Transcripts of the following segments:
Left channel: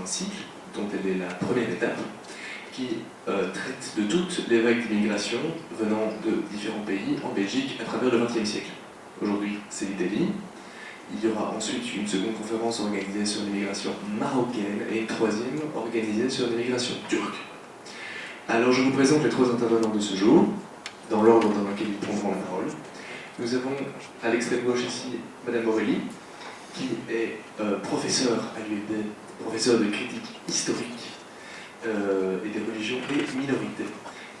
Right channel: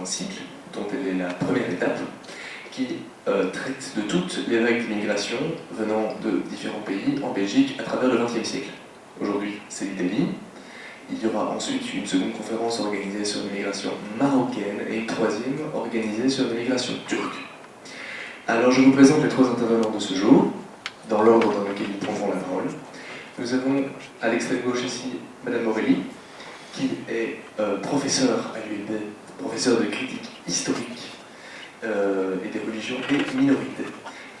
un cycle dont elle est la première étape, qui traite de toutes les vagues d'immigration venant de différents pays en Belgique à travers le XXe siècle. Aujourd'hui, c'est l'Italie. Il y aura ensuite une seconde conférence organisée sur l'immigration marocaine et une troisième organisée sur l'immigration turque. Alors je vous présente les trois intervenants de ce jour, dans l'ordre dans lequel ils prendront la parole. Nous avons à l'extrême gauche ici Madame Morelli, qui est professeure à l'ULB, professeure de critique historique et des religions et minorités.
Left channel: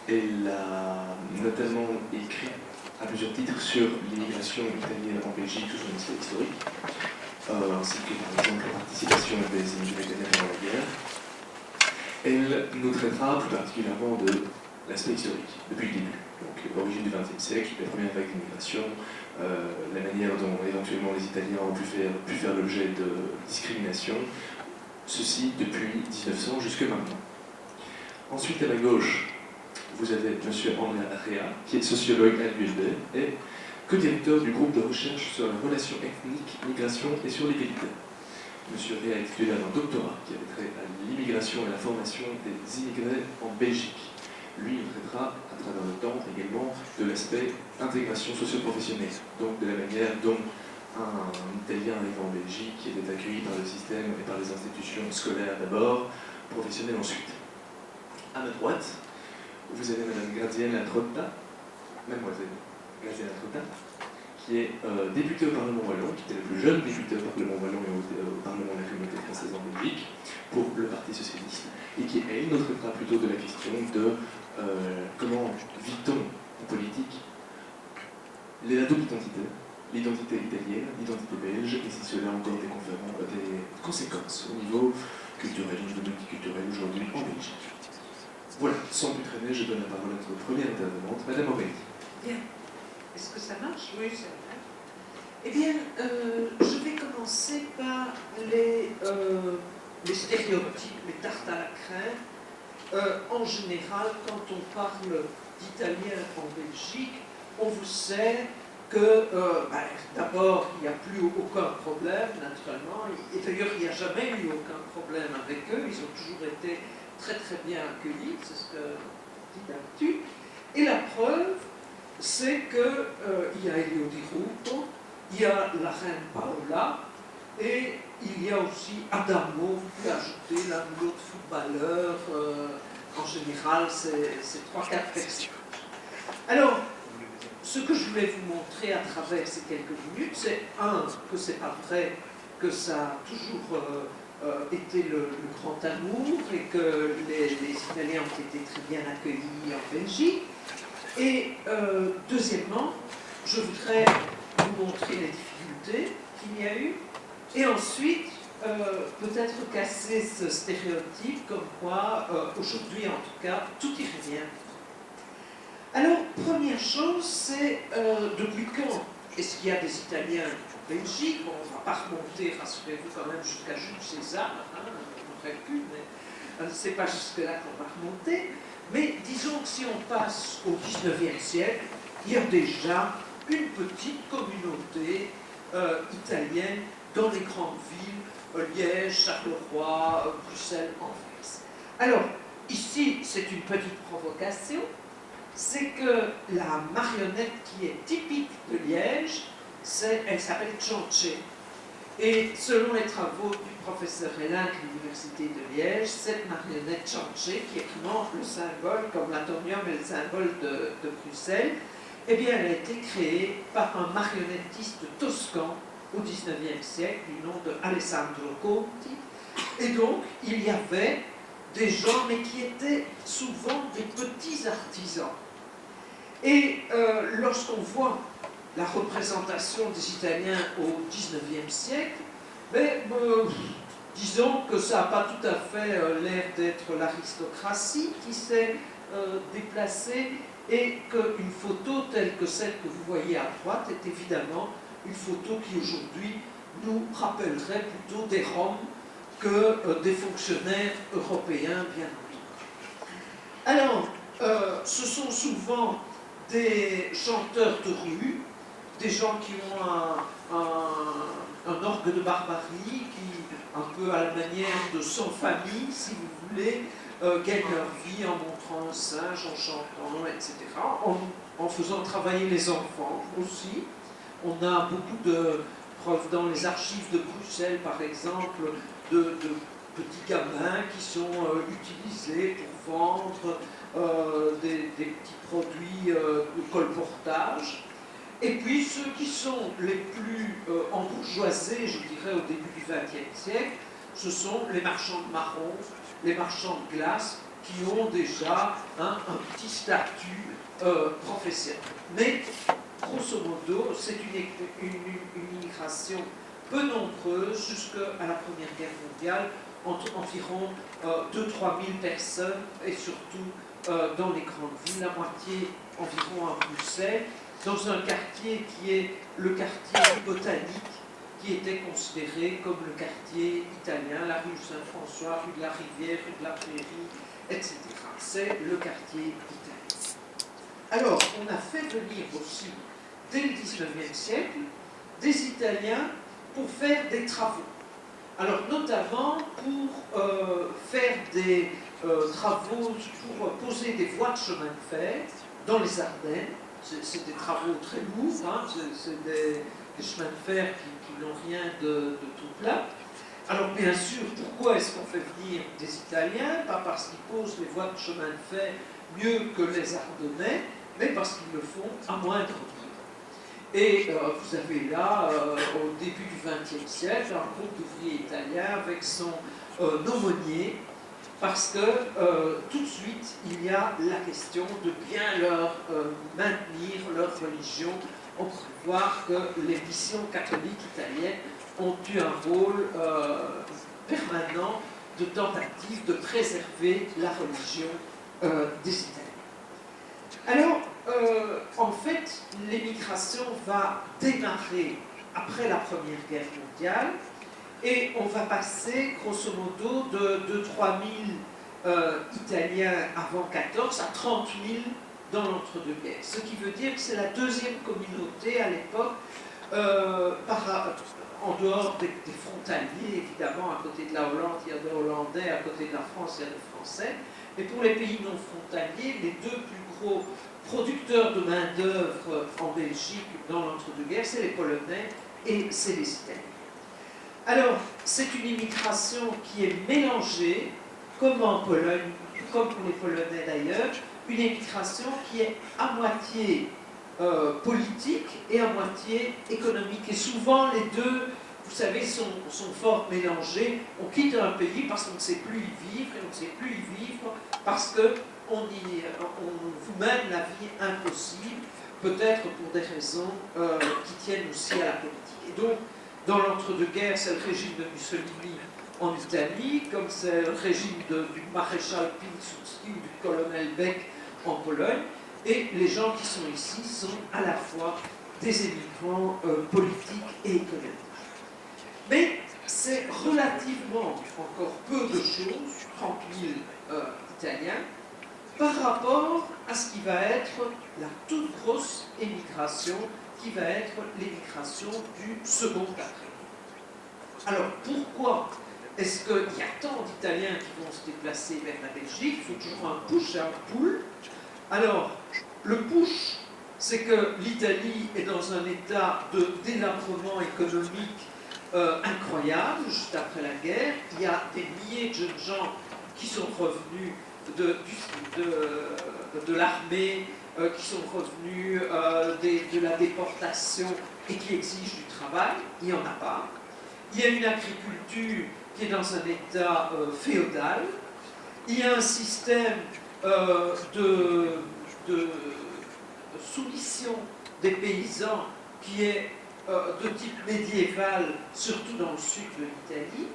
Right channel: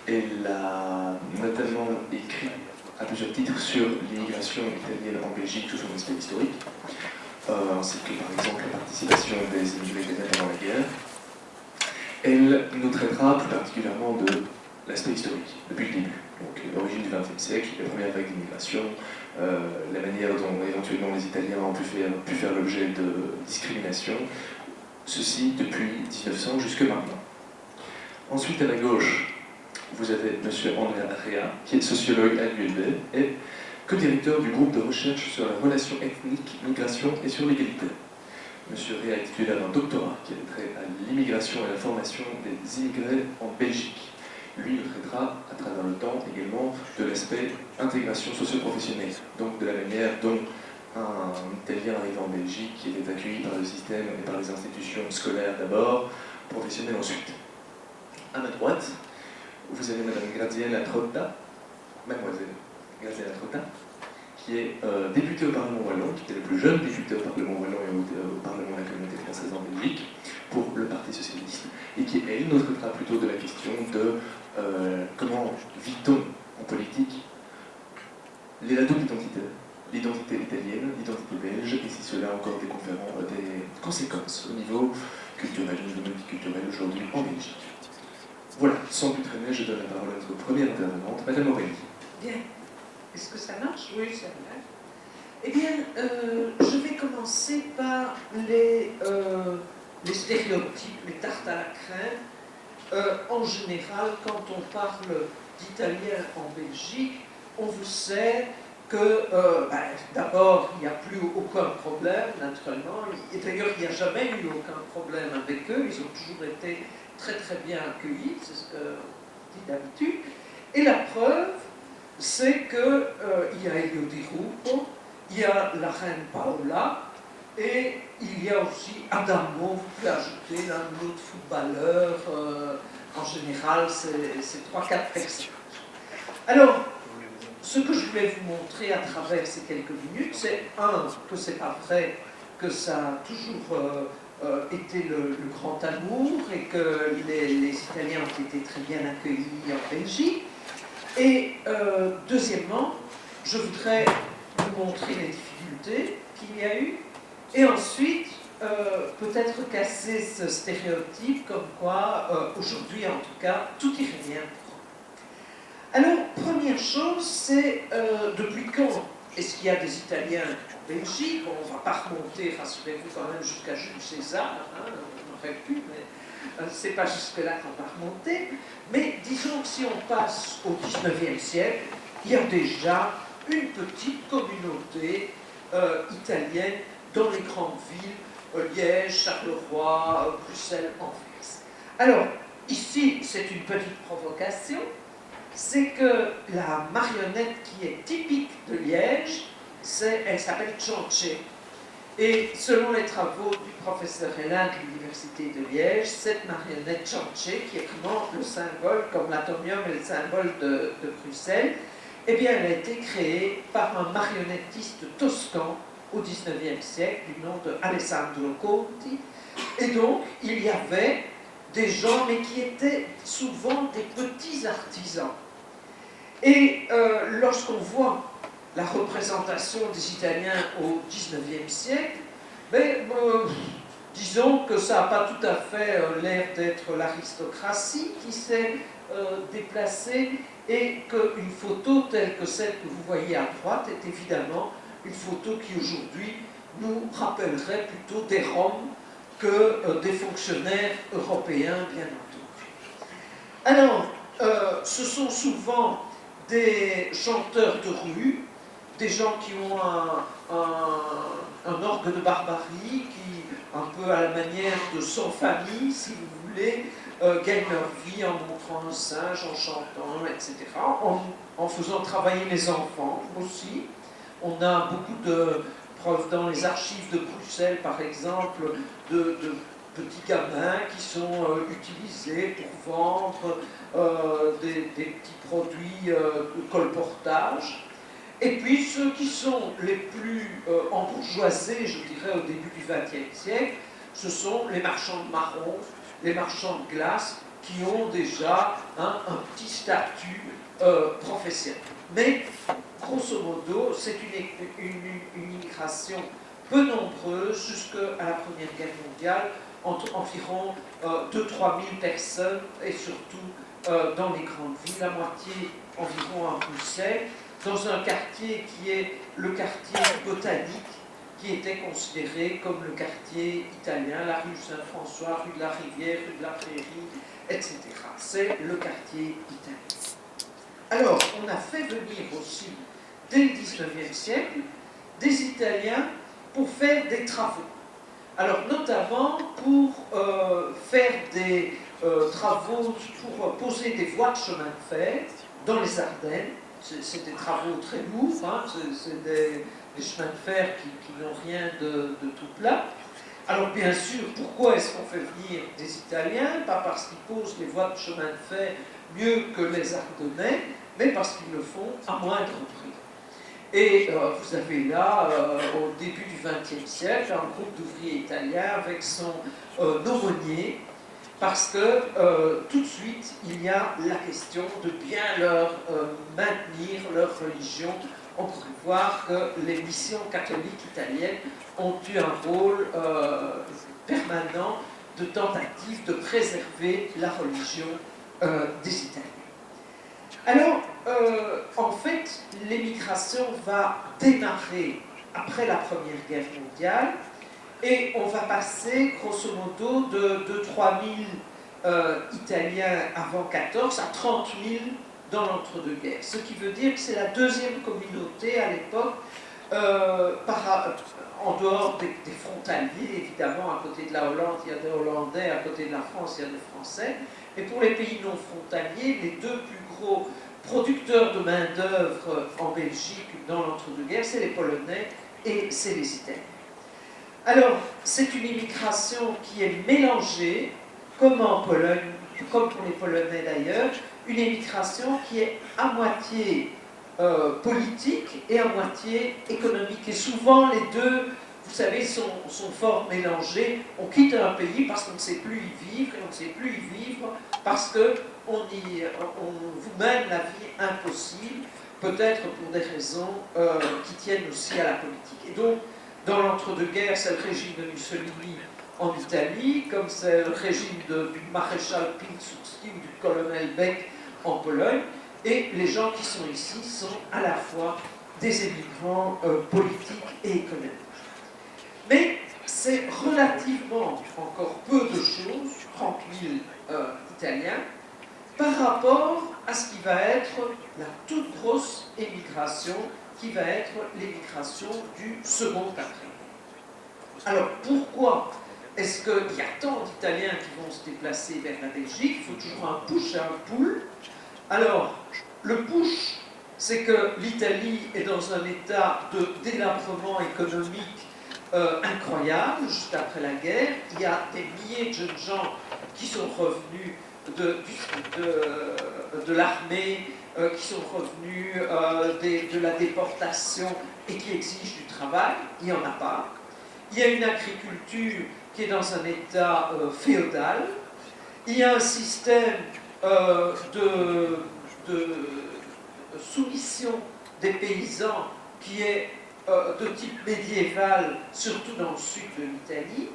Elle a notamment écrit à plusieurs titres sur l'immigration italienne en Belgique sous son aspect historique, ainsi que par exemple la participation des immigrés italiens pendant la guerre. Elle nous traitera plus particulièrement de l'aspect historique, depuis le début, donc l'origine du XXe siècle, les premières vagues d'immigration, la manière dont éventuellement les Italiens ont pu faire l'objet de discrimination, ceci depuis 1900 jusque maintenant. Ensuite, à ma gauche, vous avez M. Andrea Rea, qui est sociologue à l'ULB et co-directeur du groupe de recherche sur la relation ethnique, migration et sur l'égalité. M. Rea est titulaire d'un doctorat qui a trait à l'immigration et la formation des immigrés en Belgique. Lui, il traitera à travers le temps également de l'aspect intégration socio-professionnelle, donc de la manière dont un Italien arrivant en Belgique qui était accueilli par le système et par les institutions scolaires d'abord, professionnelles ensuite. À ma droite, vous avez Mme Graziella Trotta, mademoiselle Graziella Trotta, qui est députée au Parlement wallon, qui est la plus jeune députée au Parlement wallon et au Parlement de la communauté française en Belgique, pour le Parti socialiste, et qui, elle, nous traitera plutôt de la question de comment vit-on en politique la double identité, l'identité italienne, l'identité belge, et si cela a encore des conséquences au niveau culturel, au niveau multiculturel aujourd'hui en Belgique. Voilà, sans plus traîner, je donne la parole à notre première intervenante, Madame Aurélie. Bien. Est-ce que ça marche? Oui, ça marche. Eh bien, je vais commencer par les stéréotypes, les tartes à la crème. En général, quand on parle d'italien en Belgique, on vous sait que, d'abord, il n'y a plus aucun problème, naturellement. Et d'ailleurs, il n'y a jamais eu aucun problème avec eux. Ils ont toujours été très très bien accueillis, c'est ce que dit d'habitude. Et la preuve, c'est qu'il y a Elio Di Rupo, il y a la reine Paola, et il y a aussi Adamo, vous pouvez ajouter l'un ou l'autre footballeur, en général, c'est 3-4 personnes. Alors, ce que je voulais vous montrer à travers ces quelques minutes, c'est que c'est pas vrai que ça a toujours été le grand amour et que les Italiens ont été très bien accueillis en Belgique. Et deuxièmement, je voudrais vous montrer les difficultés qu'il y a eu, et ensuite peut-être casser ce stéréotype comme quoi, aujourd'hui en tout cas, tout irait bien. Alors, première chose, c'est depuis quand est-ce qu'il y a des Italiens en Belgique? Bon, on ne va pas remonter, rassurez-vous quand même, jusqu'à Jules César, hein, on aurait pu, mais c'est pas jusque-là qu'on va remonter. Mais disons que si on passe au XIXe siècle, il y a déjà une petite communauté italienne dans les grandes villes, Liège, Charleroi, Bruxelles, Anvers. Alors, ici, c'est une petite provocation, c'est que la marionnette qui est typique de Liège, elle s'appelle Ciance. Et selon les travaux du professeur Hélin de l'Université de Liège, cette marionnette Ciance, qui est vraiment le symbole, comme l'atomium est le symbole de Bruxelles, eh bien, elle a été créée par un marionnettiste toscan au XIXe siècle, du nom de Alessandro Conti. Et donc, il y avait des gens, mais qui étaient souvent des petits artisans. Et lorsqu'on voit la représentation des Italiens au XIXe siècle, mais disons que ça n'a pas tout à fait l'air d'être l'aristocratie qui s'est déplacée, et qu'une photo telle que celle que vous voyez à droite est évidemment une photo qui aujourd'hui nous rappellerait plutôt des Roms que des fonctionnaires européens bien entendu. Alors, ce sont souvent des chanteurs de rue, des gens qui ont un orgue de barbarie qui, un peu à la manière de Sans Famille, si vous voulez, gagnent leur vie en montrant un singe, en chantant, etc., en faisant travailler les enfants aussi. On a beaucoup de preuves dans les archives de Bruxelles, par exemple, de petits gamins qui sont utilisés pour vendre des petits produits de colportage. Et puis ceux qui sont les plus embourgeoisés, je dirais, au début du XXe siècle, ce sont les marchands de marrons, les marchands de glace, qui ont déjà un petit statut professionnel. Mais, grosso modo, c'est une immigration peu nombreuse jusqu'à la Première Guerre mondiale, environ 2-3 000 personnes, et surtout dans les grandes villes, la moitié environ à Bruxelles, dans un quartier qui est le quartier botanique, qui était considéré comme le quartier italien, la rue Saint-François, rue de la Rivière, rue de la Prairie, etc. C'est le quartier italien. Alors, on a fait venir aussi, dès le XIXe siècle, des Italiens pour faire des travaux. Alors, notamment pour faire des travaux, pour poser des voies de chemin de fer dans les Ardennes. C'est des travaux très lourds, hein, c'est des chemins de fer qui n'ont rien de tout plat. Alors bien sûr, pourquoi est-ce qu'on fait venir des Italiens? Pas parce qu'ils posent les voies de chemin de fer mieux que les Ardennais, mais parce qu'ils le font à moindre prix. Et vous avez là, au début du XXe siècle, un groupe d'ouvriers italiens avec son aumônier, parce que tout de suite, il y a la question de bien leur maintenir leur religion. On peut voir que les missions catholiques italiennes ont eu un rôle permanent de tentative de préserver la religion des Italiens. Alors, en fait, l'émigration va démarrer après la Première Guerre mondiale, et on va passer, grosso modo, de 3 000 Italiens avant 14 à 30 000 dans l'entre-deux-guerres. Ce qui veut dire que c'est la deuxième communauté à l'époque, en dehors des frontaliers, évidemment, à côté de la Hollande, il y a des Hollandais, à côté de la France, il y a des Français. Et pour les pays non frontaliers, les deux plus gros producteurs de main-d'œuvre en Belgique dans l'entre-deux-guerres, c'est les Polonais et c'est les Italiens. Alors, c'est une immigration qui est mélangée, comme en Pologne, comme pour les Polonais d'ailleurs, une immigration qui est à moitié politique et à moitié économique. Et souvent, les deux, vous savez, sont fort mélangés. On quitte un pays parce qu'on ne sait plus y vivre, et on ne sait plus y vivre parce qu'on vous mène la vie impossible, peut-être pour des raisons qui tiennent aussi à la politique. Et donc, dans l'entre-deux-guerres, c'est le régime de Mussolini en Italie, comme c'est le régime du maréchal Piłsudski ou du colonel Beck en Pologne, et les gens qui sont ici sont à la fois des émigrants politiques et économiques. Mais c'est relativement encore peu de choses, 30 000 Italiens, par rapport à ce qui va être la toute grosse émigration, qui va être l'émigration du second après. Alors pourquoi est-ce qu'il y a tant d'Italiens qui vont se déplacer vers la Belgique? Il faut toujours un push et un pull. Alors, le push, c'est que l'Italie est dans un état de délabrement économique incroyable, juste après la guerre. Il y a des milliers de jeunes gens qui sont revenus de l'armée, qui sont revenus de la déportation et qui exigent du travail. Il n'y en a pas. Il y a une agriculture qui est dans un état féodal. Il y a un système de soumission des paysans qui est de type médiéval, surtout dans le sud de l'Italie.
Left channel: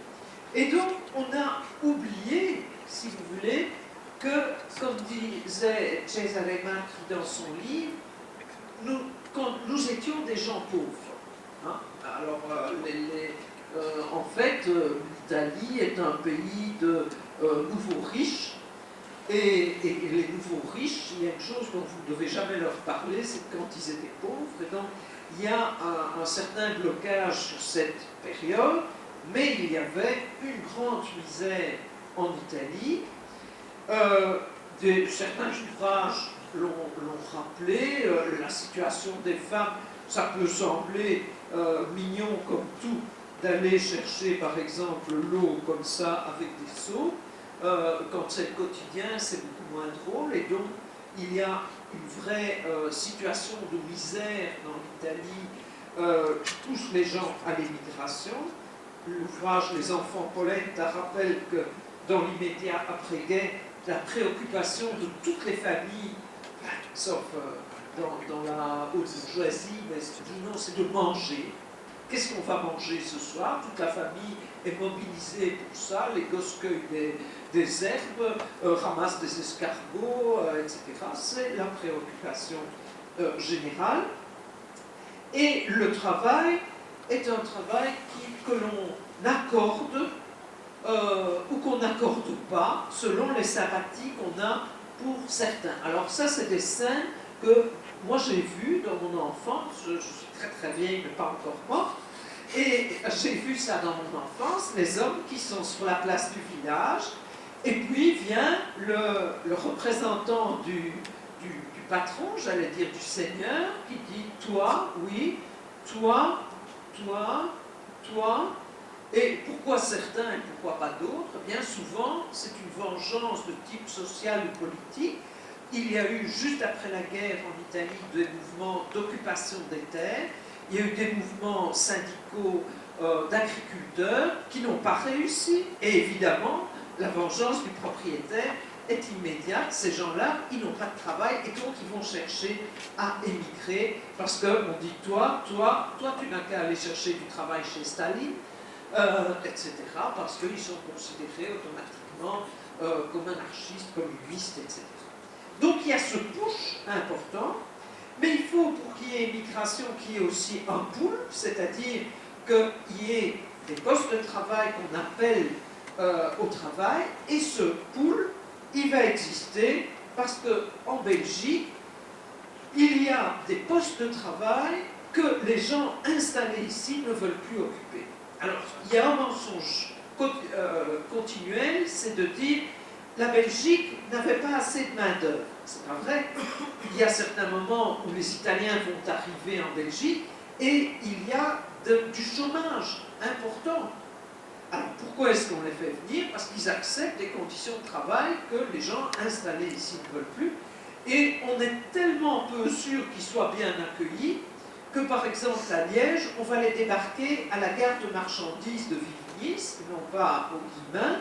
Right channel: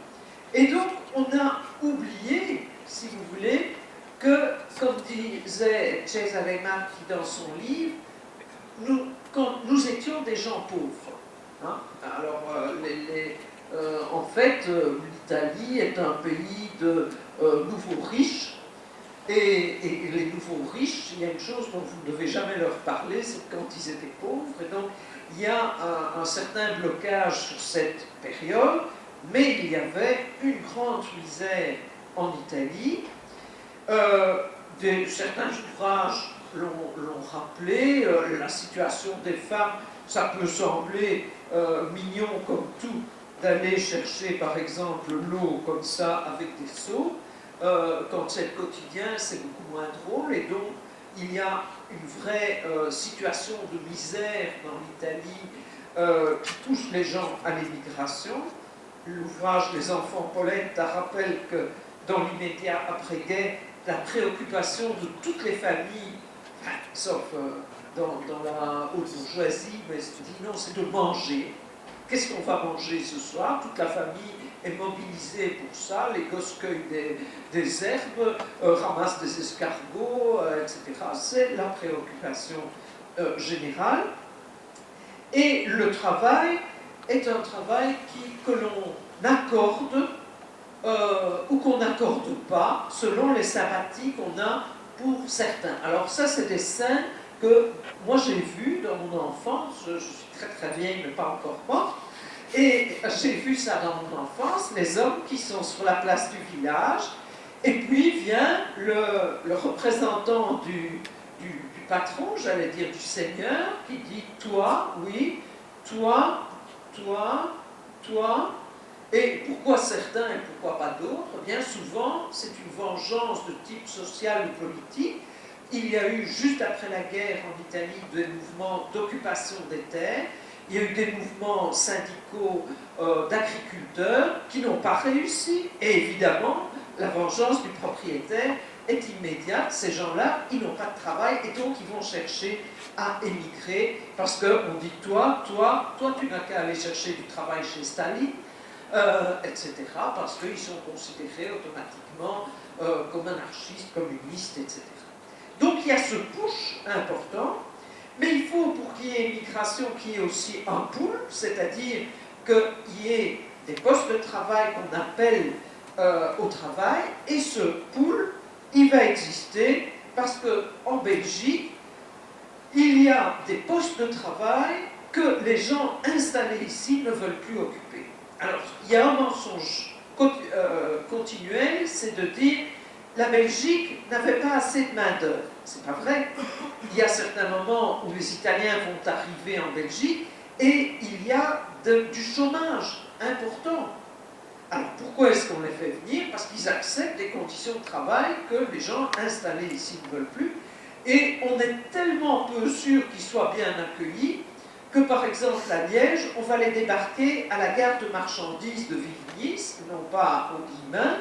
Et donc, on a oublié, si vous voulez, que, comme disait Cesare Marchi dans son livre, nous étions des gens pauvres. Hein? Alors, en fait, l'Italie est un pays de nouveaux riches, et les nouveaux riches, il y a une chose dont vous ne devez jamais leur parler, c'est quand ils étaient pauvres, et donc il y a un certain blocage sur cette période, mais il y avait une grande misère en Italie. Certains ouvrages l'ont rappelé, la situation des femmes, ça peut sembler mignon comme tout, d'aller chercher par exemple l'eau comme ça avec des seaux. Quand c'est le quotidien, c'est beaucoup moins drôle, et donc il y a une vraie situation de misère dans l'Italie qui touche les gens à l'émigration. L'ouvrage Les enfants Polenta rappelle que dans l'immédiat après-guerre, la préoccupation de toutes les familles, sauf dans la haute bourgeoisie, mais se dit non, c'est de manger. Qu'est-ce qu'on va manger ce soir? Toute la famille est mobilisée pour ça, les gosses cueillent des herbes, ramassent des escargots, etc. C'est la préoccupation générale. Et le travail est un travail que l'on accorde ou qu'on n'accorde pas selon les sympathies qu'on a pour certains. Alors ça, c'est des scènes que moi j'ai vues dans mon enfance. Je suis très très vieille, mais pas encore morte. Et j'ai vu ça dans mon enfance, les hommes qui sont sur la place du village, et puis vient le représentant du patron, j'allais dire du seigneur, qui dit « toi, oui, toi, toi, toi ». Et pourquoi certains et pourquoi pas d'autres? Bien souvent, c'est une vengeance de type social ou politique. Il y a eu, juste après la guerre en Italie, des mouvements d'occupation des terres. Il y a eu des mouvements syndicaux d'agriculteurs qui n'ont pas réussi. Et évidemment, la vengeance du propriétaire est immédiate. Ces gens-là, ils n'ont pas de travail et donc ils vont chercher à émigrer parce qu'on dit toi, tu n'as qu'à aller chercher du travail chez Staline. Etc., parce qu'ils sont considérés automatiquement comme anarchistes, communistes, etc. Donc il y a ce push important, mais il faut, pour qu'il y ait immigration, qu'il y ait aussi un pool, c'est-à-dire qu'il y ait des postes de travail qu'on appelle au travail, et ce pool, il va exister parce qu'en Belgique, il y a des postes de travail que les gens installés ici ne veulent plus occuper. Alors, il y a un mensonge continuel, c'est de dire la Belgique n'avait pas assez de main-d'œuvre. C'est pas vrai. Il y a certains moments où les Italiens vont arriver en Belgique et il y a du chômage important. Alors, pourquoi est-ce qu'on les fait venir? Parce qu'ils acceptent des conditions de travail que les gens installés ici ne veulent plus. Et on est tellement peu sûr qu'ils soient bien accueillis que, par exemple, à Liège, on va les débarquer à la gare de marchandises de Vivigny, non pas au Guillemin,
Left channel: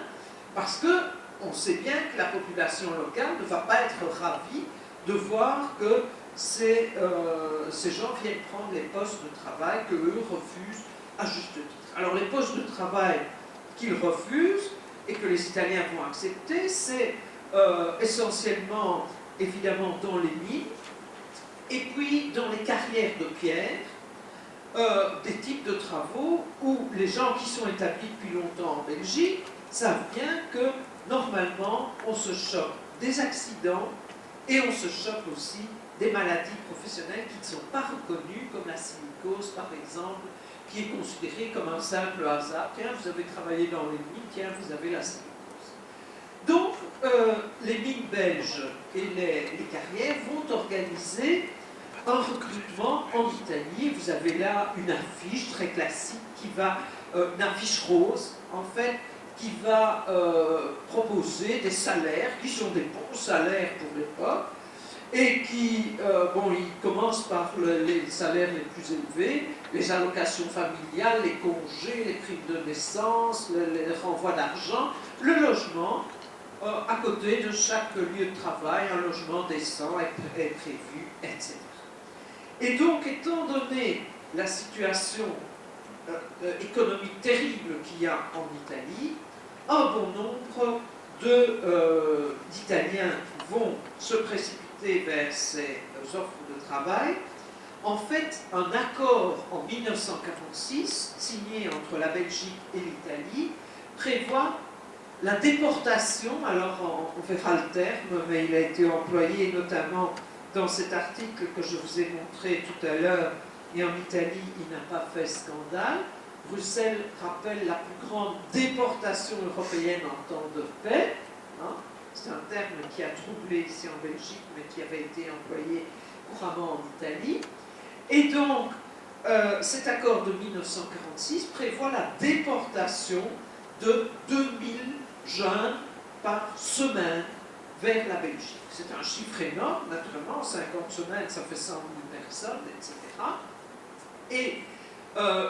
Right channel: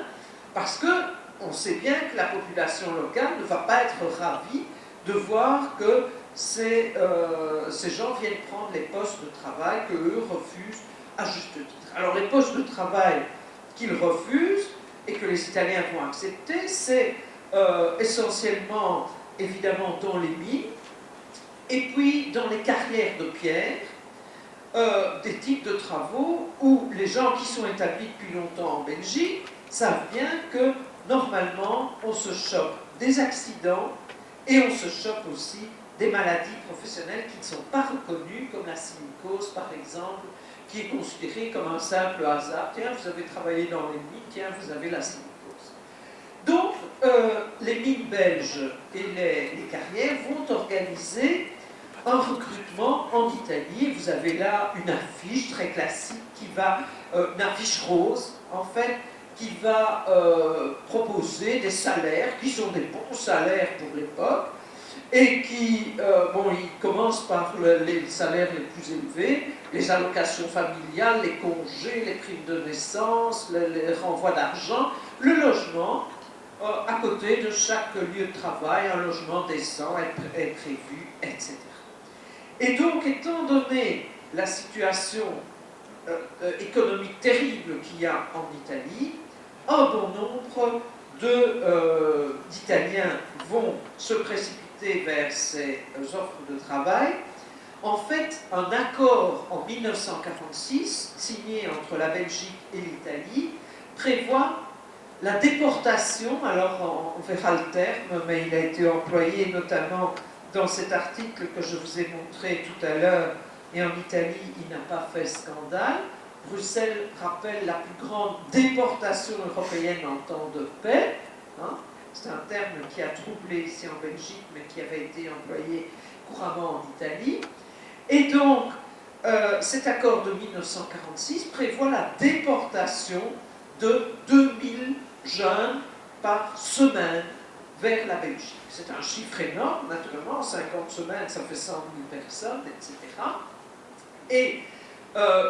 parce qu'on sait bien que la population locale ne va pas être ravie de voir que ces gens viennent prendre les postes de travail qu'eux refusent à juste titre. Alors, les postes de travail qu'ils refusent et que les Italiens vont accepter, c'est essentiellement, évidemment, dans les mines, et puis dans les carrières de pierre, des types de travaux où les gens qui sont établis depuis longtemps en Belgique savent bien que normalement on se chope des accidents et on se chope aussi des maladies professionnelles qui ne sont pas reconnues, comme la silicose par exemple, qui est considérée comme un simple hasard. Tiens, vous avez travaillé dans les mines, tiens, vous avez la silicose. Donc, les mines belges et les carrières vont organiser un recrutement en Italie. Vous avez là une affiche très classique qui va, une affiche rose, en fait, qui va proposer des salaires qui sont des bons salaires pour l'époque et qui, ils commencent par les salaires les plus élevés, les allocations familiales, les congés, les primes de naissance, les renvois d'argent, le logement. À côté de chaque lieu de travail, un logement décent est prévu, etc. Et donc, étant donné la situation économique terrible qu'il y a en Italie, un bon nombre d'Italiens vont se précipiter vers ces offres de travail. En fait, un accord en 1946, signé entre la Belgique et l'Italie, prévoit la déportation, alors on verra le terme, mais il a été employé notamment dans cet article que je vous ai montré tout à l'heure et en Italie, il n'a pas fait scandale. Bruxelles rappelle la plus grande déportation européenne en temps de paix. Hein. C'est un terme qui a troublé ici en Belgique, mais qui avait été employé couramment en Italie. Et donc, cet accord de 1946 prévoit la déportation de 2000 jeunes par semaine vers la Belgique. C'est un chiffre énorme, naturellement, 50 semaines, ça fait 100 000 personnes, etc. Et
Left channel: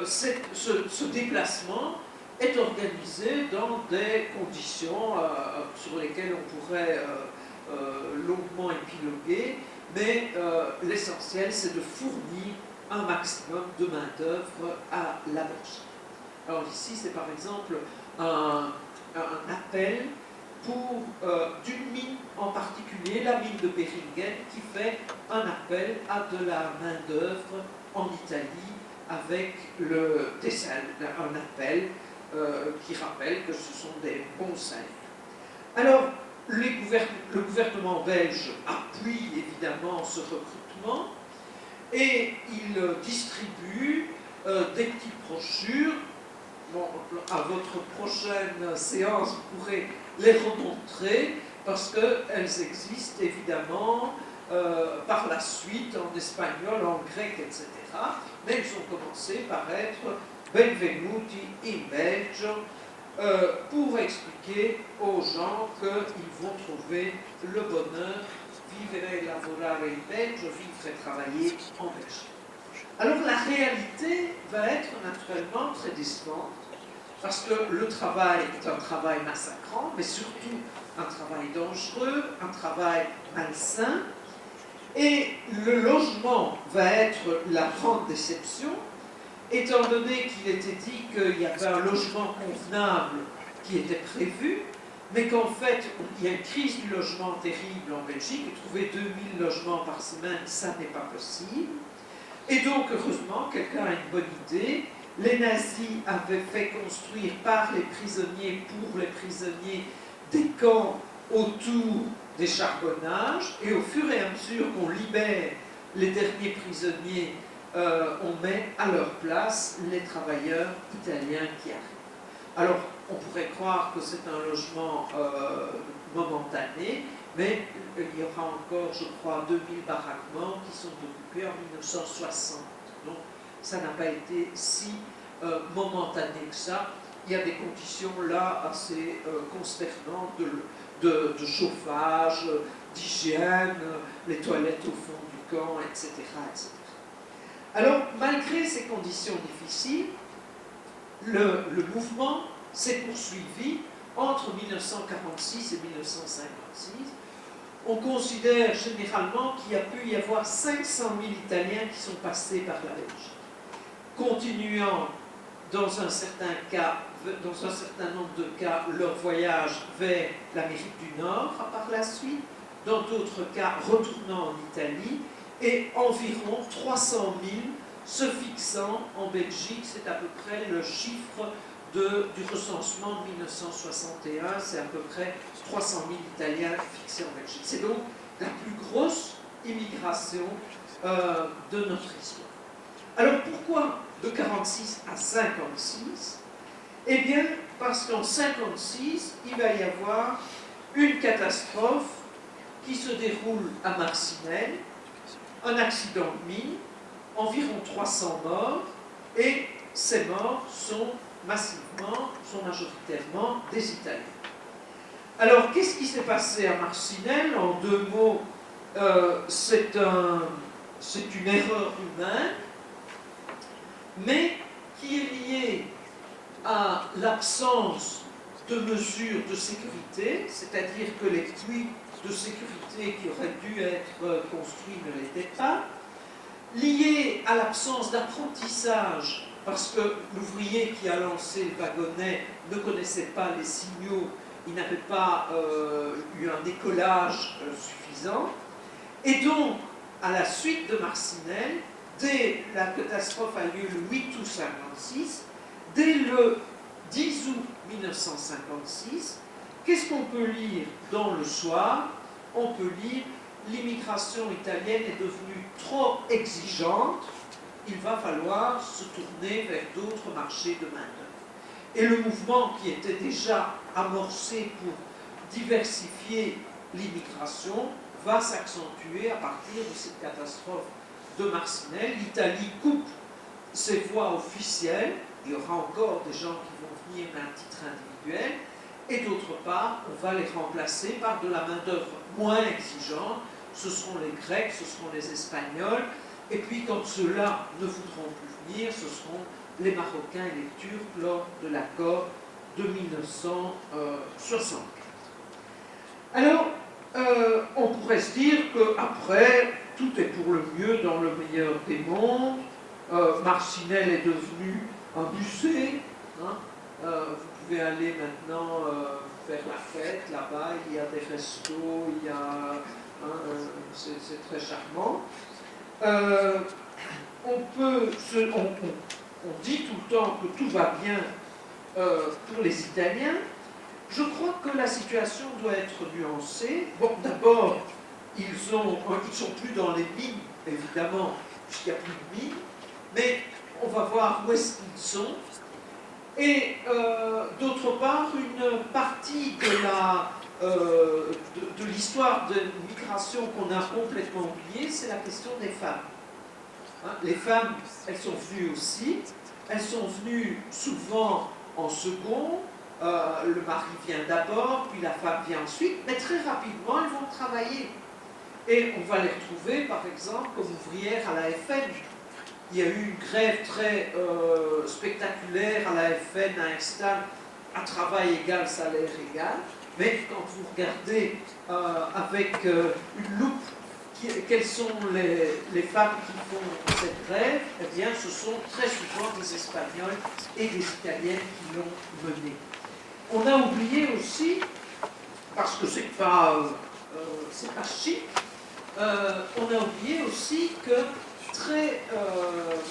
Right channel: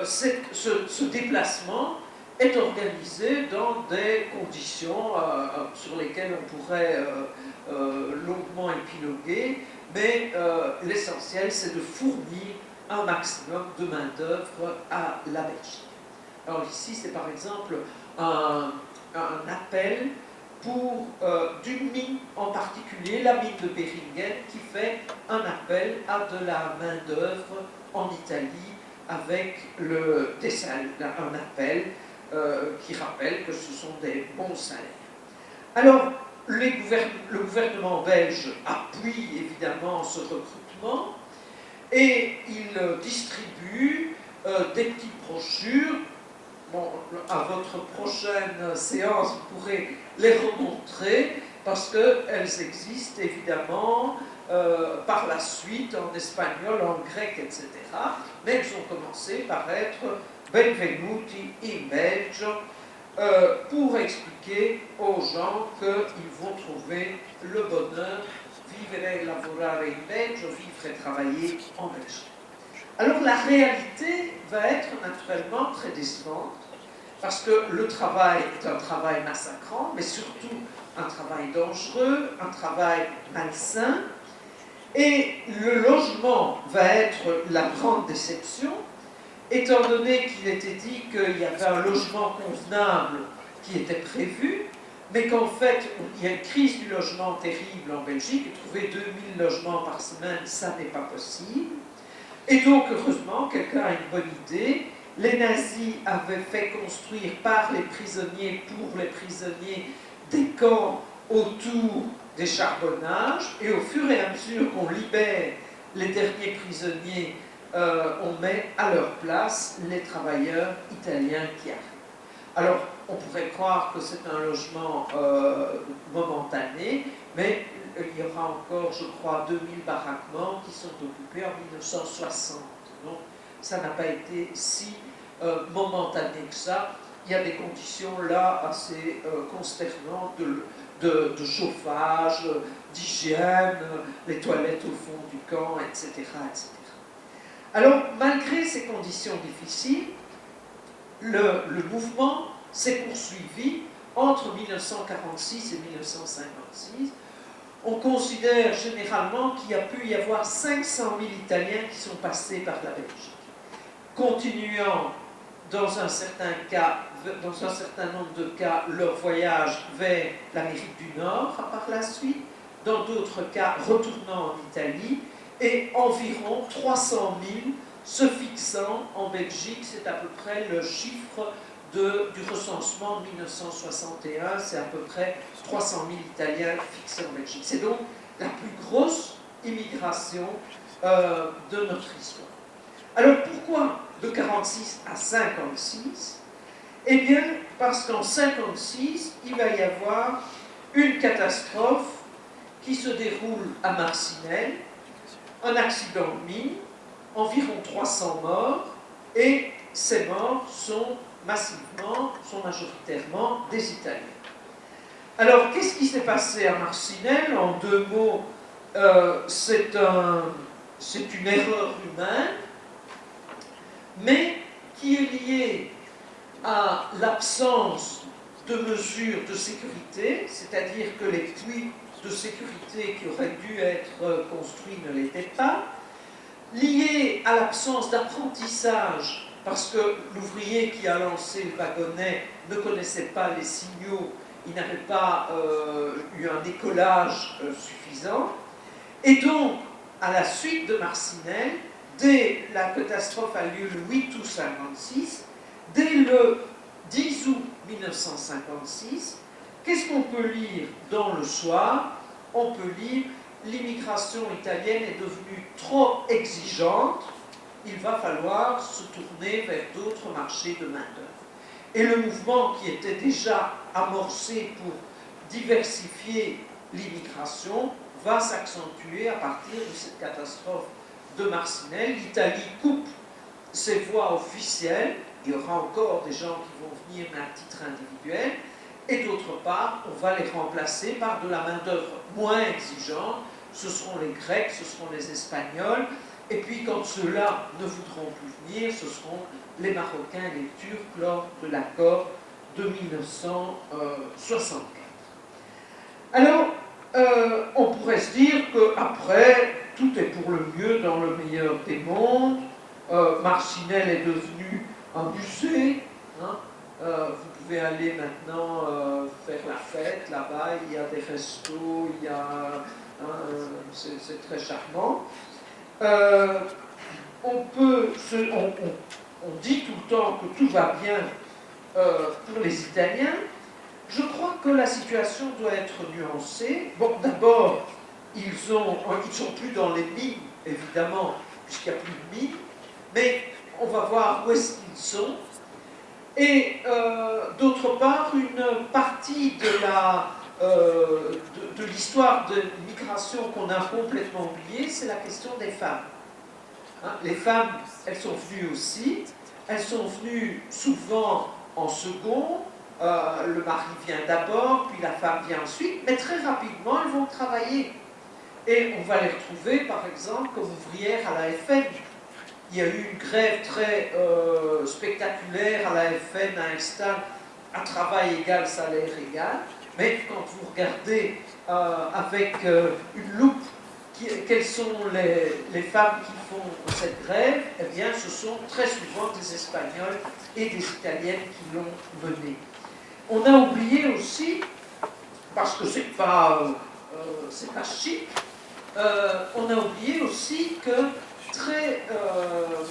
ce déplacement est organisé dans des conditions sur lesquelles on pourrait longuement épiloguer, mais l'essentiel, c'est de fournir un maximum de main-d'œuvre à la Belgique. Alors ici, c'est par exemple un appel pour d'une mine en particulier, la mine de Beringen, qui fait un appel à de la main-d'œuvre en Italie avec un appel qui rappelle que ce sont des bons salaires. Alors, le gouvernement belge appuie évidemment ce recrutement et il distribue des petites brochures. Bon, à votre prochaine séance, vous pourrez les remontrer parce qu'elles existent évidemment par la suite en espagnol, en grec, etc. Mais elles ont commencé par être Benvenuti in Belgio pour expliquer aux gens qu'ils vont trouver le bonheur, vivre et lavorare in Belgio, vivre et travailler en Belgique. Alors la réalité va être naturellement très décevante, parce que le travail est un travail massacrant, mais surtout un travail dangereux, un travail malsain, et le logement va être la grande déception, étant donné qu'il était dit qu'il y avait un logement convenable qui était prévu, mais qu'en fait, il y a une crise du logement terrible en Belgique, et trouver 2000 logements par semaine, ça n'est pas possible. Et donc, heureusement, quelqu'un a une bonne idée. Les nazis avaient fait construire par les prisonniers, pour les prisonniers, des camps autour des charbonnages, et au fur et à mesure qu'on libère les derniers prisonniers, on met à leur place les travailleurs italiens qui arrivent. Alors, on pourrait croire que c'est un logement momentané, mais il y aura encore, je crois, 2000 baraquements qui sont occupés en 1960. Donc, ça n'a pas été si momentané que ça. Il y a des conditions là assez consternantes de chauffage, d'hygiène, les toilettes au fond du camp, etc., etc. Alors, malgré ces conditions difficiles, le mouvement s'est poursuivi entre 1946 et 1956. On considère généralement qu'il y a pu y avoir 500 000 Italiens qui sont passés par la Belgique, continuant dans un certain nombre de cas leur voyage vers l'Amérique du Nord par la suite, dans d'autres cas retournant en Italie, et environ 300 000 se fixant en Belgique. C'est à peu près le chiffre du recensement de 1961, c'est à peu près 300 000 Italiens fixés en Belgique. C'est donc la plus grosse immigration de notre histoire. Alors pourquoi de 46 à 56 ? Eh bien, parce qu'en 56, il va y avoir une catastrophe qui se déroule à Marcinelle, un accident de mine, environ 300 morts, et ces morts sont majoritairement des Italiens. Alors, qu'est-ce qui s'est passé à Marcinelle ? En deux mots, c'est une erreur humaine, mais qui est liée à l'absence de mesures de sécurité, c'est-à-dire que les puits de sécurité qui auraient dû être construits ne l'étaient pas, liée à l'absence d'apprentissage, parce que l'ouvrier qui a lancé le wagonnet ne connaissait pas les signaux, il n'avait pas eu un décollage suffisant, et donc, à la suite de Marcinelle, dès la catastrophe a lieu le 8 août 1956, dès le 10 août 1956, qu'est-ce qu'on peut lire dans le soir ? On peut lire « L'immigration italienne est devenue trop exigeante », il va falloir se tourner vers d'autres marchés de main-d'œuvre. Et le mouvement qui était déjà amorcé pour diversifier l'immigration va s'accentuer à partir de cette catastrophe de Marcinelle. L'Italie coupe ses voies officielles, il y aura encore des gens qui vont venir mais à titre individuel, et d'autre part, on va les remplacer par de la main-d'œuvre moins exigeante. Ce seront les Grecs, ce seront les Espagnols, et puis quand ceux-là ne voudront plus venir, ce seront les Marocains et les Turcs lors de l'accord de 1964. Alors, on pourrait se dire qu'après, tout est pour le mieux dans le meilleur des mondes. Marcinelle est devenu un musée. Hein. Vous pouvez aller maintenant faire la fête là-bas, il y a des restos, il y a, c'est très charmant. On dit tout le temps que tout va bien pour les Italiens. Je crois que la situation doit être nuancée. Bon, d'abord, ils sont plus dans les mines, évidemment, puisqu'il n'y a plus de mines, mais on va voir où est-ce qu'ils sont. Et d'autre part, une partie de l'histoire de migration qu'on a complètement oubliée, c'est la question des femmes. Hein, les femmes, elles sont venues aussi, elles sont venues souvent en second, le mari vient d'abord, puis la femme vient ensuite, mais très rapidement, elles vont travailler. Et on va les retrouver, par exemple, comme ouvrières à la FN. Il y a eu une grève très spectaculaire à la FN, à Instal, à travail égal, salaire égal. Mais quand vous regardez avec une loupe quelles sont les femmes qui font cette grève, eh bien ce sont très souvent des Espagnols et des Italiennes qui l'ont menée. On a oublié aussi, parce que c'est pas chic, on a oublié aussi que très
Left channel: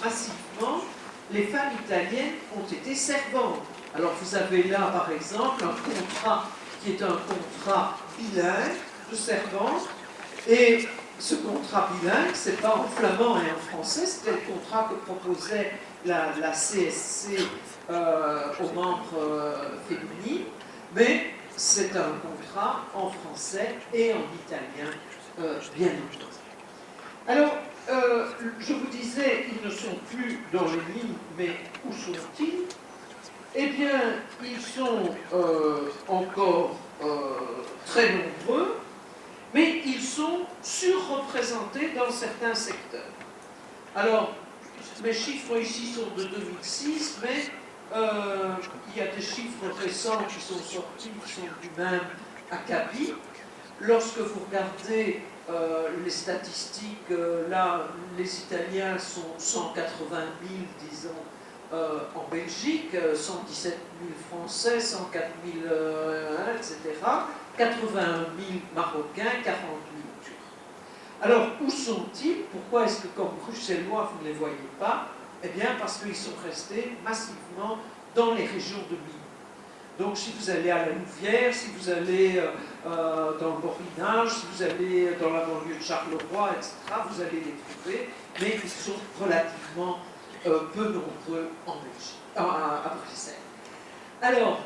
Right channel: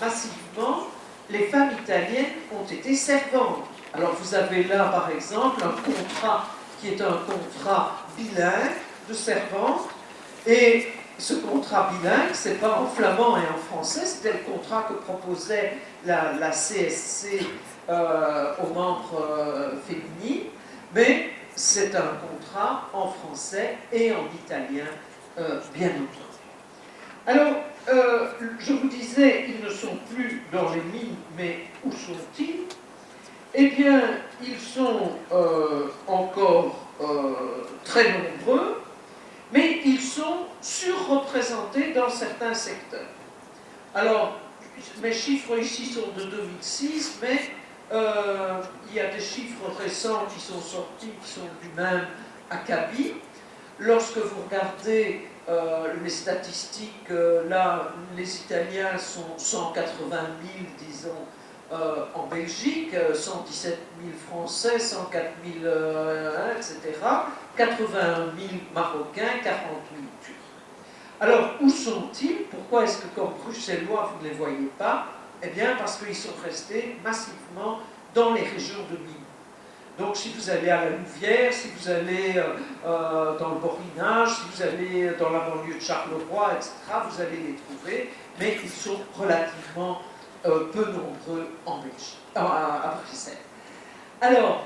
massivement, les femmes italiennes ont été servantes. Alors vous avez là, par exemple, un contrat qui est un contrat bilingue de servante, et ce contrat bilingue, c'est pas en flamand et en français, c'était le contrat que proposait la CSC aux membres féminines, mais c'est un contrat en français et en italien, bien entendu. Alors, je vous disais, ils ne sont plus dans les mines, mais où sont-ils? Eh bien, ils sont encore très nombreux, mais ils sont surreprésentés dans certains secteurs. Alors, mes chiffres ici sont de 2006, mais il y a des chiffres récents qui sont sortis, qui sont du même acabit. Lorsque vous regardez les statistiques, là, les Italiens sont 180 000, disons, en Belgique, 117 000 Français, 104 000, etc., 81 000 Marocains, 40 000 Turcs. Alors, où sont-ils? Pourquoi est-ce que, comme Bruxellois, vous ne les voyez pas? Eh bien, parce qu'ils sont restés massivement dans les régions de mines. Donc, si vous allez à la Louvière, si vous allez dans le Borinage, si vous allez dans la banlieue de Charleroi, etc., vous allez les trouver, mais ils sont relativement peu nombreux en Belgique, à Bruxelles. Alors,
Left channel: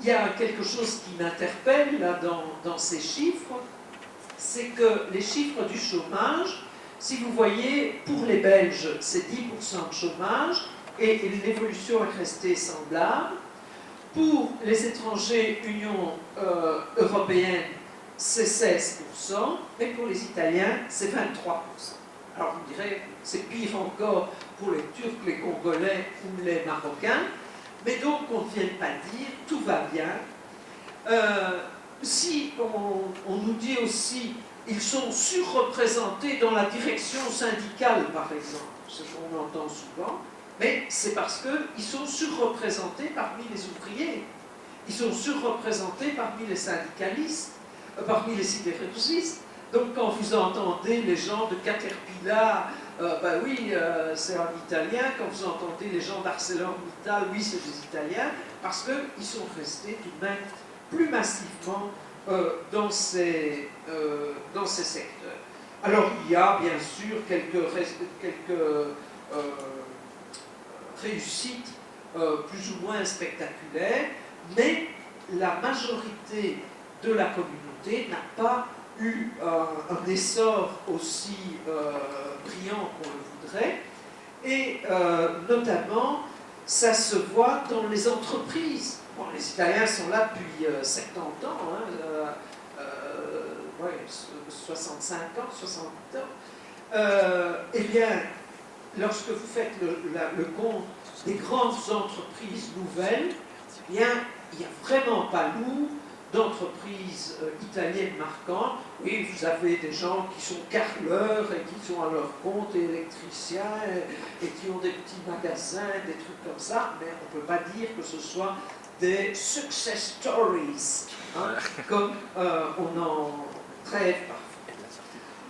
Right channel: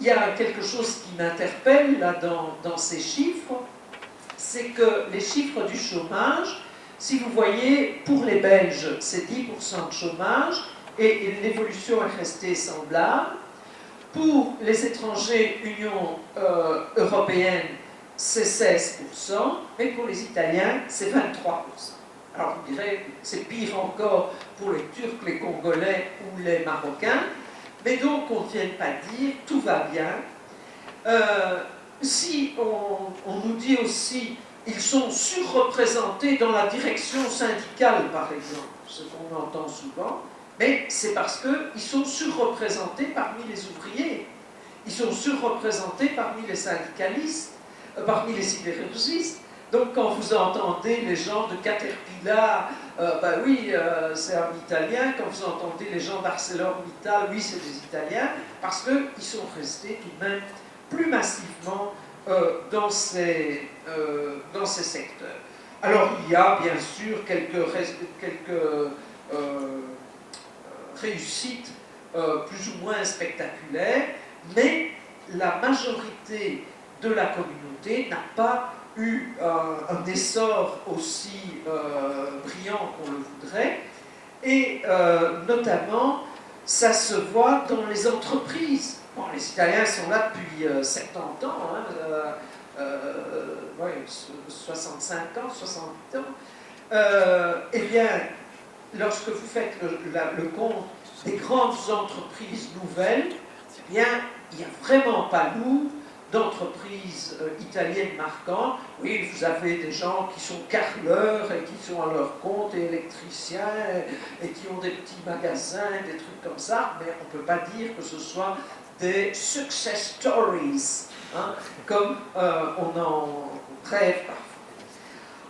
il y a quelque chose qui m'interpelle là dans ces chiffres, c'est que les chiffres du chômage, si vous voyez, pour les Belges, c'est 10% de chômage, et l'évolution est restée semblable. Pour les étrangers Union européenne, c'est 16%, mais pour les Italiens, c'est 23%. Alors vous direz, c'est pire encore pour les Turcs, les Congolais ou les Marocains, mais donc on ne vient pas dire tout va bien. Si on nous dit aussi ils sont surreprésentés dans la direction syndicale, par exemple, ce qu'on entend souvent, mais c'est parce qu'ils sont surreprésentés parmi les ouvriers, ils sont surreprésentés parmi les syndicalistes, parmi les sidérurgistes. Donc quand vous entendez les gens de Caterpillar, ben oui, c'est un Italien. Quand vous entendez les gens d'ArcelorMittal, oui, c'est des Italiens, parce qu'ils sont restés tout de même plus massivement dans ces secteurs. Alors il y a bien sûr quelques réussites plus ou moins spectaculaires, mais la majorité de la communauté n'a pas eu un essor aussi brillant qu'on le voudrait, et notamment ça se voit dans les entreprises. Bon, les Italiens sont là depuis 70 ans, hein, ouais, 65 ans, 68 ans. Eh bien, lorsque vous faites le compte des grandes entreprises nouvelles, eh bien, il n'y a vraiment pas lourd d'entreprises italiennes marquantes. Oui, vous avez des gens qui sont carreleurs et qui sont à leur compte, et électriciens, et qui ont des petits magasins, des trucs comme ça, mais on ne peut pas dire que ce soit des success stories, hein, comme on en rêve parfois.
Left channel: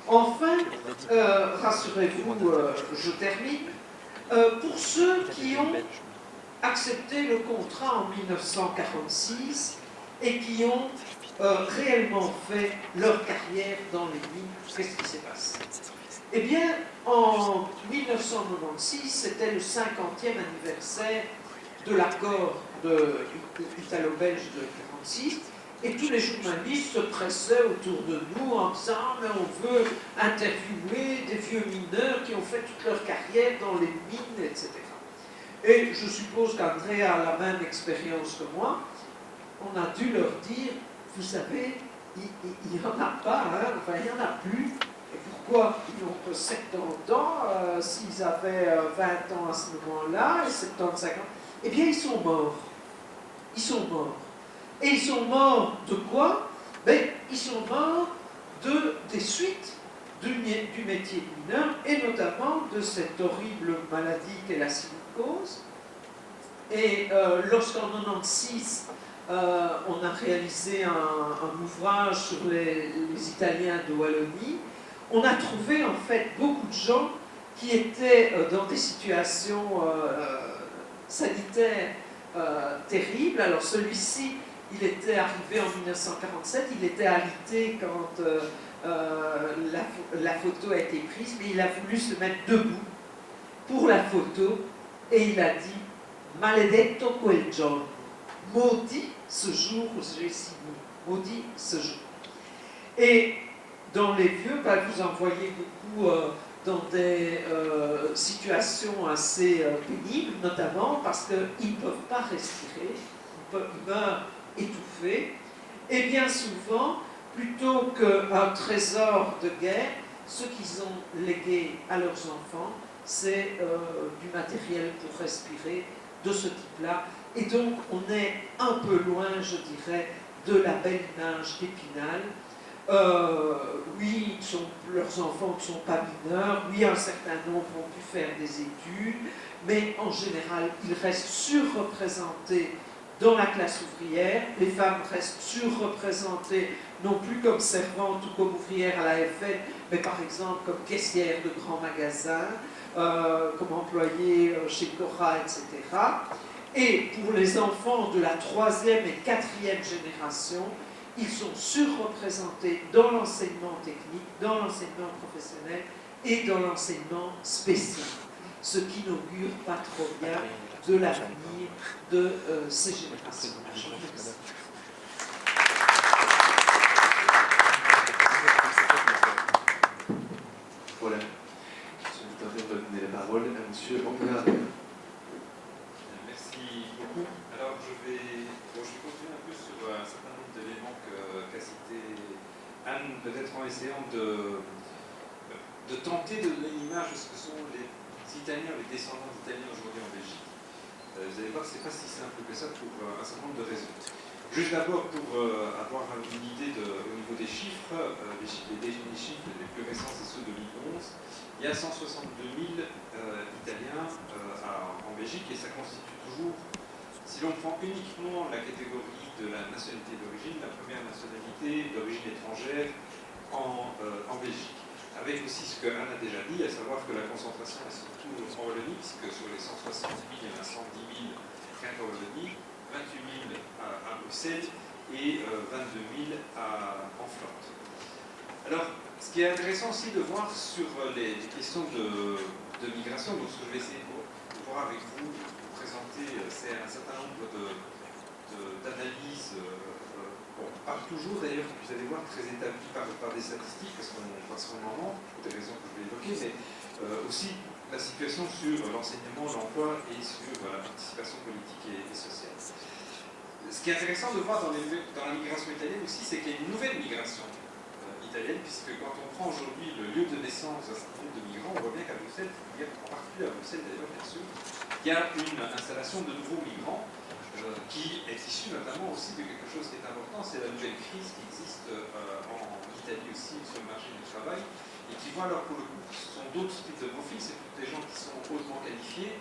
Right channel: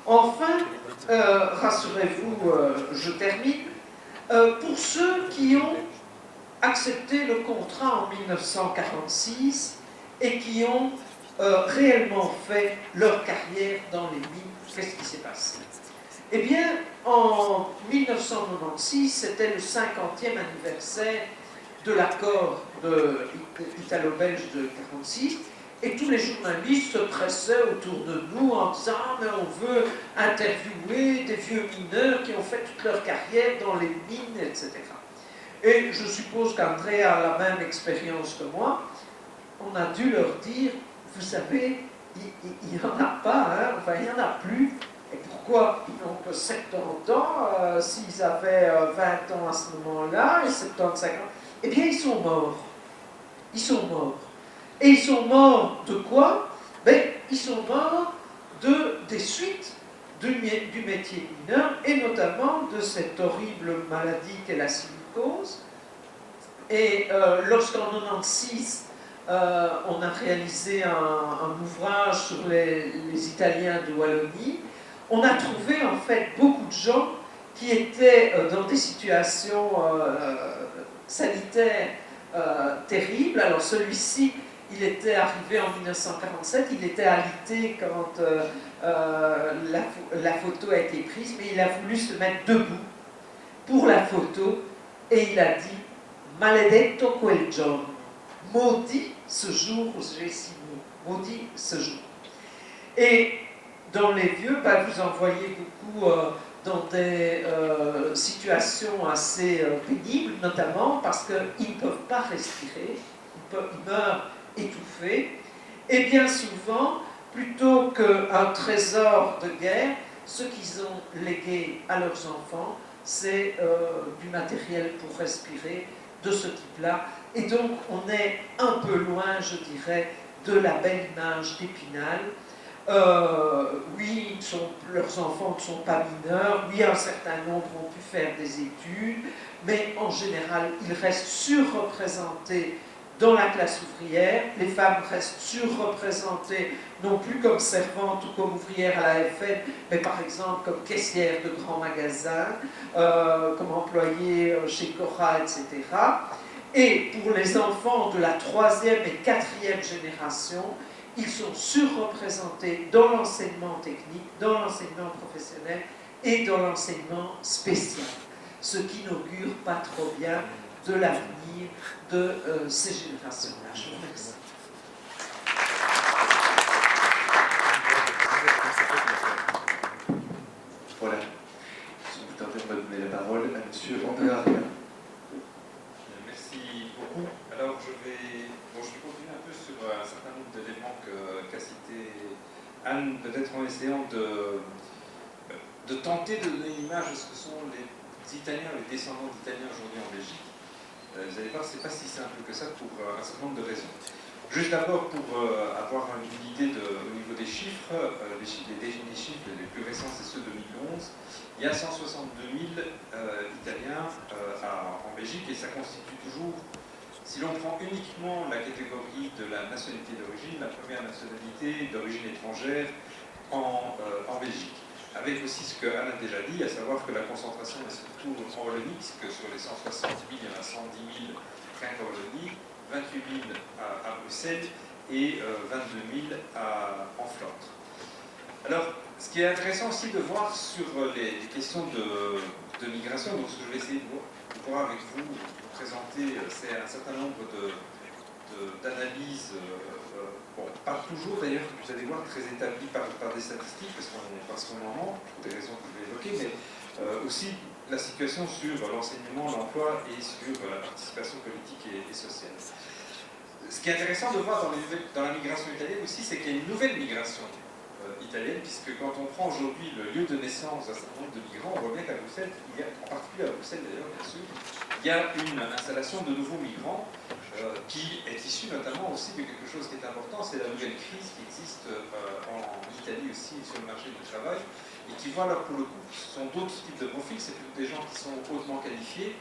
Enfin, rassurez-vous, je termine, pour ceux qui ont accepté le contrat en 1946 et qui ont réellement fait leur carrière dans les mines, qu'est-ce qui s'est passé? Eh bien, en 1996, c'était le 50e anniversaire de l'accord italo-belge de 1946, et tous les journalistes se pressaient autour de nous en disant « Ah, mais on veut interviewer des vieux mineurs qui ont fait toute leur carrière dans les mines, etc. » Et je suppose qu'André a la même expérience que moi. On a dû leur dire, vous savez, il n'y en a pas, hein, enfin il n'y en a plus. Et pourquoi ils n'ont que 70 ans, s'ils avaient 20 ans à ce moment-là, et 75 ans, eh bien ils sont morts. Ils sont morts. Et ils sont morts de quoi? Ben, ils sont morts des suites du métier de mineur, et notamment de cette horrible maladie qu'est la silicose. Et lorsqu'en 1996, on a réalisé un ouvrage sur les Italiens de Wallonie, on a trouvé en fait beaucoup de gens qui étaient dans des situations sanitaires terribles. Alors celui-ci, il était arrivé en 1947, il était alité quand la photo a été prise, mais il a voulu se mettre debout pour la photo, et il a dit « Maledetto quel giorno », maudit ce jour où j'ai signé, maudit ce jour. Et dans les vieux, ben, vous en voyez beaucoup dans des situations assez pénibles, notamment parce qu'ils ne peuvent pas respirer, ils meurent étouffés, et bien souvent, plutôt qu'un trésor de guerre, ce qu'ils ont légué à leurs enfants, c'est du matériel pour respirer de ce type-là. Et donc, on est un peu loin, je dirais, de la belle image d'Épinal. Oui, leurs enfants ne sont pas mineurs, oui, un certain nombre ont pu faire des études, mais en général, ils restent surreprésentés dans la classe ouvrière. Les femmes restent surreprésentées, non plus comme servantes ou comme ouvrières à la FN, mais par exemple comme caissières de grands magasins, comme employées chez Cora, etc. Et pour les enfants de la 3e et 4e génération, ils sont surreprésentés dans l'enseignement technique, dans l'enseignement professionnel et dans l'enseignement spécial, ce qui n'augure pas trop bien de l'avenir de ces générations. Je vous remercie. Voilà. Si vous tentez, on va donner la parole à M. André. Merci beaucoup. Alors, je vais continuer un peu sur un certain nombre d'éléments qu'a cité Anne, peut-être en essayant de tenter de donner une image de ce que sont les Italiens, les descendants d'Italiens aujourd'hui en Belgique. Vous allez voir, c'est pas si simple que ça pour un certain nombre de raisons. Juste d'abord, pour avoir une idée au niveau des chiffres, les derniers chiffres les plus récents, c'est ceux de 2011. Il y a 162 000 Italiens en Belgique, et ça constitue toujours, si l'on prend uniquement la catégorie de la nationalité d'origine, la première nationalité d'origine étrangère en Belgique. Avec aussi ce que Anne a déjà dit, à savoir que la concentration est surtout en Wallonie, que sur les 160 000, il y en a 110 000 rien qu'en Wallonie, 28 000 à Bruxelles et 22 000 en Flandre. Alors, ce qui est intéressant aussi de voir sur les questions de migration. Donc ce que je vais essayer de voir avec vous, de vous présenter, c'est un certain nombre d'analyses, pas toujours d'ailleurs, vous allez voir, très établies par des statistiques, parce qu'en moment, pour des raisons que je vais évoquer, mais aussi la situation sur l'enseignement, l'emploi et sur la participation politique et sociale. Ce qui est intéressant de voir dans la migration italienne aussi, c'est qu'il y a une nouvelle migration italienne, puisque quand on prend aujourd'hui le lieu de naissance d'un certain nombre de migrants, on voit bien qu'à Bruxelles, en particulier à Bruxelles d'ailleurs, bien sûr, il y a une installation de nouveaux migrants qui est issue notamment aussi de quelque chose qui est important, c'est la nouvelle crise qui existe en Italie aussi sur le marché du travail, et qui voit alors pour le coup, ce sont d'autres types de profils, c'est plutôt des gens qui sont hautement qualifiés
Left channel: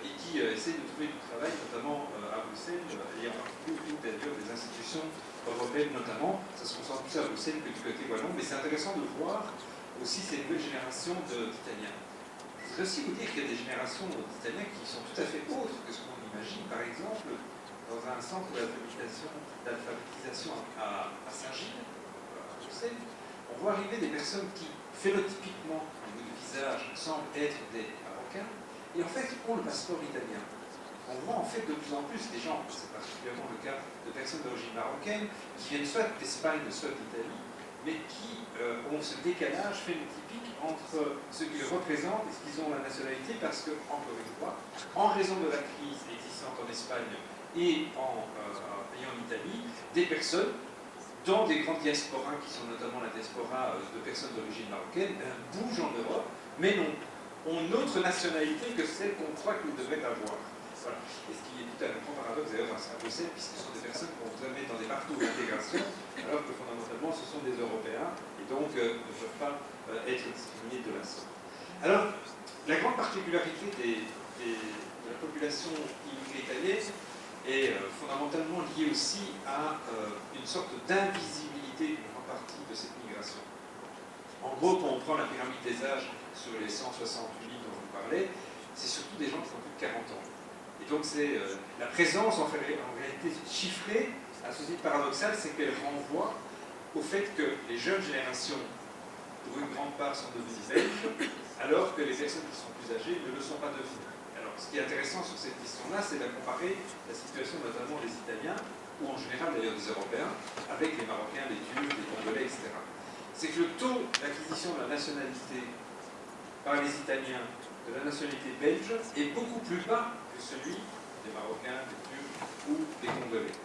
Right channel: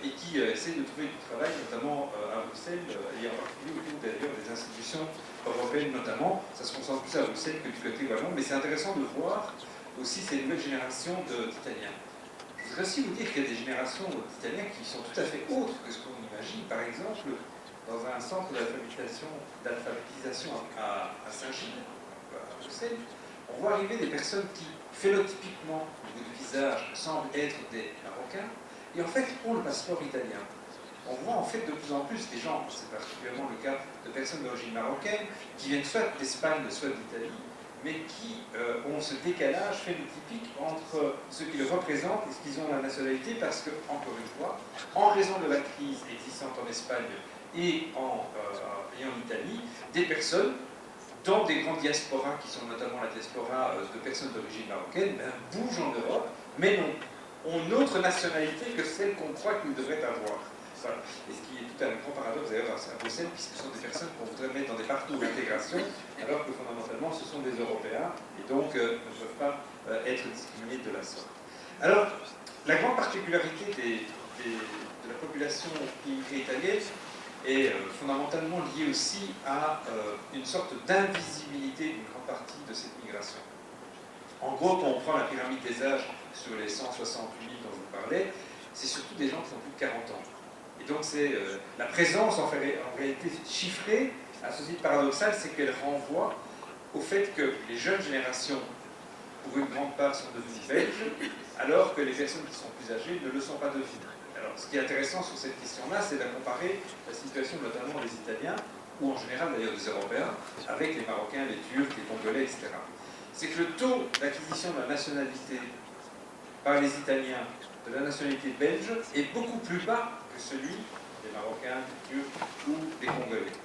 et qui essaient de trouver du travail, notamment à Bruxelles, et en particulier autour d'ailleurs des institutions européennes notamment. Ça se concentre plus à Bruxelles que du côté wallon, mais c'est intéressant de voir aussi ces nouvelles générations d'Italiens. Je voudrais aussi vous dire qu'il y a des générations d'Italiens qui sont tout à fait autres que ce qu'on imagine. Par exemple, dans un centre d'alphabétisation à Saint-Gilles, à Bruxelles, on voit arriver des personnes qui, phénotypiquement, au niveau du visage, semblent être des Marocains, et en fait ont le passeport italien. On voit en fait de plus en plus des gens, c'est particulièrement le cas de personnes d'origine marocaine, qui viennent soit d'Espagne, soit d'Italie, mais qui ont ce décalage phénotypique entre ce qui les représente et ce qu'ils ont la nationalité, parce que, encore une fois, en raison de la crise existante en Espagne et en Italie, des personnes dans des grandes diasporas, qui sont notamment la diaspora de personnes d'origine marocaine, bougent en Europe, mais ont une autre nationalité que celle qu'on croit qu'ils devraient avoir. Voilà. Et ce qui est tout un grand paradoxe d'ailleurs à Bruxelles, puisque ce sont des personnes qu'on voudrait mettre dans des parcours d'intégration, alors que fondamentalement ce sont des Européens, et donc ne peuvent pas être discriminés de la sorte. Alors, la grande particularité de la population immigrée italienne est fondamentalement liée aussi à une sorte d'invisibilité d'une grande partie de cette migration. En gros, quand on prend la pyramide des âges sur les 168 000 dont je vous parlais, c'est surtout des gens qui ont plus de 40 ans. Et donc c'est la présence en réalité chiffrée, à ce titre paradoxal, c'est qu'elle renvoie au fait que les jeunes générations, pour une grande part, sont devenues belges, alors que les personnes qui sont plus âgées ne le sont pas devenues. Alors ce qui est intéressant sur cette question-là, c'est de comparer la situation notamment des Italiens, ou en général d'ailleurs des Européens, avec les Marocains, les Turcs, les Congolais, etc. C'est que le taux d'acquisition de la nationalité par les Italiens de la nationalité belge est beaucoup plus bas que celui des Marocains, des Turcs ou des Congolais.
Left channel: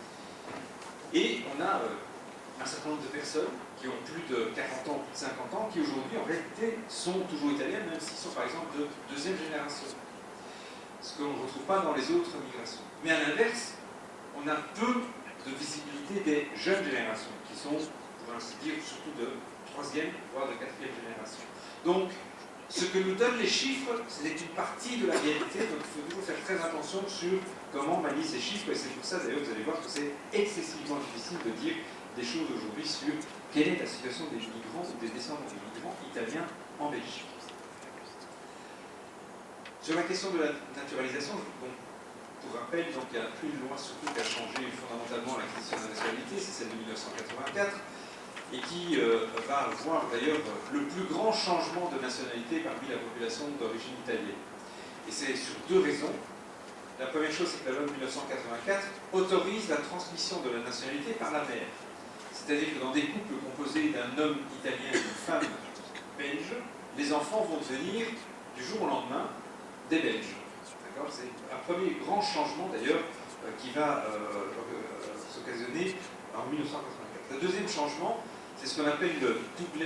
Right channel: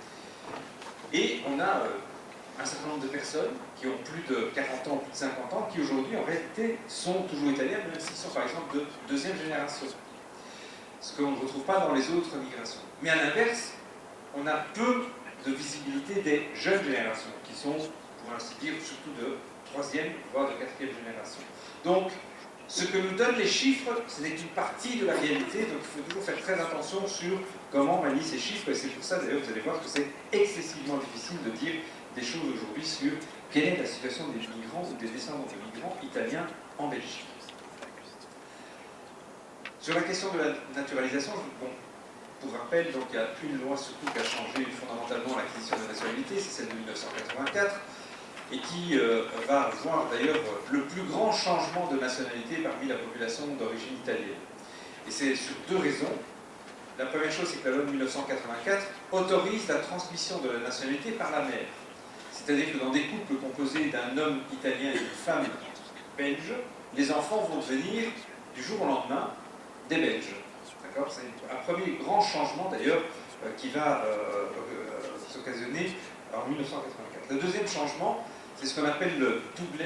Et on a un certain nombre de personnes qui ont plus de 40 ans, plus de 50 ans, qui aujourd'hui en réalité sont toujours italiens, même s'ils sont par exemple de deuxième génération. Ce qu'on ne retrouve pas dans les autres migrations. Mais à l'inverse, on a peu de visibilité des jeunes générations, qui sont, pour ainsi dire, surtout de troisième, voire de quatrième génération. Donc, ce que nous donnent les chiffres, ce n'est qu'une partie de la réalité, donc il faut toujours faire très attention sur comment on manie ces chiffres, et c'est pour ça d'ailleurs vous allez voir que c'est excessivement difficile de dire des choses aujourd'hui sur quelle est la situation des migrants ou des descendants des migrants italiens en Belgique. Sur la question de la naturalisation, bon, pour rappel, donc, il y a une loi surtout qui a changé fondamentalement l'acquisition de la nationalité, c'est celle de 1984, et qui va voir d'ailleurs le plus grand changement de nationalité parmi la population d'origine italienne. Et c'est sur deux raisons. La première chose, c'est que la loi de 1984 autorise la transmission de la nationalité par la mère. C'est-à-dire que dans des couples composés d'un homme italien et d'une femme belge, les enfants vont devenir, du jour au lendemain, des Belges. D'accord ? C'est un premier grand changement, d'ailleurs, qui va s'occasionner en 1984. Le deuxième changement, c'est ce qu'on appelle le double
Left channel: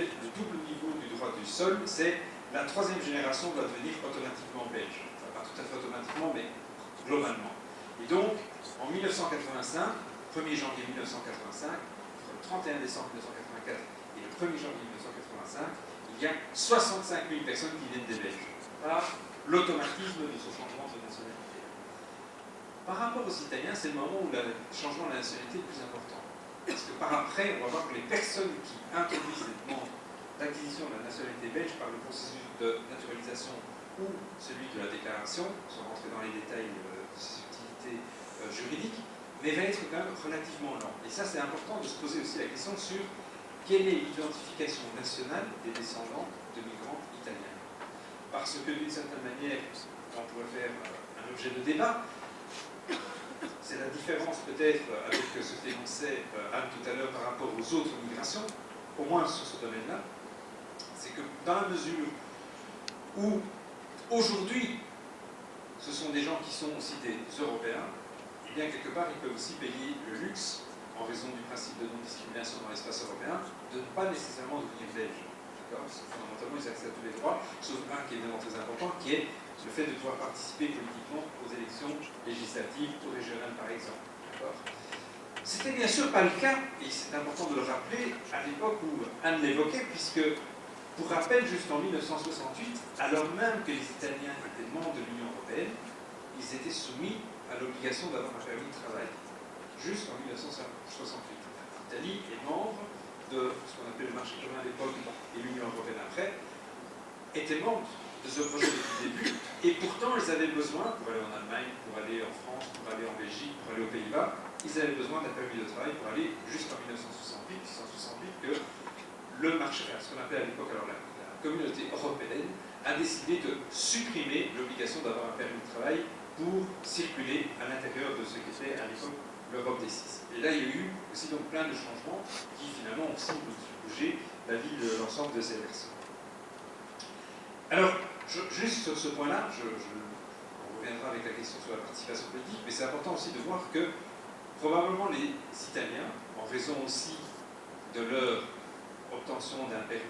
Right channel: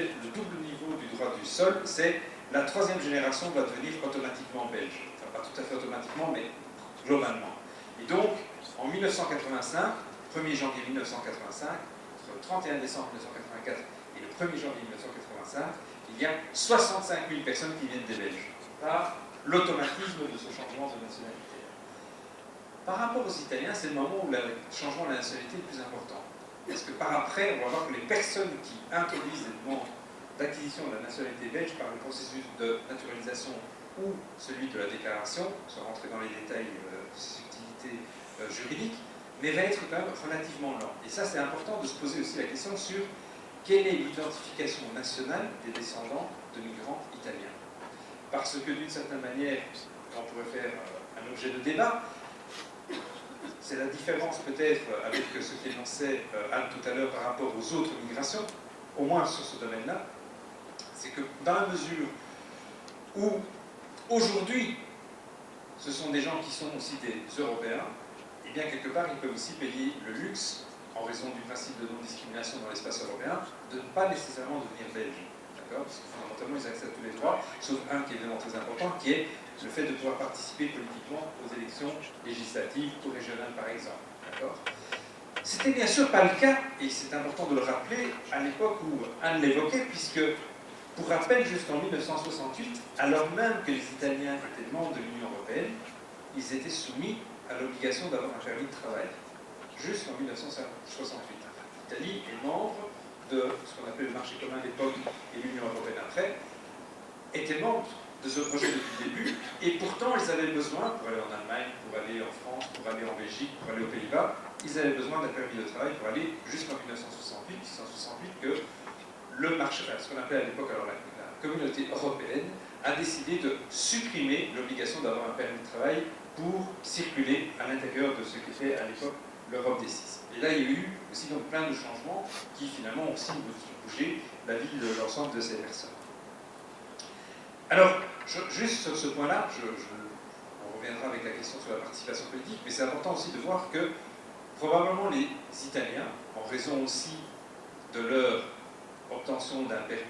niveau du droit du sol, c'est la troisième génération va devenir automatiquement belge. Enfin, pas tout à fait automatiquement, mais globalement. Et donc, en 1985, 1er janvier 1985, entre le 31 décembre 1984 et le 1er janvier 1985, il y a 65 000 personnes qui viennent des Belges, par l'automatisme de ce changement de nationalité. Par rapport aux Italiens, c'est le moment où le changement de la nationalité est le plus important. Parce que par après, on va voir que les personnes qui introduisent des demandes d'acquisition de la nationalité belge par le processus de naturalisation ou celui de la déclaration, sans rentrer dans les détails de subtilité juridique, mais va être quand même relativement lent. Et ça, c'est important de se poser aussi la question sur quelle est l'identification nationale des descendants de migrants italiens. parce que d'une certaine manière, on pourrait faire un objet de débat. C'est la différence peut-être avec ce qu'énonçait Anne tout à l'heure par rapport aux autres migrations, au moins sur ce domaine-là, c'est que dans la mesure où aujourd'hui ce sont des gens qui sont aussi des Européens, et bien quelque part ils peuvent aussi payer le luxe, en raison du principe de non-discrimination dans l'espace européen, de ne pas nécessairement devenir belge. D'accord ? Parce que fondamentalement ils accèdent à tous les droits, sauf un qui est évidemment très important, qui est le fait de pouvoir participer politiquement aux élections législatives, ou régionales par exemple. D'accord ? C'était bien sûr pas le cas, et c'est important de le rappeler, à l'époque où Anne l'évoquait, puisque, pour rappel, jusqu'en 1968, alors même que les Italiens étaient membres de l'Union européenne, ils étaient soumis à l'obligation d'avoir un permis de travail, jusqu'en 1968. L'Italie est membre de ce qu'on appelait le marché commun à l'époque et l'Union européenne après, était membre de ce projet depuis le début, et pourtant ils avaient besoin, pour aller en Allemagne, pour aller en France, pour aller en Belgique, pour aller aux Pays-Bas, ils avaient besoin d'un permis de travail pour aller jusqu'en 1968 que le marché, ce qu'on appelait à l'époque alors la communauté européenne, a décidé de supprimer l'obligation d'avoir un permis de travail pour circuler à l'intérieur de ce qu'était à l'époque l'Europe des Six. Et là, il y a eu aussi donc plein de changements qui finalement ont aussi bougé la vie de l'ensemble de ces personnes. Alors, juste sur ce point-là, on reviendra avec la question sur la participation politique, mais c'est important aussi de voir que probablement les Italiens, en raison aussi de leur obtention d'un permis,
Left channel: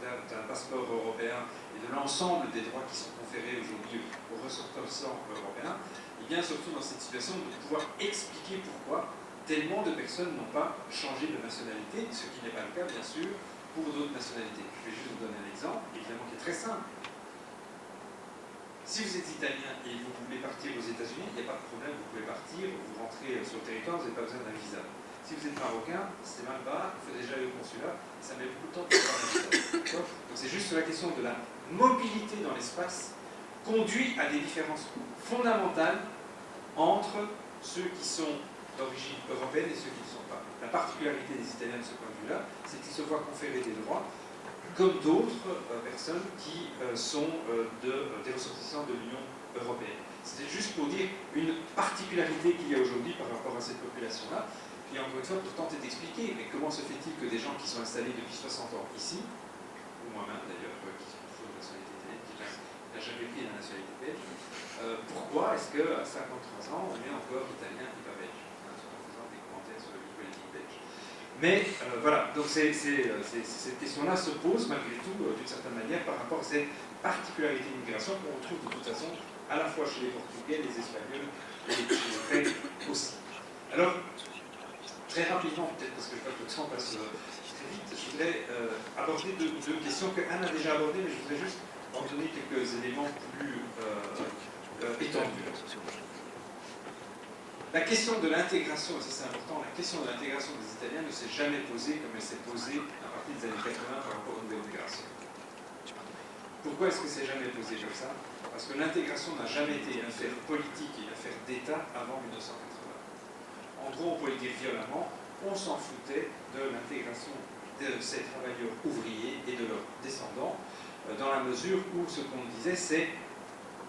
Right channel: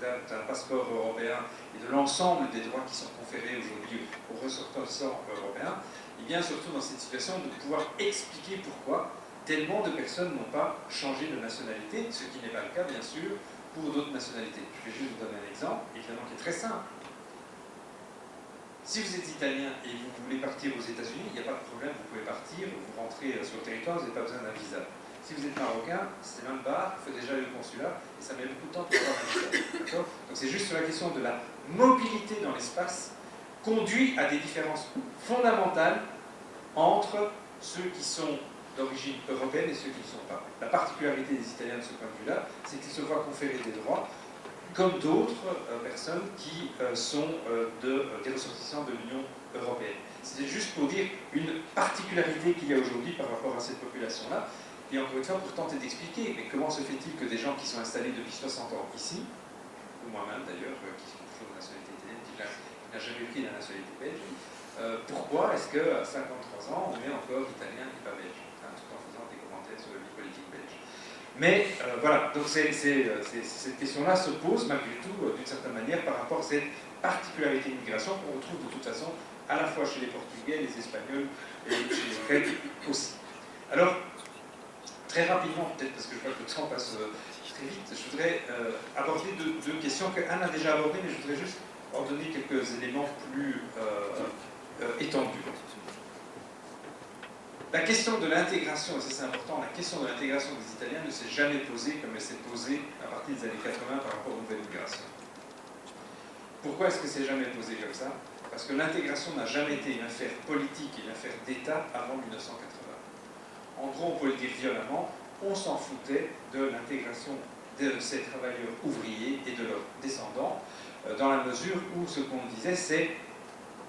d'un passeport européen et de l'ensemble des droits qui sont conférés aujourd'hui aux ressortissants européens, et bien surtout dans cette situation de pouvoir expliquer pourquoi tellement de personnes n'ont pas changé de nationalité, ce qui n'est pas le cas bien sûr pour d'autres nationalités. Je vais juste vous donner un exemple, évidemment qui est très simple. Si vous êtes italien et vous voulez partir aux États-Unis, il n'y a pas de problème, vous pouvez partir, vous rentrez sur le territoire, vous n'avez pas besoin d'un visa. Si vous êtes marocain, c'est même pas, il faut déjà aller au consulat, et ça met beaucoup de temps pour avoir un visa. Donc c'est juste sur la question de la mobilité dans l'espace conduit à des différences fondamentales entre ceux qui sont d'origine européenne et ceux qui ne sont pas. La particularité des Italiens de ce point de vue-là, c'est qu'ils se voient conférer des droits comme d'autres personnes qui sont des ressortissants de l'Union européenne. C'était juste pour dire une particularité qu'il y a aujourd'hui par rapport à cette population-là, et encore une fois pour tenter d'expliquer, mais comment se fait-il que des gens qui sont installés depuis 60 ans ici, ou moi-même d'ailleurs, qui sont toujours de nationalité italienne, qui n'a jamais pris la nationalité belge, pourquoi est-ce qu'à 53 ans on est encore italien et pas belge, hein, tout en faisant des commentaires sur la vie politique belge. Mais voilà, donc cette question-là se pose malgré tout, d'une certaine manière, par rapport à cette particularité d'immigration qu'on retrouve de toute façon à la fois chez les Portugais, les Espagnols et chez les Grecs aussi. Alors, très rapidement, peut-être parce que je vois que le temps passe très vite, je voudrais aborder deux questions que Anne a déjà abordées, mais je voudrais juste en donner quelques éléments plus étendus. La question de l'intégration, et ça c'est important, la question de l'intégration des Italiens ne s'est jamais posée comme elle s'est posée à partir des années 80 par rapport aux nouvelles migrations. Pourquoi est-ce que c'est jamais posé comme ça? Parce que l'intégration n'a jamais été une affaire politique et une affaire d'État avant 1980. En gros, on peut le dire violemment, on s'en foutait de l'intégration de ces travailleurs ouvriers et de leurs descendants, dans la mesure où ce qu'on disait, c'est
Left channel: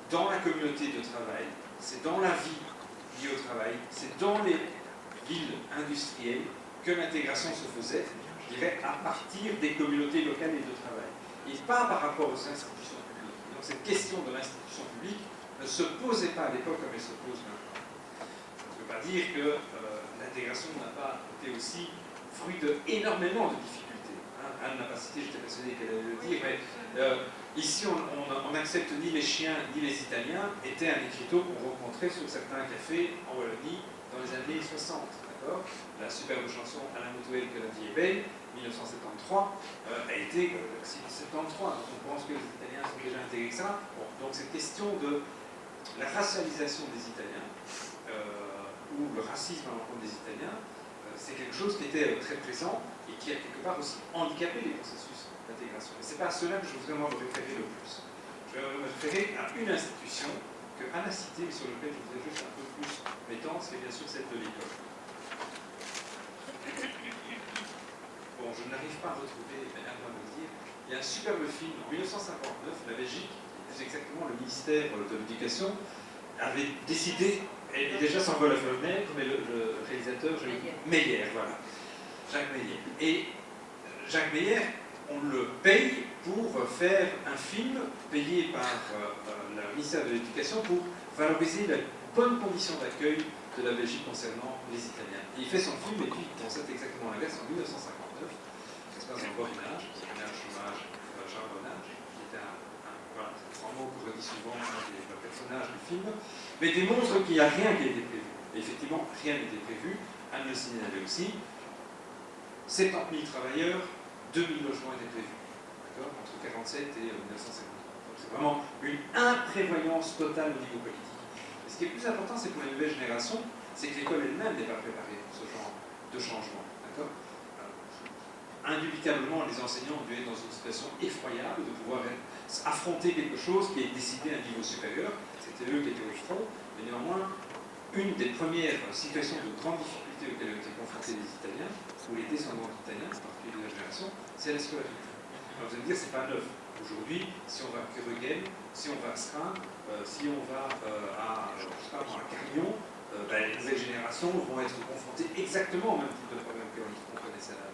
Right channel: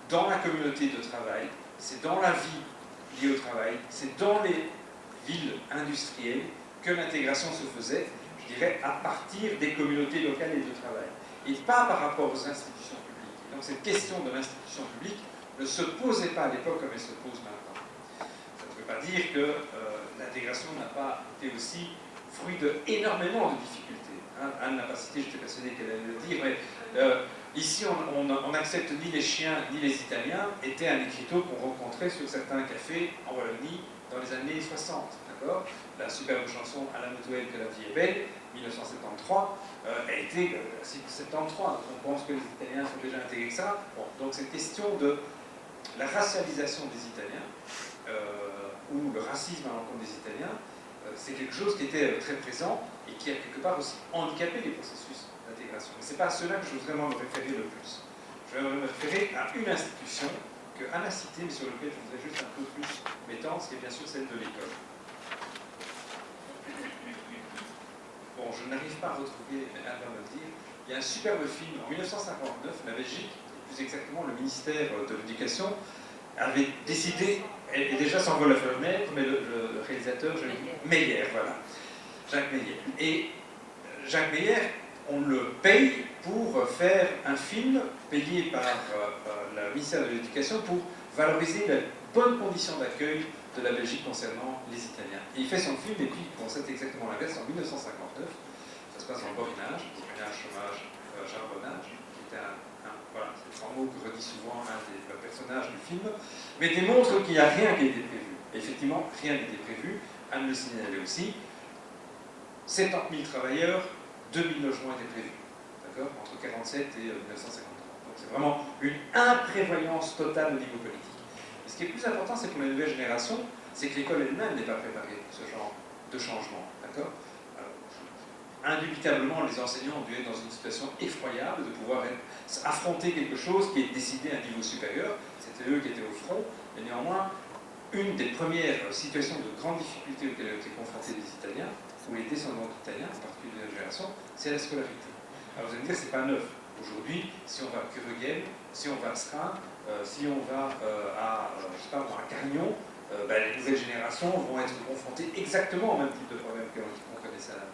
dans la communauté de travail, c'est dans la vie liée au travail, c'est dans les villes industrielles que l'intégration se faisait, je dirais, à partir des communautés locales et de travail, et pas par rapport aux institutions publiques. Donc cette question de l'institution publique ne se posait pas à l'époque comme elle se pose maintenant. Ça ne veut pas dire que l'intégration n'a pas été aussi fruit d'énormément de difficultés. Hein, Anne n'a pas cité, j'étais persuadé qu'elle allait le dire, mais ici on n'accepte ni les chiens ni les Italiens, était un écriteau qu'on rencontrait sur certains cafés en Wallonie dans les années 60. La superbe chanson à la Motouelle que la vie est belle, 1973, a été 73, donc on pense que les Italiens sont déjà intégrés que ça. Bon, donc cette question de la racialisation des Italiens, ou le racisme à l'encontre des Italiens, c'est quelque chose qui était très présent et qui a quelque part aussi handicapé les processus d'intégration. Mais ce n'est pas à cela que je veux vraiment me référer le plus. Je vais me référer à une institution que Anne a citée, mais sur laquelle je voudrais juste un peu plus m'étendre, c'est bien sûr celle de l'école. Bon, je n'arrive pas à retrouver, mais Anne va me le dire, il y a un superbe film en 1959, la Belgique, plus exactement le ministère de l'Éducation, avait décidé, et déjà sans vol à fenêtre, mais le réalisateur, Meyer, voilà, Jacques Meyer. Et Jacques Meyer, on le paye pour faire un film payé par le ministère de l'Éducation pour valoriser les bonnes conditions d'accueil de la Belgique concernant les Italiens. Et il fait son film, et puis, c'est exactement l'inverse, en 1959, ça se passe dans le Borinage, chômage, charbonnage, qui est voilà, c'est un mot que redit souvent le personnage du film, mais démontre qu'il n'y a rien qui a été prévu. Et effectivement, rien n'était prévu. Anne Le signalait aussi. 70 000 travailleurs, 2000 logements étaient prévus, entre 1947 et 1953. Donc c'est vraiment une imprévoyance totale au niveau politique. Et ce qui est plus important, c'est pour les nouvelles générations, c'est que l'école elle-même n'est pas préparée pour ce genre de changement. Indubitablement, les enseignants ont dû être dans une situation effroyable de pouvoir affronter quelque chose qui est décidé à un niveau supérieur. C'était eux qui étaient au front, mais néanmoins, une des premières situations de grande difficulté auxquelles ont été confrontés les Italiens, ou les descendants d'Italiens, en particulier de la génération, c'est la scolarité. Alors vous allez me dire, c'est pas neuf. Aujourd'hui, si on va à Kurugel, si on va à Srin, si on va je sais pas, à Carignon, les nouvelles générations vont être confrontées exactement au même type de problème qu'on connaissait avant.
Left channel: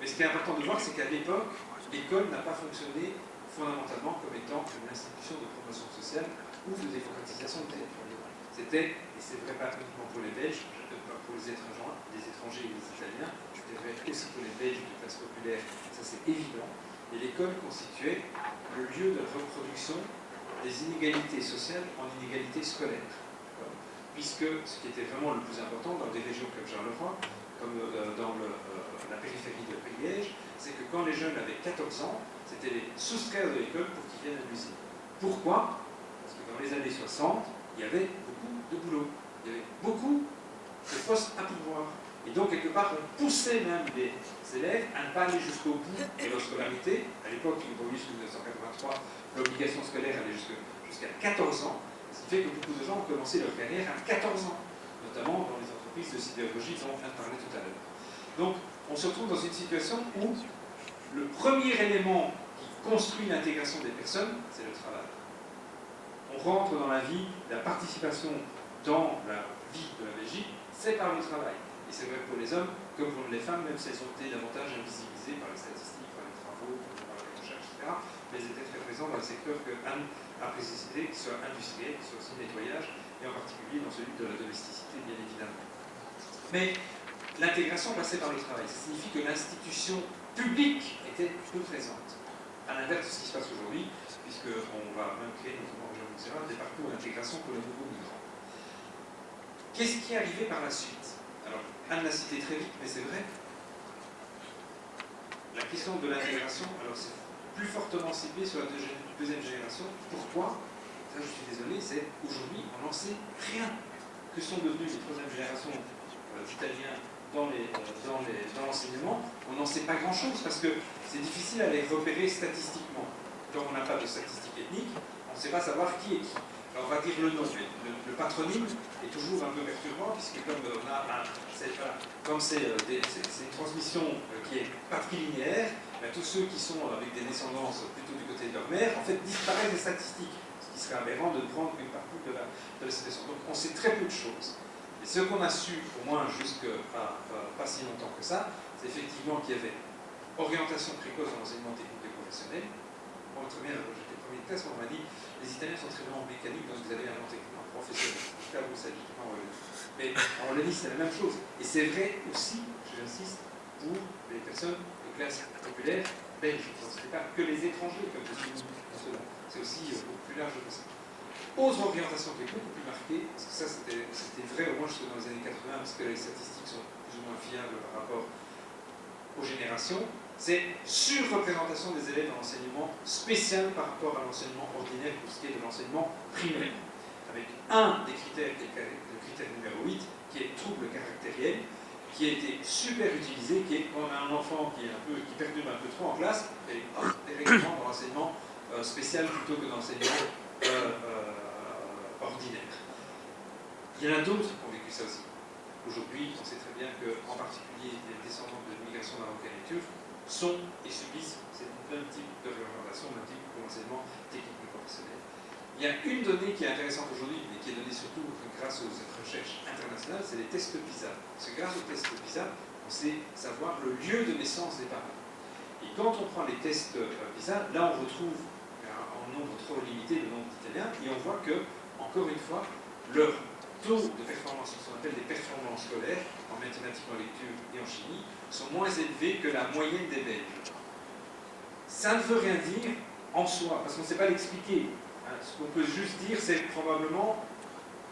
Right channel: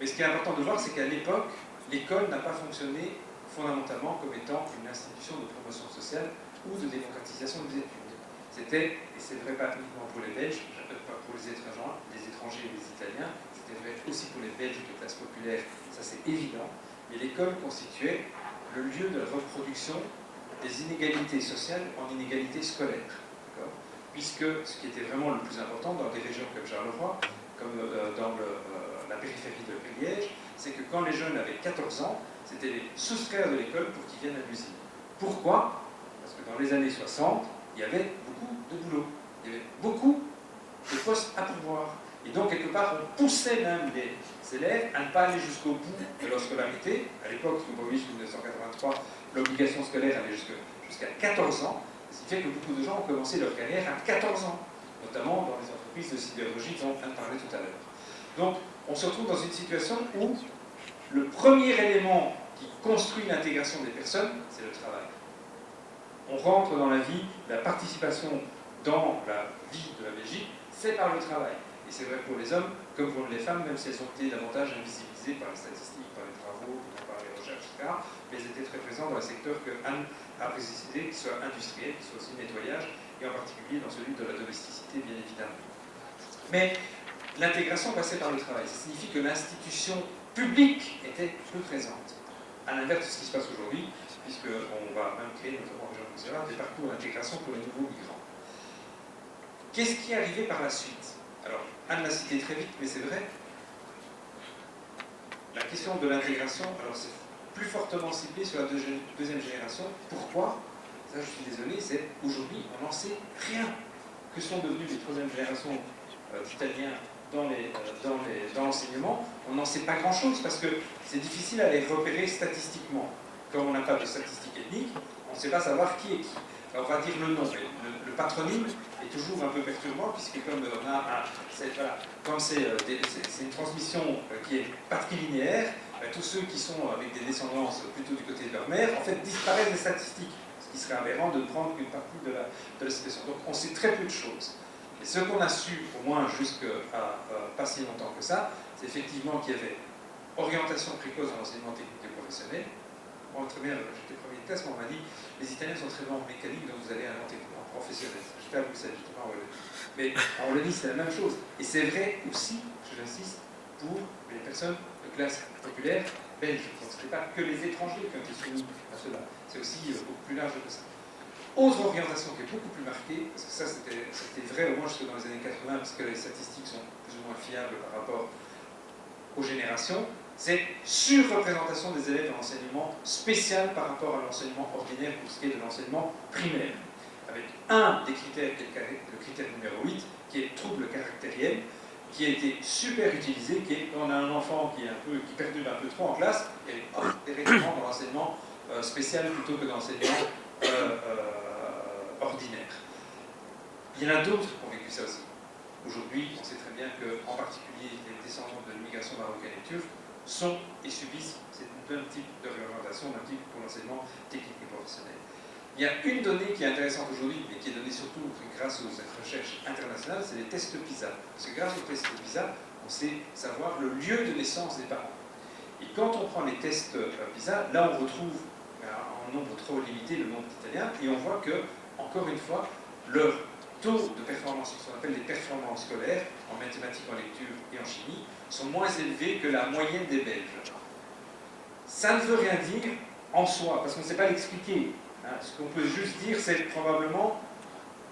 Mais ce qui est important de voir, c'est qu'à l'époque, l'école n'a pas fonctionné fondamentalement comme étant une institution de promotion sociale ou de démocratisation des études. C'était, et c'est vrai pas uniquement pour les Belges, pas pour les étrangers ou les Italiens, c'était vrai aussi pour les Belges de classe populaire, ça c'est évident, mais l'école constituait le lieu de reproduction des inégalités sociales en inégalités scolaires. Puisque ce qui était vraiment le plus important dans des régions comme Charleroi, comme dans la périphérie de Liège, c'est que quand les jeunes avaient 14 ans, c'était les soustraire de l'école pour qu'ils viennent à l'usine. Pourquoi? Parce que dans les années 60, il y avait beaucoup de boulot, il y avait beaucoup de postes à pourvoir. Et donc, quelque part, on poussait même les élèves à ne pas aller jusqu'au bout de leur scolarité. À l'époque, il faut pas oublier qu'en 1983, l'obligation scolaire allait jusqu'à 14 ans, ce qui fait que beaucoup de gens ont commencé leur carrière à 14 ans, notamment dans les entreprises de sidérurgie dont on vient de parler tout à l'heure. Donc, on se retrouve dans une situation où le premier élément qui construit l'intégration des personnes, c'est le travail. On rentre dans la vie, la participation dans la vie de la Belgique, c'est par le travail. Et c'est vrai pour les hommes comme pour les femmes, même si elles ont été davantage invisibilisées par les statistiques, par les travaux, par les recherches, etc. Mais elles étaient très présentes dans le secteur que Anne a précisé, qui soit industriel, qui soit aussi nettoyage, et en particulier dans celui de la domesticité, bien évidemment. Mais l'intégration passait par le travail. Ça signifie que l'institution publique était plus présente. À l'inverse de ce qui se passe aujourd'hui, puisqu'on va même créer, notamment en région de des parcours d'intégration pour les nouveaux migrants. Qu'est-ce qui est arrivé par la suite? Alors, Anne l'a cité très vite, mais c'est vrai. La question de l'intégration, alors c'est plus fortement ciblé sur la deuxième génération. Pourquoi? Ça, je suis désolé, c'est aujourd'hui, on n'en sait rien. Que sont devenus les troisième générations d'Italiens dans l'enseignement? On n'en sait pas grand-chose parce que c'est difficile à les repérer statistiquement. Comme on n'a pas de statistiques ethniques, on ne sait pas savoir qui est qui. Alors on va dire le nom, mais le patronyme est toujours un peu perturbant, puisque comme c'est une transmission qui est patrilinéaire, tous ceux qui sont avec des descendances plutôt du côté de leur mère, en fait, disparaissent des statistiques, ce qui serait aberrant de prendre une partie de la situation. Donc on sait très peu de choses. Et ce qu'on a su, au moins jusqu'à pas si longtemps que ça, c'est effectivement qu'il y avait orientation précoce dans l'enseignement technique et professionnel. Moi, très bien, j'étais premier de classe, on m'a dit les Italiens sont très bons en mécanique, donc vous allez à un professionnel. J'étais à Bruxelles, justement, en Wallonie. Mais en Wallonie, c'est la même chose. Et c'est vrai aussi, j'insiste, pour les personnes de classe populaire belge. Donc, ce n'est pas que les étrangers comme c'est soumis à cela. C'est aussi beaucoup plus large que ça. Autre orientation qui est beaucoup plus marquée, parce que ça c'était vrai au moins jusque dans les années 80, parce que les statistiques sont plus ou moins fiables par rapport aux générations, c'est surreprésentation des élèves en enseignement spécial par rapport à l'enseignement ordinaire pour ce qui est de l'enseignement primaire. Avec un des critères, qui est le critère numéro 8, qui est trouble caractériel, qui a été super utilisé, qui est quand on a un enfant qui perdure un peu trop en classe, il y a directement dans l'enseignement spécial plutôt que dans l'enseignement ordinaire. Il y en a d'autres qui ont vécu ça aussi. Aujourd'hui, on sait très bien qu'en particulier les descendants de l'immigration marocaine et turque sont et subissent un type de réorientation, un type d'enseignement technique et professionnel. Il y a une donnée qui est intéressante aujourd'hui, mais qui est donnée surtout grâce aux recherches internationales, c'est les tests PISA. Parce que grâce aux tests PISA, on sait savoir le lieu de naissance des parents. Et quand on prend les tests PISA, là on retrouve en nombre trop limité le nombre d'Italiens, et on voit que, encore une fois, leur taux de performance, ce qu'on appelle les performances scolaires, en mathématiques, en lecture et en chimie, sont moins élevés que la moyenne des Belges. Ça ne veut rien dire en soi, parce qu'on ne sait pas l'expliquer. Ce qu'on peut juste dire, c'est probablement,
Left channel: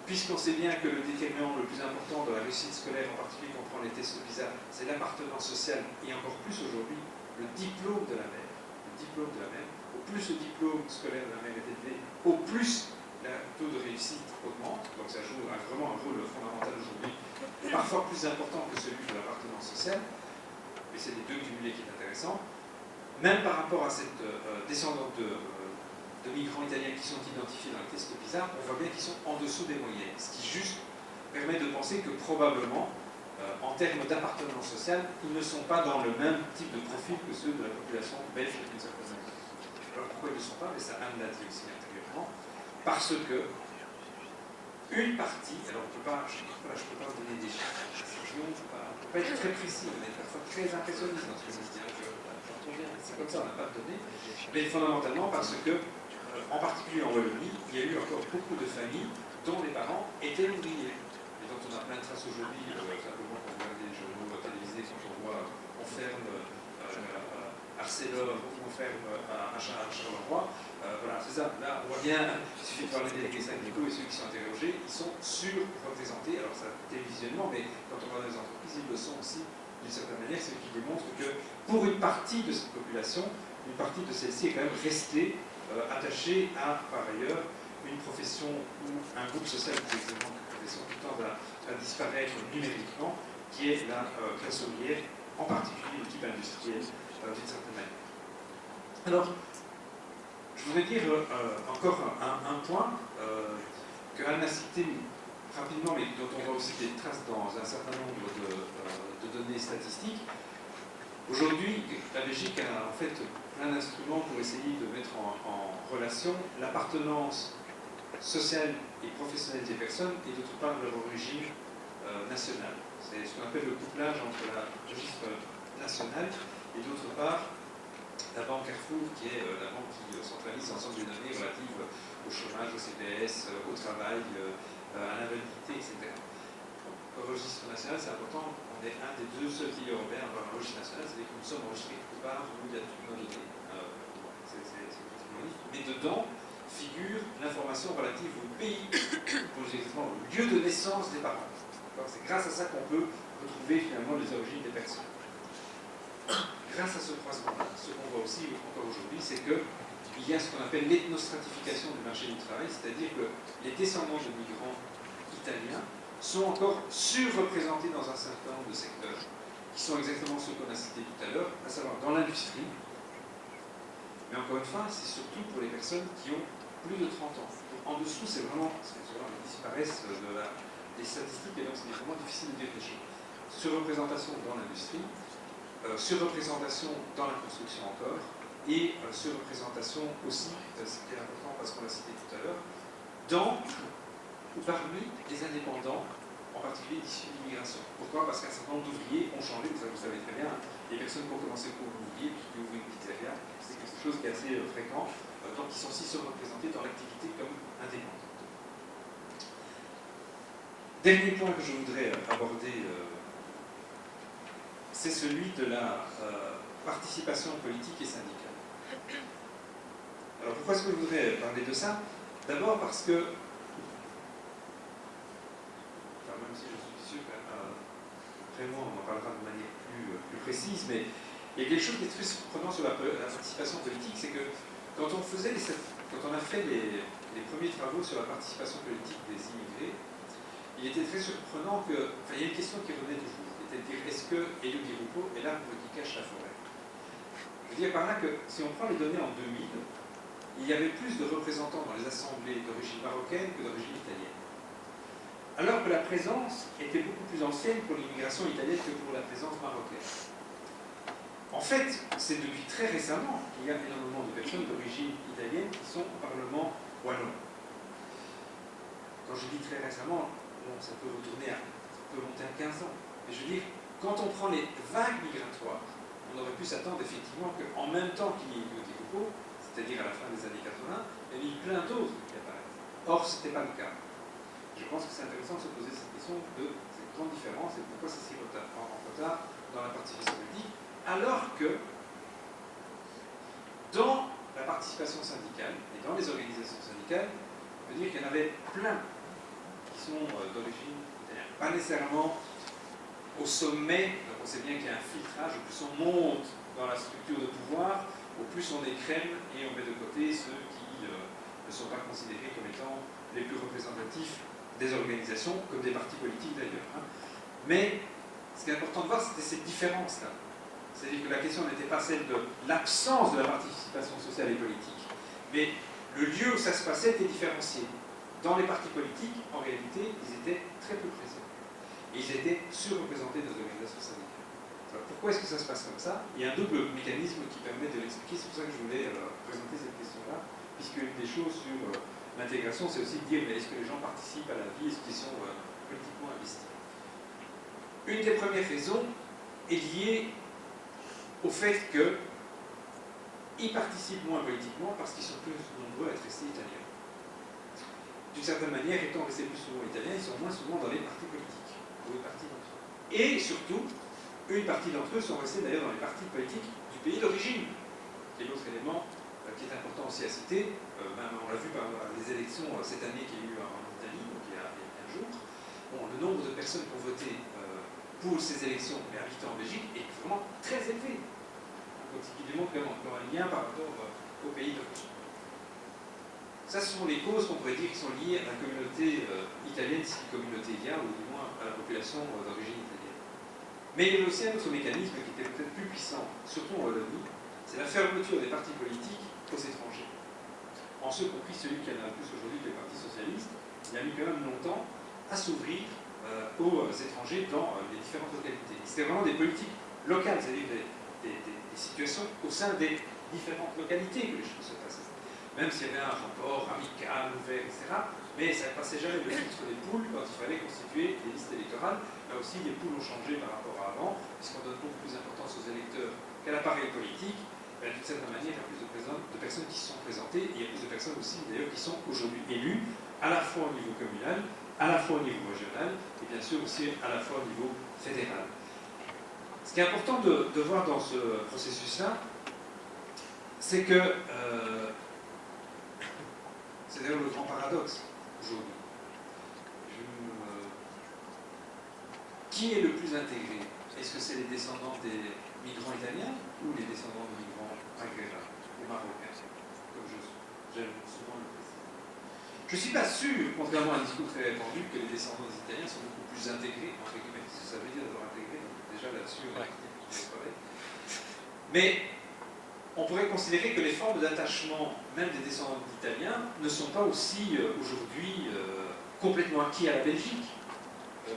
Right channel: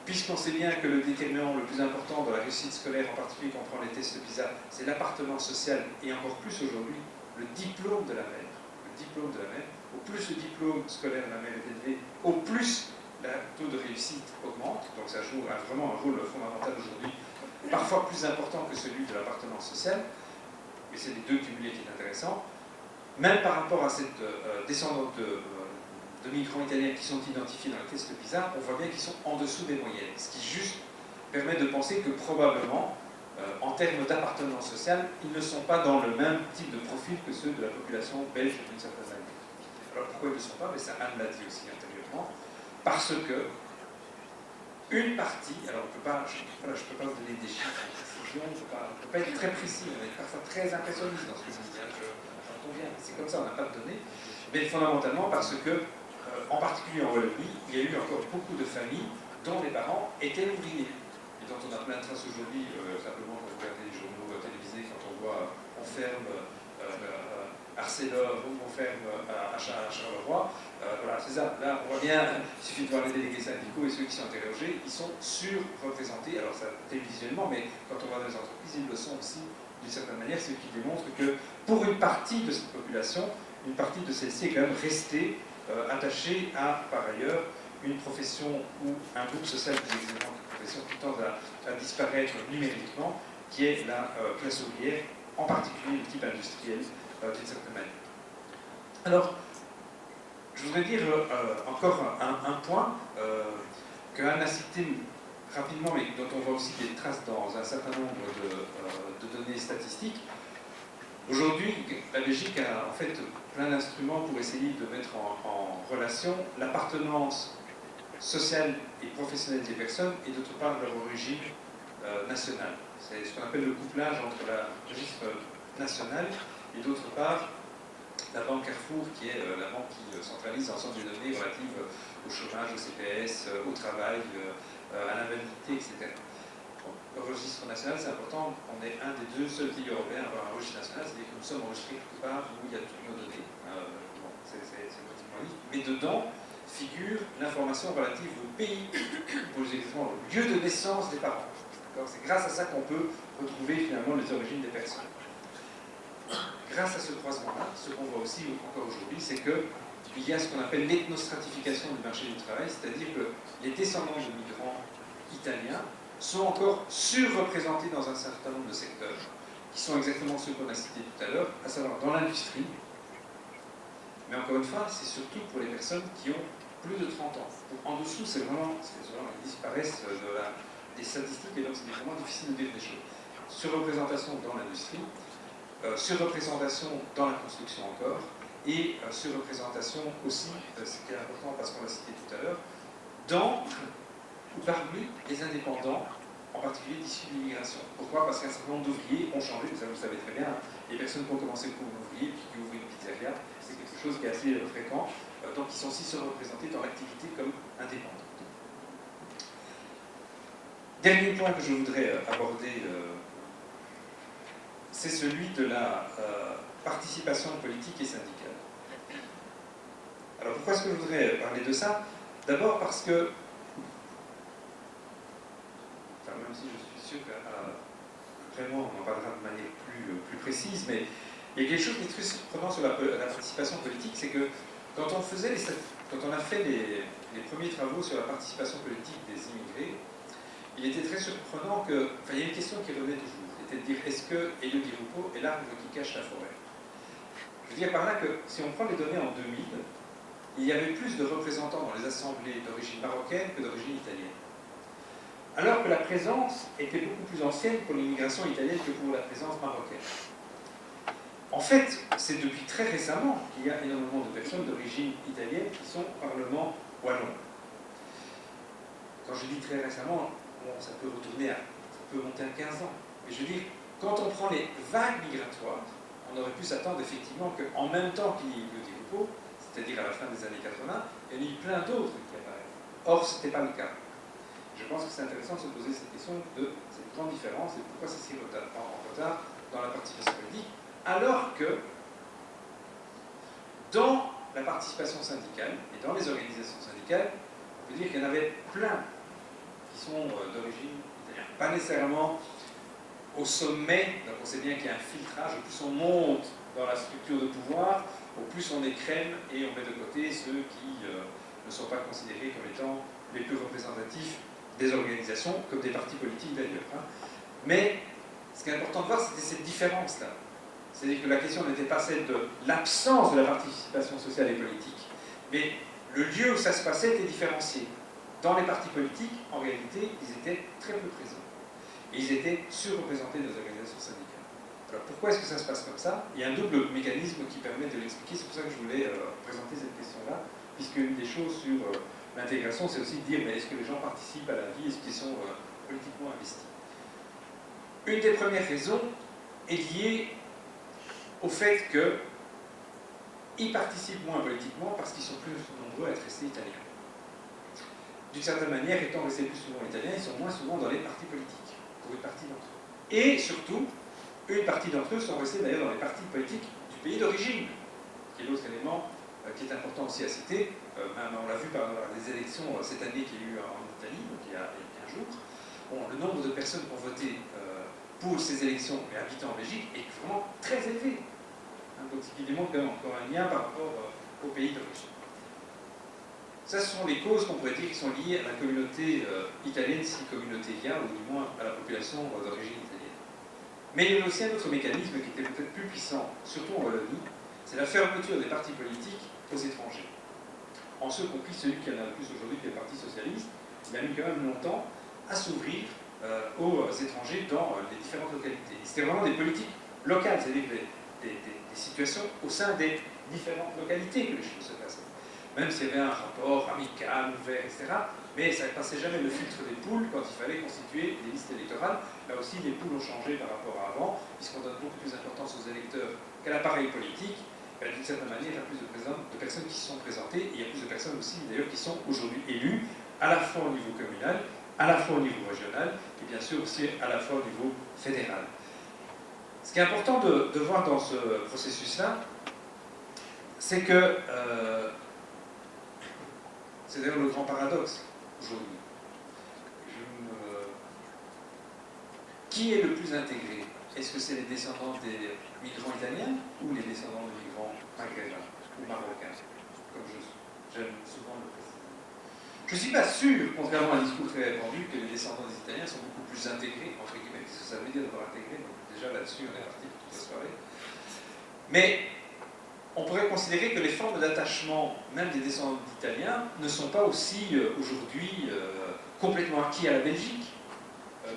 puisqu'on sait bien que le déterminant le plus important dans la réussite scolaire, en particulier quand on prend les tests PISA, c'est l'appartenance sociale, et encore plus aujourd'hui, le diplôme de la mère. Le diplôme de la mère. Au plus le diplôme scolaire de la mère est élevé, au plus le taux de réussite augmente. Donc ça joue vraiment un rôle fondamental aujourd'hui, parfois plus important que celui de l'appartenance sociale. Et c'est les deux cumulés qui est intéressant. Même par rapport à cette descendante de migrants italiens qui sont identifiés dans les tests PISA, on voit bien qu'ils sont en dessous des moyennes. Ce qui juste permet de penser que probablement, en termes d'appartenance sociale, ils ne sont pas dans le même type de profil que ceux de la population belge d'une certaine manière. Alors pourquoi ils ne le sont pas? Mais ça, Anne l'a dit aussi intérieurement. Parce que une partie, alors je ne peux pas vous donner des chiffres, on ne peut pas être très précis, on est parfois très impressionniste dans ce que je dis. C'est comme ça, on n'a pas de données. Mais fondamentalement parce que, en particulier en Wallonie, il y a eu encore beaucoup de familles dont les parents étaient ouvriers. Et dont on a plein de traces aujourd'hui, simplement quand vous regardez les journaux télévisés, quand on voit on ferme Arcelor, on ferme à Charleroi. Voilà, c'est ça. Là, on voit bien, il suffit de voir les délégués syndicaux et ceux qui sont interrogés, ils sont surreprésentés. Alors, ça télévisuellement, mais quand on va dans les entreprises, ils le sont aussi d'une certaine manière, ce qui démontre que pour une partie de cette population, une partie de celle-ci est quand même restée attachée à, par ailleurs, une profession ou un groupe social plus exactement qu'une profession qui tend à disparaître numériquement, qui est la classe ouvrière, en particulier l'équipe industrielle, d'une certaine manière. Alors, je voudrais dire encore un point que Anne a cité rapidement, mais dont on voit aussi des traces dans un certain nombre de données statistiques. Aujourd'hui, la Belgique a en fait plein d'instruments pour essayer de mettre en relation l'appartenance sociale et professionnelle des personnes et d'autre part leur origine nationale. C'est ce qu'on appelle le couplage entre le registre national et d'autre part la banque Carrefour, qui est la banque qui centralise l'ensemble des données relatives au chômage, au CPS, au travail, à l'invalidité, etc. Donc, le registre national, c'est important. On est un des deux seuls pays européens à avoir un registre national, c'est-à-dire que nous sommes enregistrés quelque part où il y a toutes nos données. Bon, c'est complètement libre. Mais dedans figure l'information relative au pays, pour exactement le lieu de naissance des parents. C'est grâce à ça qu'on peut retrouver finalement les origines des personnes. Grâce à ce croisement-là, ce qu'on voit aussi encore aujourd'hui, c'est qu'il y a ce qu'on appelle l'ethnostratification du marché du travail, c'est-à-dire que les descendants de migrants italiens sont encore surreprésentés dans un certain nombre de secteurs, qui sont exactement ceux qu'on a cités tout à l'heure, à savoir dans l'industrie. Mais encore une fois, c'est surtout pour les personnes qui ont plus de 30 ans. Donc, en dessous, c'est vraiment, ils disparaissent des statistiques, et donc c'est vraiment difficile de dire des choses. Surreprésentation dans l'industrie, surreprésentation dans la construction encore, et surreprésentation aussi, ce qui est important parce qu'on l'a cité tout à l'heure, dans ou parmi les indépendants, en particulier issus de l'immigration. Pourquoi? Parce qu'un certain nombre d'ouvriers ont changé, ça vous le savez très bien, les personnes qui ont commencé pour l'ouvrier, puis qui ouvrent une pizzeria, c'est quelque chose qui est assez fréquent, donc ils sont aussi surreprésentés dans l'activité comme indépendants. Dernier point que je voudrais aborder, c'est celui de la participation politique et syndicale. Alors pourquoi est-ce que je voudrais parler de ça? D'abord parce que, même si je suis sûr qu'après moi on en parlera de manière plus précise, mais il y a quelque chose qui est très surprenant sur la participation politique, c'est que quand on a fait les premiers travaux sur la participation politique des immigrés, il était très surprenant que, il y a une question qui revenait toujours, c'était de dire est-ce que Elio Di Rupo est l'arbre qui cache la forêt? Je veux dire par là que si on prend les données en 2000, il y avait plus de représentants dans les assemblées d'origine marocaine que d'origine italienne. Alors que la présence était beaucoup plus ancienne pour l'immigration italienne que pour la présence marocaine. En fait, c'est depuis très récemment qu'il y a énormément de personnes d'origine italienne qui sont au Parlement wallon. Quand je dis très récemment, bon, ça peut retourner ça peut monter à 15 ans. Mais je veux dire, quand on prend les vagues migratoires, on aurait pu s'attendre effectivement qu'en même temps qu'il y ait eu le dépôt, c'est-à-dire à la fin des années 80, il y en a eu plein d'autres qui apparaissent. Or, ce n'était pas le cas. Je pense que c'est intéressant de se poser cette question de cette grande différence et pourquoi c'est si en retard dans la participation politique, alors que dans la participation syndicale et dans les organisations syndicales, on peut dire qu'il y en avait plein qui sont d'origine italienne. Pas nécessairement au sommet, donc on sait bien qu'il y a un filtrage, au plus on monte dans la structure de pouvoir, au plus on écrème et on met de côté ceux qui ne sont pas considérés comme étant les plus représentatifs des organisations, comme des partis politiques d'ailleurs. Hein. Mais ce qui est important de voir, c'était cette différence-là. C'est-à-dire que la question n'était pas celle de l'absence de la participation sociale et politique, mais le lieu où ça se passait était différencié. Dans les partis politiques, en réalité, ils étaient très peu présents. Et ils étaient surreprésentés des organisations syndicales. Alors pourquoi est-ce que ça se passe comme ça? Il y a un double mécanisme qui permet de l'expliquer, c'est pour ça que je voulais présenter cette question-là, puisque une des choses sur l'intégration, c'est aussi de dire, mais est-ce que les gens participent à la vie, est-ce qu'ils sont politiquement investis? Une des premières raisons est liée au fait qu'ils participent moins politiquement parce qu'ils sont plus nombreux à être restés italiens. D'une certaine manière, étant restés plus souvent italiens, ils sont moins souvent dans les partis politiques, pour une partie d'entre eux. Et surtout, une partie d'entre eux sont restés d'ailleurs dans les partis politiques du pays d'origine, qui est l'autre élément qui est important aussi à citer. On l'a vu par les élections cette année qu'il y a eu en Italie, donc il y a 15 jours. Bon, le nombre de personnes qui ont voté pour ces élections et habitant en Belgique est vraiment très élevé. Donc ce qui démontre quand même encore un lien par rapport au pays d'origine. Ça, ce sont les causes qu'on pourrait dire qui sont liées à la communauté italienne, si communauté il y a, ou du moins à la population d'origine italienne. Mais il y a aussi un autre mécanisme qui était peut-être plus puissant, surtout en Wallonie, c'est la fermeture des partis politiques aux étrangers. En ce compris celui qui en a le plus aujourd'hui, les partis socialistes, il a mis quand même longtemps à s'ouvrir aux étrangers dans les différentes localités. C'était vraiment des politiques locales, c'est-à-dire des situations au sein des différentes localités que les choses se passaient. Même s'il y avait un rapport amical, ouvert, etc. Mais ça ne passait jamais le filtre des poules quand il fallait constituer des listes électorales. Là aussi, les poules ont changé par rapport à avant, puisqu'on donne beaucoup plus d'importance aux électeurs qu'à l'appareil politique. D'une certaine manière, il y a plus de personnes qui se sont présentées, et il y a plus de personnes aussi, d'ailleurs, qui sont aujourd'hui élues, à la fois au niveau communal, à la fois au niveau régional, et bien sûr aussi à la fois au niveau fédéral. Ce qui est important de voir dans ce processus-là, c'est que, c'est d'ailleurs le grand paradoxe aujourd'hui. Qui est le plus intégré? Est-ce que c'est les descendants des migrants italiens ou les descendants de migrants maghrébins ou marocains? Comme j'aime souvent le préciser. Je ne suis pas sûr, contrairement à un discours très répandu, que les descendants des Italiens sont beaucoup plus intégrés, entre guillemets, parce que ça veut dire de leur intégrer, donc déjà là-dessus, on a quitté toute la soirée. Mais on pourrait considérer que les formes d'attachement, même des descendants d'Italiens, ne sont pas aussi aujourd'hui complètement acquis à la Belgique,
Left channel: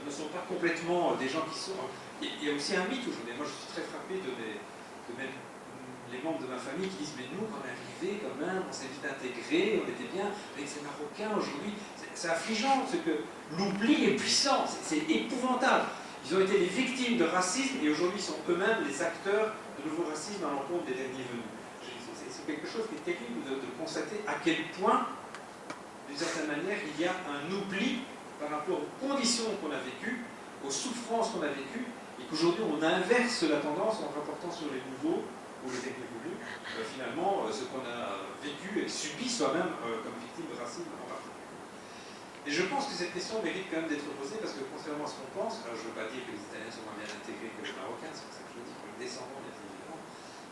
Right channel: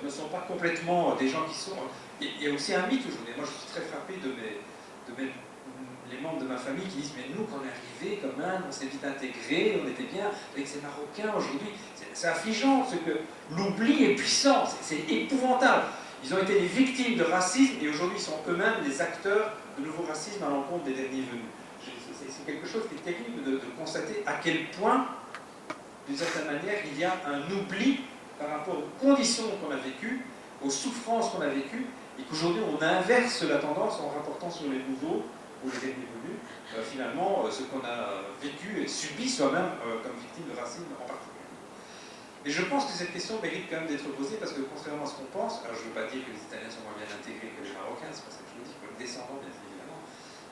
ne sont pas complètement des gens qui sont... Il y a aussi un mythe aujourd'hui. Moi, je suis très frappé les membres de ma famille qui disent « Mais nous, quand on est arrivés, quand même, on s'est vite intégrés, on était bien avec ces Marocains aujourd'hui. » C'est affligeant, c'est que l'oubli est puissant, c'est épouvantable. Ils ont été les victimes de racisme et aujourd'hui ils sont eux-mêmes les acteurs de nouveaux racismes à l'encontre des derniers venus. C'est quelque chose qui est terrible de constater à quel point, d'une certaine manière, il y a un oubli par rapport aux conditions qu'on a vécues, aux souffrances qu'on a vécues, et qu'aujourd'hui on inverse la tendance en rapportant sur les nouveaux ou les derniers venus, finalement, ce qu'on a vécu et subi soi-même comme victime de racisme en particulier. Et je pense que cette question mérite quand même d'être posée parce que contrairement à ce qu'on pense, alors je ne veux pas dire que les Italiens sont moins bien intégrés que les Marocains, c'est pour ça que je le dis, que les descendants bien évidemment,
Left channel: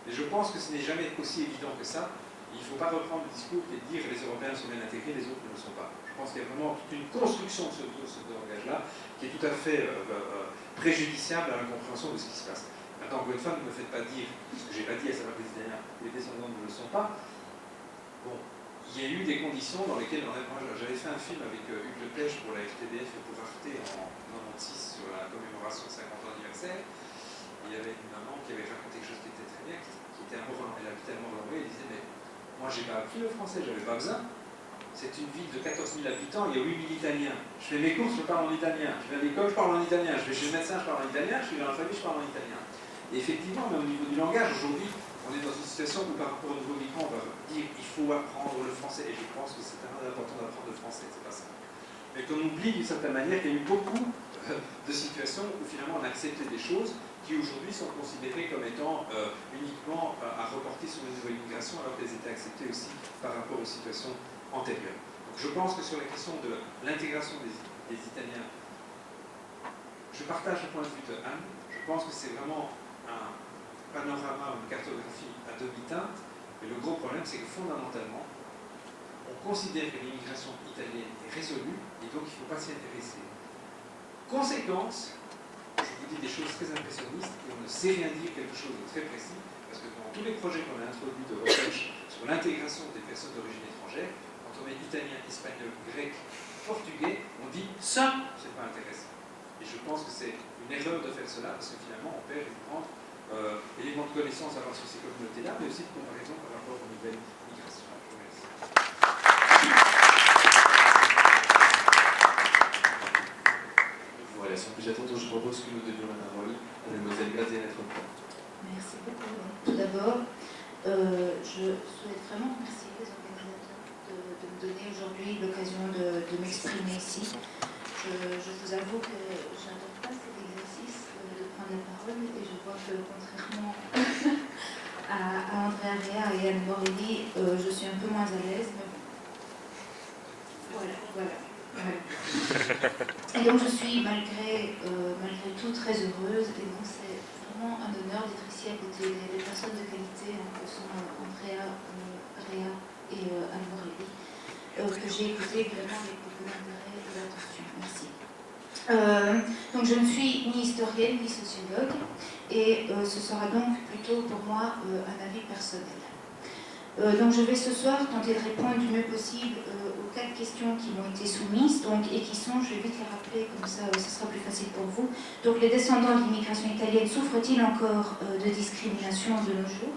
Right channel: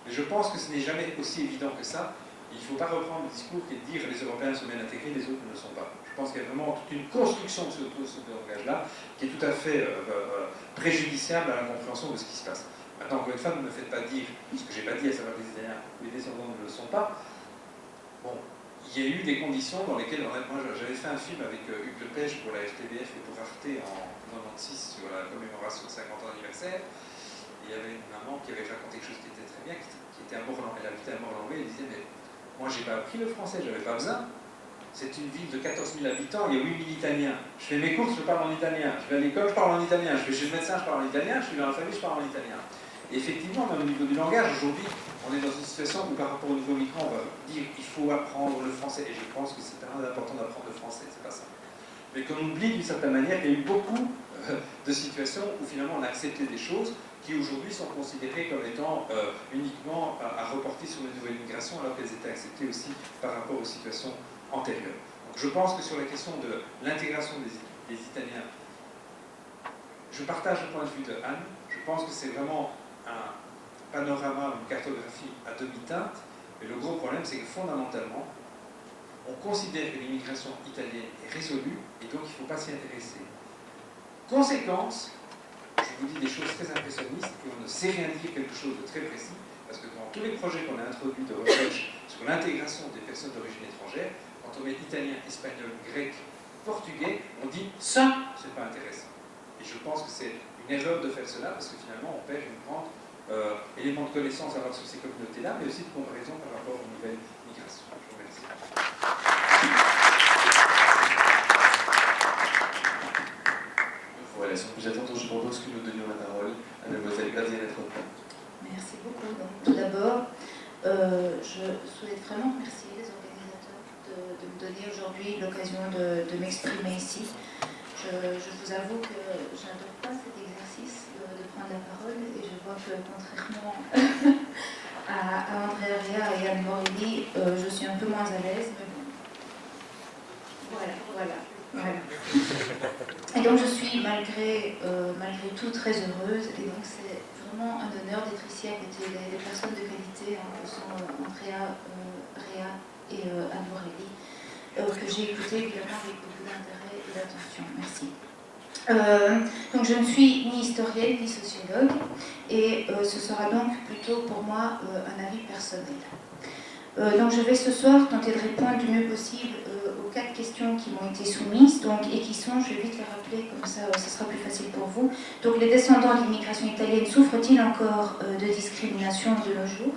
mais je pense que ce n'est jamais aussi évident que ça. Il ne faut pas reprendre le discours qui est de dire les Européens sont bien intégrés, les autres ne le sont pas. Je pense qu'il y a vraiment toute une construction de ce langage-là qui est tout à fait préjudiciable à la compréhension de ce qui se passe. Maintenant, encore une fois, ne me faites pas dire ce que je n'ai pas dit, à savoir que les Italiens, les descendants ne le sont pas. Bon, il y a eu des conditions dans lesquelles, moi j'avais fait un film avec Hugues Lepage pour la RTBF et pour Arte en 96 sur la commémoration de 50 ans d'anniversaire. Il y avait une maman qui avait raconté quelque chose qui était très bien. Italienne qui était à Morlan, elle habitait à Morlanway, elle disait mais moi j'ai pas appris le français, j'avais pas besoin. C'est une ville de 14 000 habitants, il y a 8 000 Italiens. Je fais mes courses, je parle en italien. Je vais à l'école, je parle en italien. Je vais chez le médecin, je parle en italien. Je suis dans la famille, je parle en italien. Et effectivement, même au niveau du langage, aujourd'hui, on est dans une situation où par rapport au nouveau migrant, on va dire qu'il faut apprendre le français. Et je pense que c'est très important d'apprendre le français, c'est pas ça. Mais qu'on oublie d'une certaine manière qu'il y a eu beaucoup de situations où finalement on a accepté des choses qui aujourd'hui sont considérées comme étant uniquement à reporter sur les nouvelles migrations alors qu'elles étaient acceptées aussi par rapport aux situations antérieures. Donc je pense que sur la question de l'intégration des Italiens, je partage le point de vue de Anne. Je pense que c'est vraiment un panorama, une cartographie à demi-teinte. Mais le gros problème, c'est que fondamentalement, on considère que l'immigration italienne est résolue et donc il ne faut pas s'y intéresser. Conséquence, je vous dis des choses très impressionnistes et on ne sait rien dire quelque chose de très précis parce que dans tous les projets qu'on a introduits de recherche sur l'intégration des personnes d'origine étrangère, quand on met italien, espagnol, grec, portugais, on dit ça, c'est pas intéressant. Et je pense que c'est une erreur de faire cela parce que finalement on perd une grande élément de connaissance à avoir sur ces communautés-là, mais aussi de comparaison par rapport aux nouvelles migrations. Je vous remercie. Voilà, sans plus attendre, je propose que nous donnions la parole à Mademoiselle Graziella Troppa. Merci beaucoup. Tout d'abord, je souhaite vraiment remercier les organisateurs de me donner aujourd'hui l'occasion de m'exprimer ici. Je vous avoue que je n'adore pas cet exercice de prendre la parole et je vois que contrairement à Andrea Rea et Anne Morelli, je suis un peu moins à l'aise, mais bon. Voilà. Et donc je suis malgré tout très heureuse et donc c'est vraiment un honneur d'être ici à côté des personnes de qualité que sont Andrea Rea et Anne Morelli, que j'ai écouté évidemment avec beaucoup d'intérêt et d'attention. Merci. Donc je ne suis ni historienne ni sociologue et ce sera donc plutôt pour moi un avis personnel. Donc je vais ce soir tenter de répondre du mieux possible aux 4 questions qui m'ont été soumises et qui sont, je vais vite les rappeler, comme ça ce sera plus facile pour vous. Donc les descendants de l'immigration italienne souffrent-ils encore de discrimination de nos jours?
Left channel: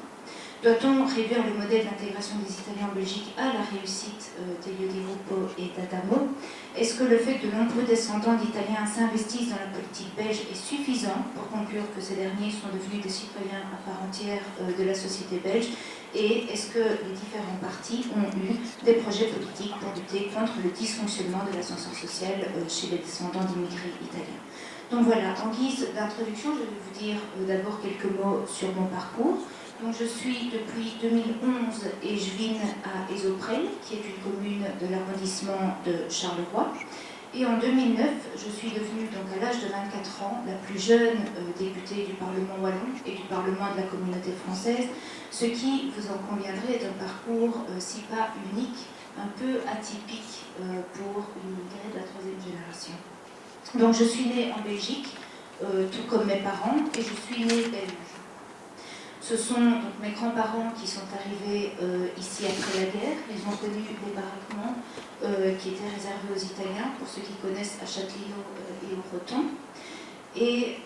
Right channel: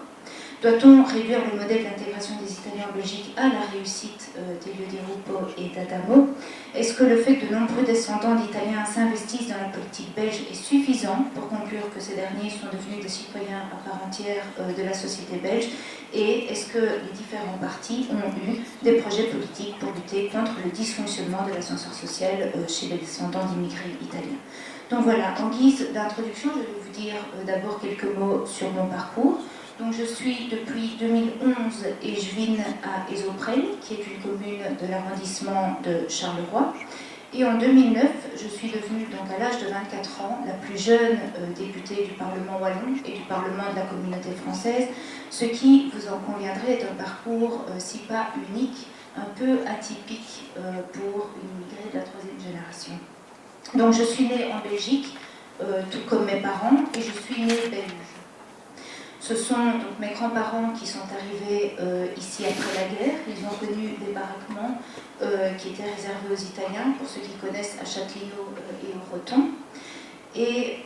Doit-on réduire le modèle d'intégration des Italiens en Belgique à la réussite d'Elio Di Rupo et d'Adamo? Est-ce que le fait que de nombreux descendants d'Italiens s'investissent dans la politique belge est suffisant pour conclure que ces derniers sont devenus des citoyens à part entière de la société belge? Et est-ce que les différents partis ont eu des projets politiques pour lutter contre le dysfonctionnement de l'ascenseur social chez les descendants d'immigrés italiens? Donc voilà, en guise d'introduction, je vais vous dire d'abord quelques mots sur mon parcours. Donc je suis depuis 2011 échevine à Esoprel, qui est une commune de l'arrondissement de Charleroi. Et en 2009, je suis devenue, donc à l'âge de 24 ans, la plus jeune députée du Parlement wallon et du Parlement de la communauté française, ce qui, vous en conviendrez, est un parcours, si pas unique, un peu atypique pour une immigrée de la 3e génération. Donc je suis née en Belgique, tout comme mes parents, et je suis née belge. Ce sont donc mes grands-parents qui sont arrivés ici après la guerre. Ils ont connu les baraquements qui étaient réservés aux Italiens, pour ceux qui connaissent à Châtellerault et au Breton. Et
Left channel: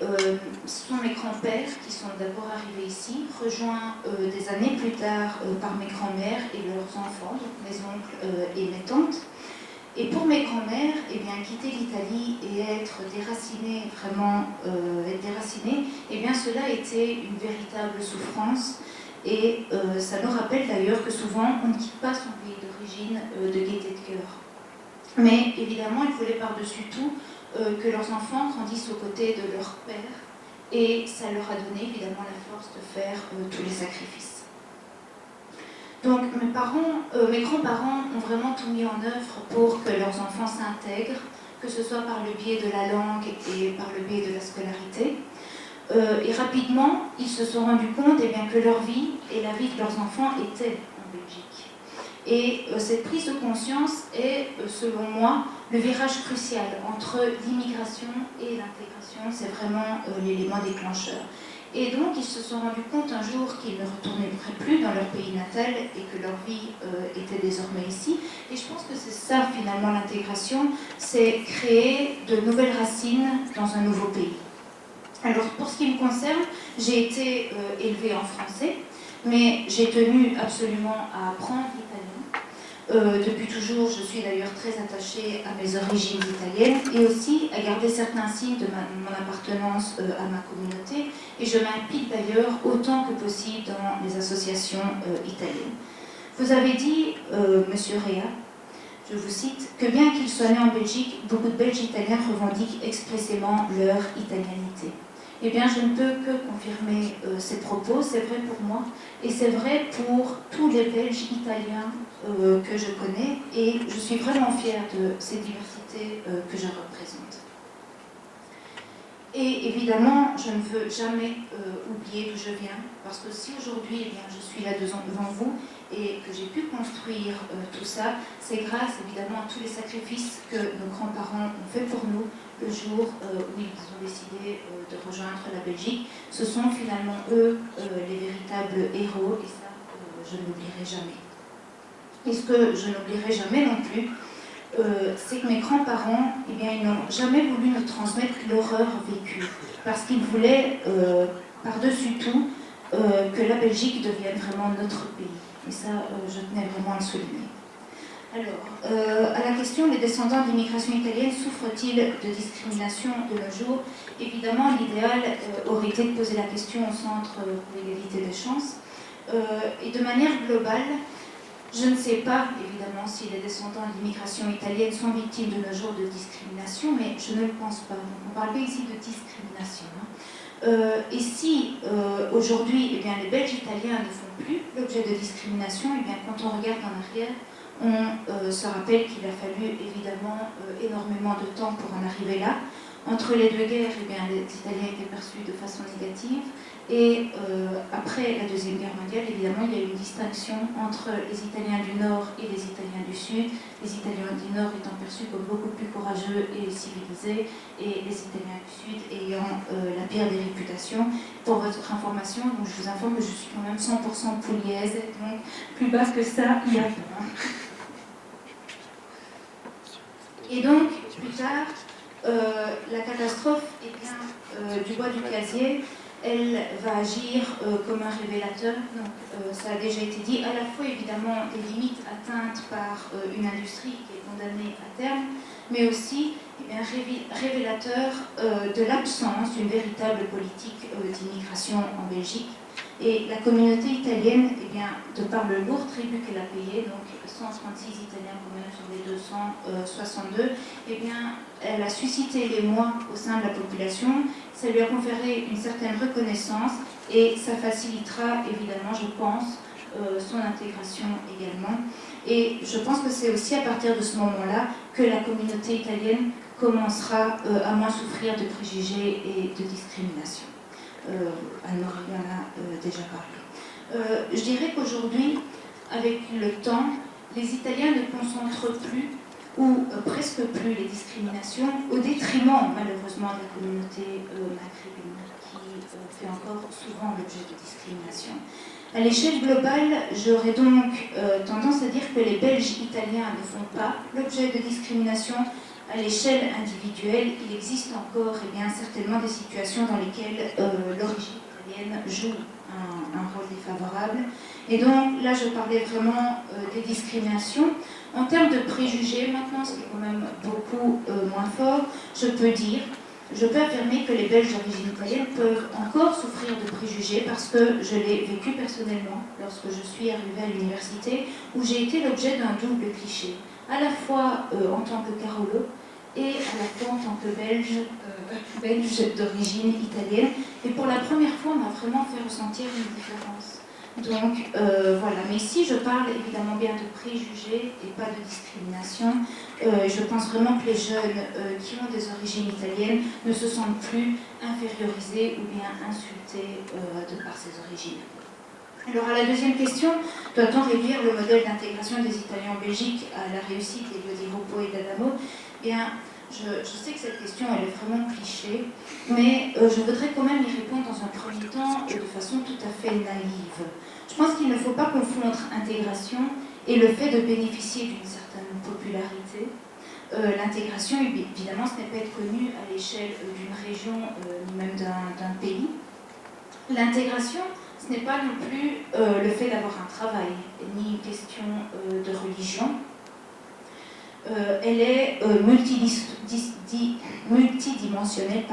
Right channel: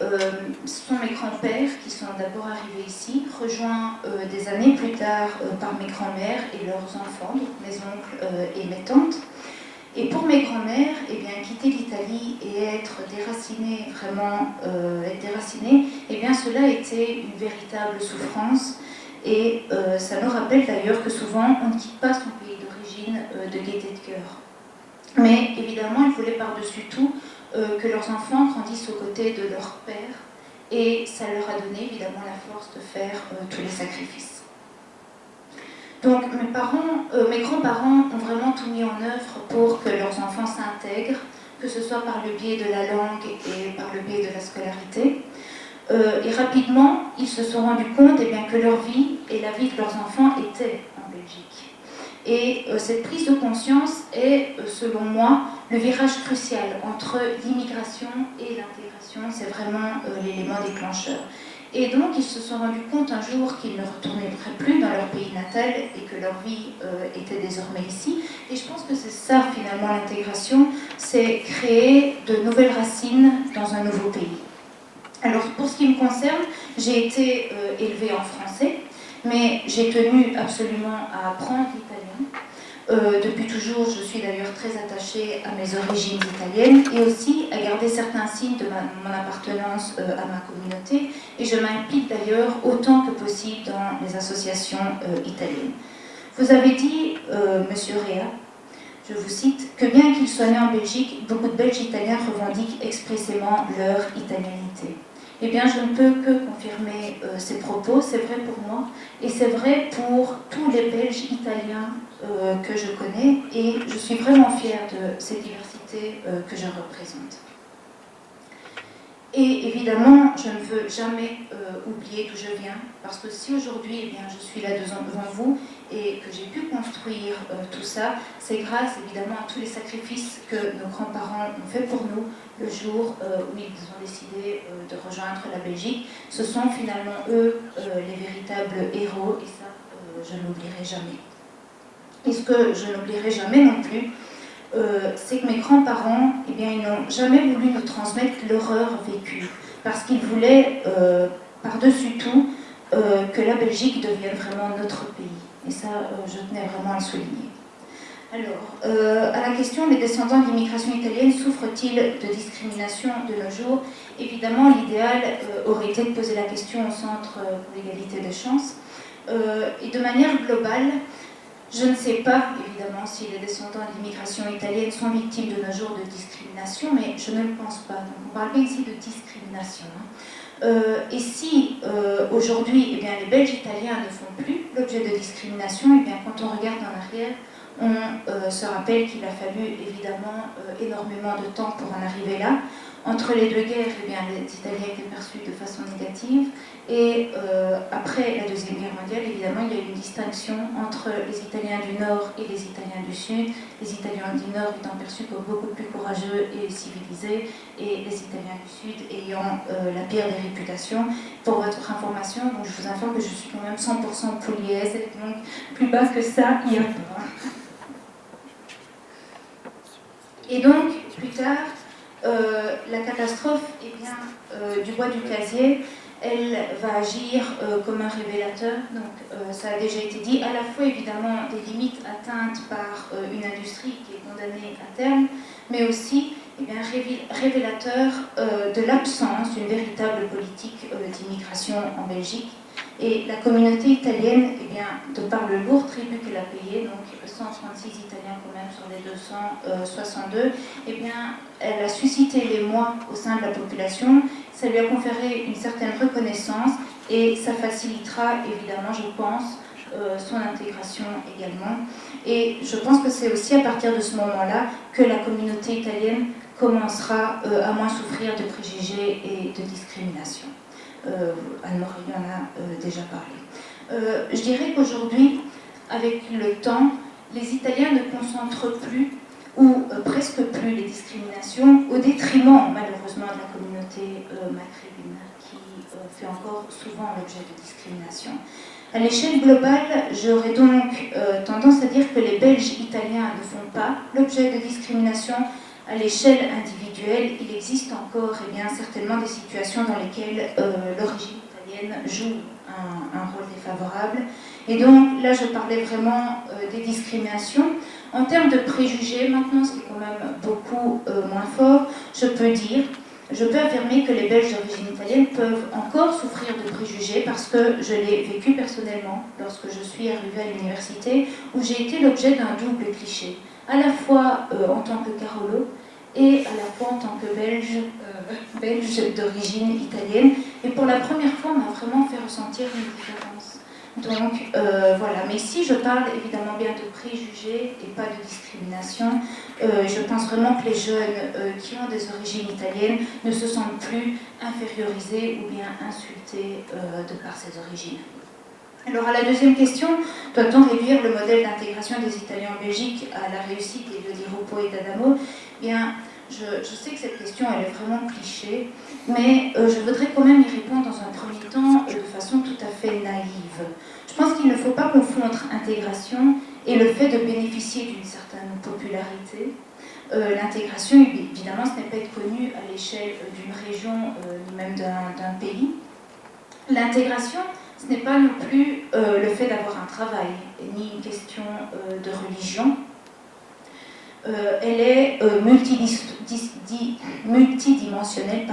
ce sont mes grands-pères qui sont d'abord arrivés ici, rejoints des années plus tard par mes grands-mères et leurs enfants, donc mes oncles et mes tantes. Et pour mes grands-mères, eh bien, quitter l'Italie et être déracinées, vraiment être déracinées, eh bien, cela a été une véritable souffrance. Et ça me rappelle d'ailleurs que souvent, on ne quitte pas son pays d'origine de gaieté de cœur. Mais évidemment, ils voulaient par-dessus tout que leurs enfants grandissent aux côtés de leur père. Et ça leur a donné évidemment la force de faire tous les sacrifices. Donc mes grands-parents ont vraiment tout mis en œuvre pour que leurs enfants s'intègrent, que ce soit par le biais de la langue et par le biais de la scolarité. Et rapidement, ils se sont rendus compte que leur vie et la vie de leurs enfants étaient en Belgique. Et cette prise de conscience est, selon moi, le virage crucial entre l'immigration et l'intégration. C'est vraiment l'élément déclencheur. Et donc, ils se sont rendus compte un jour qu'ils ne retourneraient plus dans leur pays natal et que leur vie était désormais ici. Et je pense que c'est ça, finalement, l'intégration, c'est créer de nouvelles racines dans un nouveau pays. Alors, pour ce qui me concerne, j'ai été élevée en français, mais j'ai tenu absolument à apprendre l'italien. Depuis toujours, je suis d'ailleurs très attachée à mes origines italiennes et aussi à garder certains signes de mon appartenance à ma communauté. Et je m'implique d'ailleurs autant que possible dans les associations italiennes. Vous avez dit, Monsieur Rea, je vous cite, que bien qu'ils soient nés en Belgique, beaucoup de Belges italiens revendiquent expressément leur italianité. Eh bien, je ne peux que confirmer ces propos, c'est vrai pour moi, et c'est vrai pour tous les Belges italiens que je connais, et je suis vraiment fière de cette diversité que je représente. Et évidemment, je ne veux jamais oublier d'où je viens, parce que si aujourd'hui, eh bien, je suis là devant vous et que j'ai pu construire tout ça, c'est grâce évidemment à tous les sacrifices que nos grands-parents ont fait pour nous le jour où ils ont décidé de rejoindre la Belgique. Ce sont finalement eux les véritables héros, et ça, je ne l'oublierai jamais. Et ce que je n'oublierai jamais non plus, c'est que mes grands-parents, eh bien, ils n'ont jamais voulu nous transmettre l'horreur vécue, parce qu'ils voulaient, par-dessus tout, que la Belgique devienne vraiment notre pays. Et ça, je tenais vraiment à le souligner. Alors, à la question, les descendants d'immigration italienne souffrent-ils de discrimination de nos jours? Évidemment, l'idéal aurait été de poser la question au Centre pour l'égalité des chances. Et de manière globale, je ne sais pas, évidemment, si les descendants d'immigration italienne sont victimes de nos jours de discrimination, mais je ne le pense pas. Donc, on parle bien ici de discrimination. Et si aujourd'hui, eh bien, les Belges italiens ne font plus l'objet de discrimination, eh bien, quand on regarde en arrière, on se rappelle qu'il a fallu évidemment énormément de temps pour en arriver là. Entre les deux guerres, eh bien, les Italiens étaient perçus de façon négative. Et après la Deuxième Guerre mondiale, évidemment, il y a eu une distinction entre les Italiens du Nord et les Italiens du Sud. Les Italiens du Nord étant perçus comme beaucoup plus courageux et civilisés, et les Italiens du Sud ayant la pire des réputations. Pour votre information, donc, je vous informe que je suis quand même 100% pouliaise, donc plus bas que ça, il n'y a pas. Et donc, plus tard, la catastrophe eh bien, du bois du casier, elle va agir comme un révélateur. Donc, ça a déjà été dit, à la fois évidemment des limites atteintes par une industrie qui est condamnée à terme, mais aussi eh bien, révélateur de l'absence d'une véritable politique d'immigration en Belgique. Et la communauté italienne, eh bien, de par le lourd tribut qu'elle a payé, donc 136 Italiens quand même sur les 262, eh bien, elle a suscité l'émoi au sein de la population, ça lui a conféré une certaine reconnaissance et ça facilitera évidemment, je pense, son intégration également. Et je pense que c'est aussi à partir de ce moment-là que la communauté italienne commencera à moins souffrir de préjugés et de discrimination. Anne-Marie en a déjà parlé. Je dirais qu'aujourd'hui, avec le temps, les Italiens ne concentrent plus ou presque plus les discriminations au détriment malheureusement de la communauté maghrébine qui fait encore souvent l'objet de discrimination. À l'échelle globale, j'aurais donc tendance à dire que les Belges italiens ne font pas l'objet de discrimination. À l'échelle individuelle, il existe encore eh bien, certainement des situations dans lesquelles l'origine italienne joue un rôle défavorable. Et donc là, je parlais vraiment des discriminations. En termes de préjugés, maintenant, ce qui est quand même beaucoup moins fort, je peux affirmer que les Belges d'origine italienne peuvent encore souffrir de préjugés parce que je l'ai vécu personnellement lorsque je suis arrivée à l'université où j'ai été l'objet d'un double cliché, à la fois en tant que Carolo et à la fois en tant que belge d'origine italienne. Et pour la première fois, on m'a vraiment fait ressentir une différence. Donc voilà, mais ici je parle évidemment bien de préjugés et pas de discrimination. Je pense vraiment que les jeunes qui ont des origines italiennes ne se sentent plus infériorisés ou bien insultés de par ces origines. Alors à la deuxième question, doit-on réduire le modèle d'intégration des Italiens en Belgique à la réussite de Di Rupo et d'Adamo? Bien, je sais que cette question elle est vraiment cliché, mais je voudrais quand même y répondre dans un premier temps de façon tout à fait naïve. Je pense qu'il ne faut pas confondre intégration et le fait de bénéficier d'une certaine popularité. l'intégration, évidemment, ce n'est pas être connu à l'échelle d'une région ni même d'un pays. L'intégration, ce n'est pas non plus le fait d'avoir un travail, ni une question de religion. Elle est multidimensionnelle,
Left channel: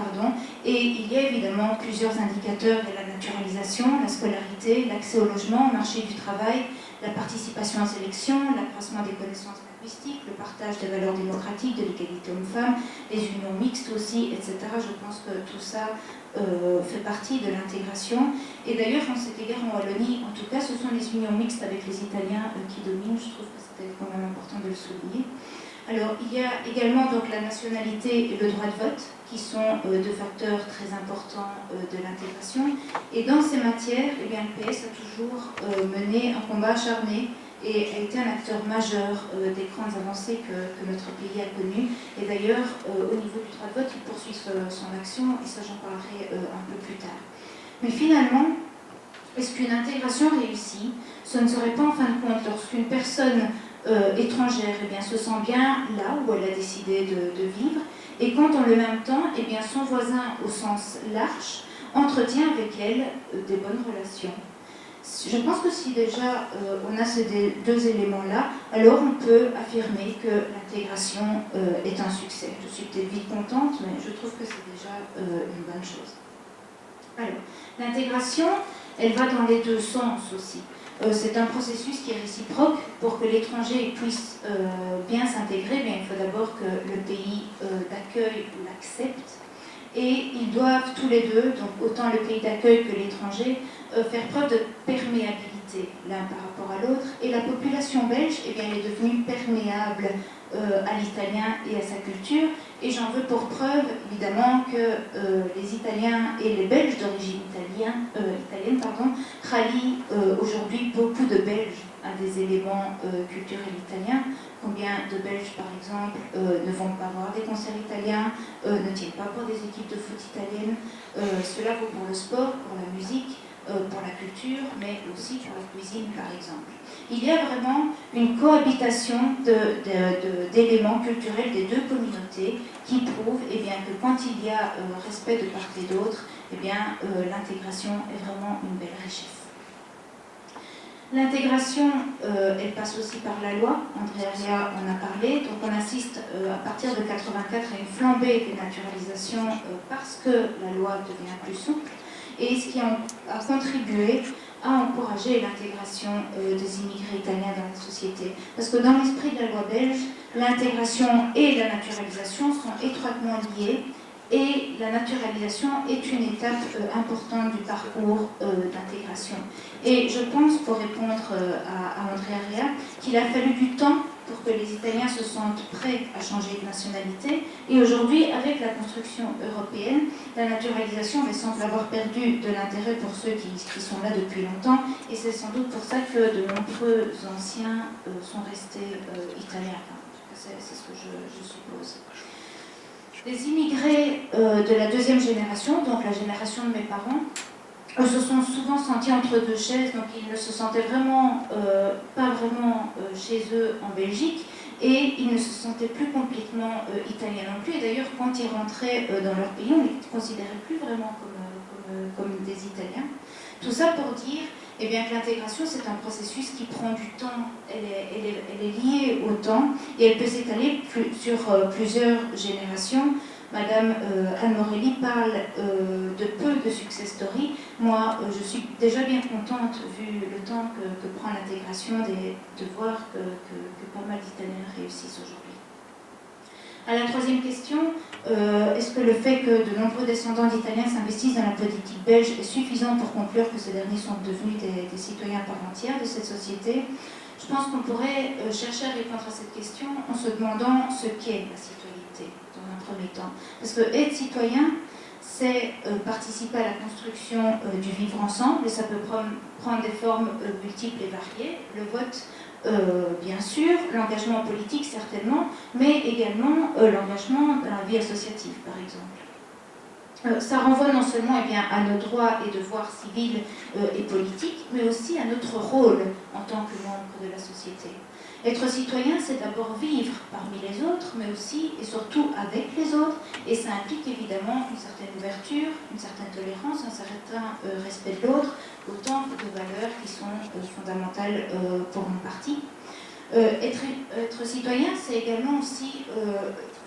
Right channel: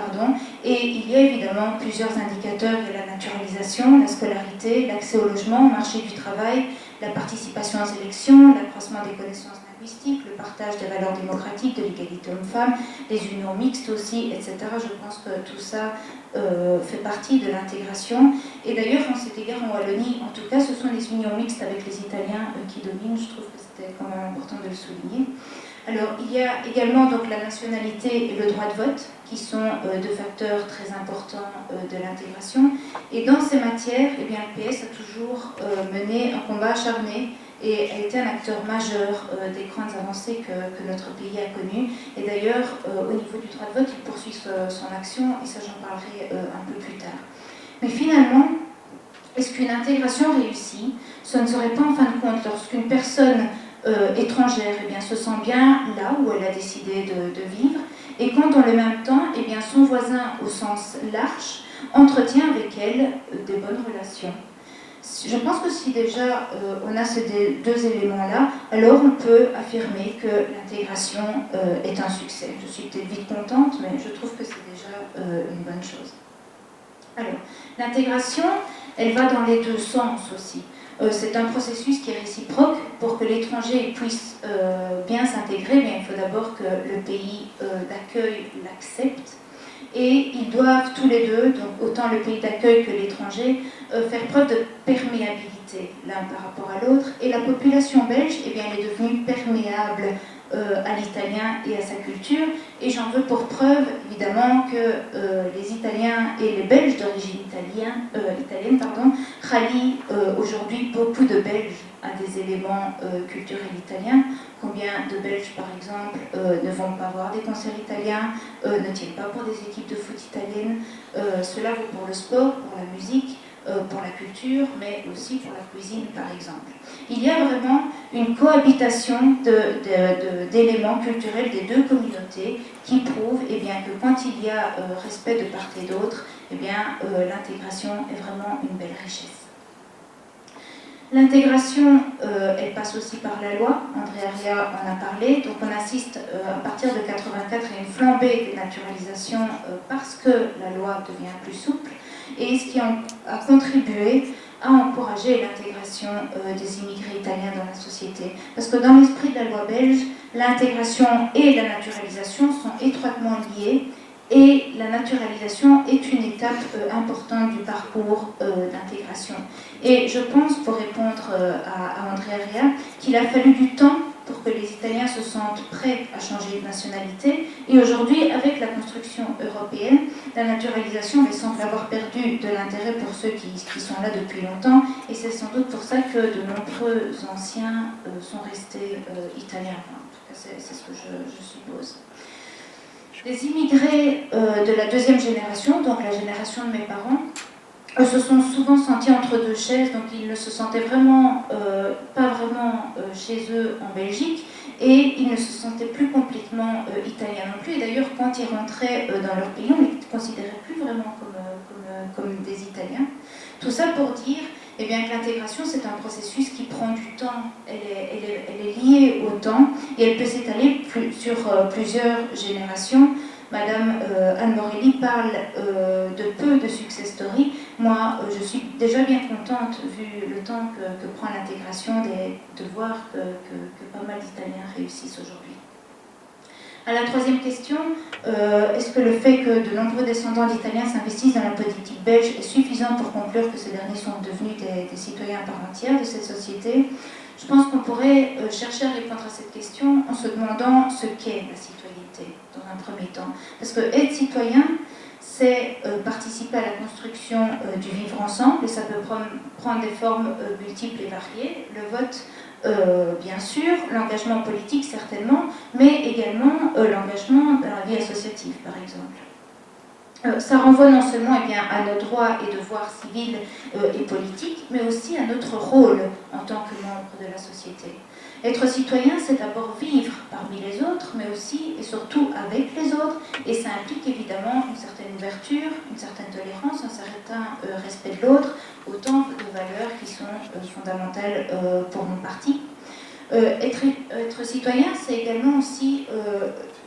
et il y a évidemment plusieurs indicateurs. Il y a la naturalisation, la scolarité, l'accès au logement, au marché du travail, la participation aux élections, l'accroissement des connaissances linguistiques, le partage des valeurs démocratiques, de l'égalité homme-femme, les unions mixtes aussi, etc. Je pense que tout ça fait partie de l'intégration. Et d'ailleurs, en cet égard, en Wallonie, en tout cas, ce sont les unions mixtes avec les Italiens qui dominent. Je trouve que c'était quand même important de le souligner. Alors, il y a également donc, la nationalité et le droit de vote, qui sont deux facteurs très importants de l'intégration. Et dans ces matières, eh bien, le PS a toujours mené un combat acharné et a été un acteur majeur des grandes avancées que notre pays a connues. Et d'ailleurs, au niveau du droit de vote, il poursuit son action, et ça j'en parlerai un peu plus tard. Mais finalement, est-ce qu'une intégration réussie, ce ne serait pas en fin de compte lorsqu'une personne étrangère eh bien, se sent bien là où elle a décidé de vivre, et quand dans le même temps, eh bien, son voisin au sens large entretient avec elle des bonnes relations. Je pense que si déjà on a ces deux éléments-là, alors on peut affirmer que l'intégration est un succès. Je suis peut-être vite contente, mais je trouve que c'est déjà une bonne chose. Alors, l'intégration, elle va dans les deux sens aussi. C'est un processus qui est réciproque. Pour que l'étranger puisse bien s'intégrer, il faut d'abord que le pays d'accueil l'accepte. Et ils doivent tous les deux, donc autant le pays d'accueil que l'étranger, faire preuve de perméabilité l'un par rapport à l'autre. Et la population belge, eh bien, elle est devenue perméable à l'italien et à sa culture. Et j'en veux pour preuve, évidemment, que les Italiens et les Belges d'origine italienne rallient aujourd'hui beaucoup de Belges à des éléments culturels italiens. Combien de Belges, par exemple, ne vont pas voir des concerts italiens, ne tiennent pas pour des équipes de foot italiennes. Cela vaut pour le sport, pour la musique, pour la culture, mais aussi pour la cuisine, par exemple. Il y a vraiment une cohabitation d'éléments culturels des deux communautés qui prouvent eh bien, que quand il y a respect de part et d'autre, eh l'intégration est vraiment une belle richesse. L'intégration, elle passe aussi par la loi. André Arria en a parlé. Donc on assiste à partir de 1984 à une flambée des naturalisations parce que la loi devient plus souple, et ce qui a contribué à encourager l'intégration des immigrés italiens dans la société. Parce que dans l'esprit de la loi belge, l'intégration et la naturalisation sont étroitement liées, et la naturalisation est une étape importante du parcours d'intégration. Et je pense, pour répondre à André Arria, qu'il a fallu du temps pour que les Italiens se sentent prêts à changer de nationalité. Et aujourd'hui, avec la construction européenne, la naturalisation semble avoir perdu de l'intérêt pour ceux qui sont là depuis longtemps. Et c'est sans doute pour ça que de nombreux anciens sont restés italiens. Enfin, en tout cas, c'est ce que je suppose. Les immigrés de la deuxième génération, donc la génération de mes parents, se sont souvent sentis entre deux chaises, donc ils ne se sentaient vraiment pas vraiment chez eux en Belgique, et ils ne se sentaient plus complètement italiens non plus. Et d'ailleurs, quand ils rentraient dans leur pays, on ne les considérait plus vraiment comme des Italiens. Tout ça pour dire eh bien, que l'intégration, c'est un processus qui prend du temps. Elle est liée au temps, et elle peut s'étaler sur plusieurs générations. Madame Anne Morelli parle de peu de success stories. Moi, je suis déjà bien contente, vu le temps que prend l'intégration, de voir que pas mal d'Italiens réussissent aujourd'hui. À la troisième question, est-ce que le fait que de nombreux descendants d'Italiens s'investissent dans la politique belge est suffisant pour conclure que ces derniers sont devenus des citoyens à part entière de cette société? Je pense qu'on pourrait chercher à répondre à cette question en se demandant ce qu'est la citoyenneté, dans un premier temps. Parce que être citoyen, c'est participer à la construction du vivre ensemble, et ça peut prendre des formes multiples et variées. Le vote, bien sûr, l'engagement politique certainement, mais également l'engagement dans la vie associative, par exemple. Ça renvoie non seulement à nos droits et devoirs civils et politiques, mais aussi à notre rôle en tant que membre de la société. Être citoyen, c'est d'abord vivre parmi les autres, mais aussi et surtout avec les autres, et ça implique évidemment une certaine ouverture, une certaine tolérance, un certain respect de l'autre, autant que de valeurs qui sont fondamentales pour mon parti. Être citoyen, c'est également aussi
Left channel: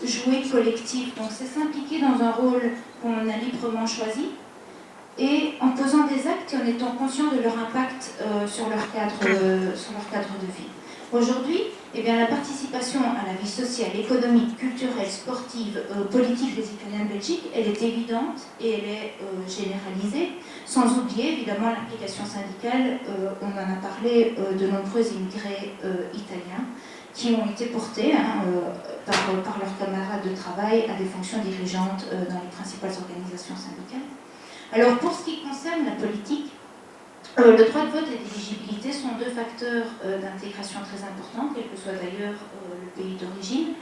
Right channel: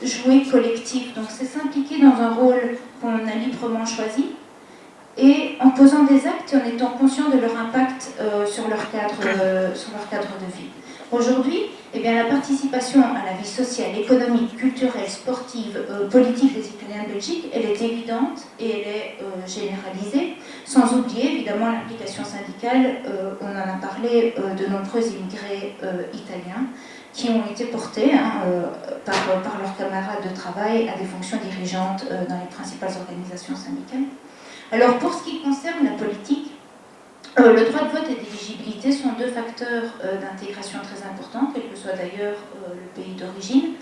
jouer collectif, donc c'est s'impliquer dans un rôle qu'on a librement choisi, et en posant des actes et en étant conscient de leur impact sur leur cadre de vie. Aujourd'hui, eh bien, la participation à la vie sociale, économique, culturelle, sportive, politique des citoyens de Belgique, elle est évidente et elle est généralisée, sans oublier évidemment l'implication syndicale, on en a parlé, de nombreux immigrés italiens qui ont été portés par leurs camarades de travail à des fonctions dirigeantes dans les principales organisations syndicales. Alors pour ce qui concerne la politique, le droit de vote et l'éligibilité sont deux facteurs d'intégration très importants, quel que soit d'ailleurs le pays d'origine.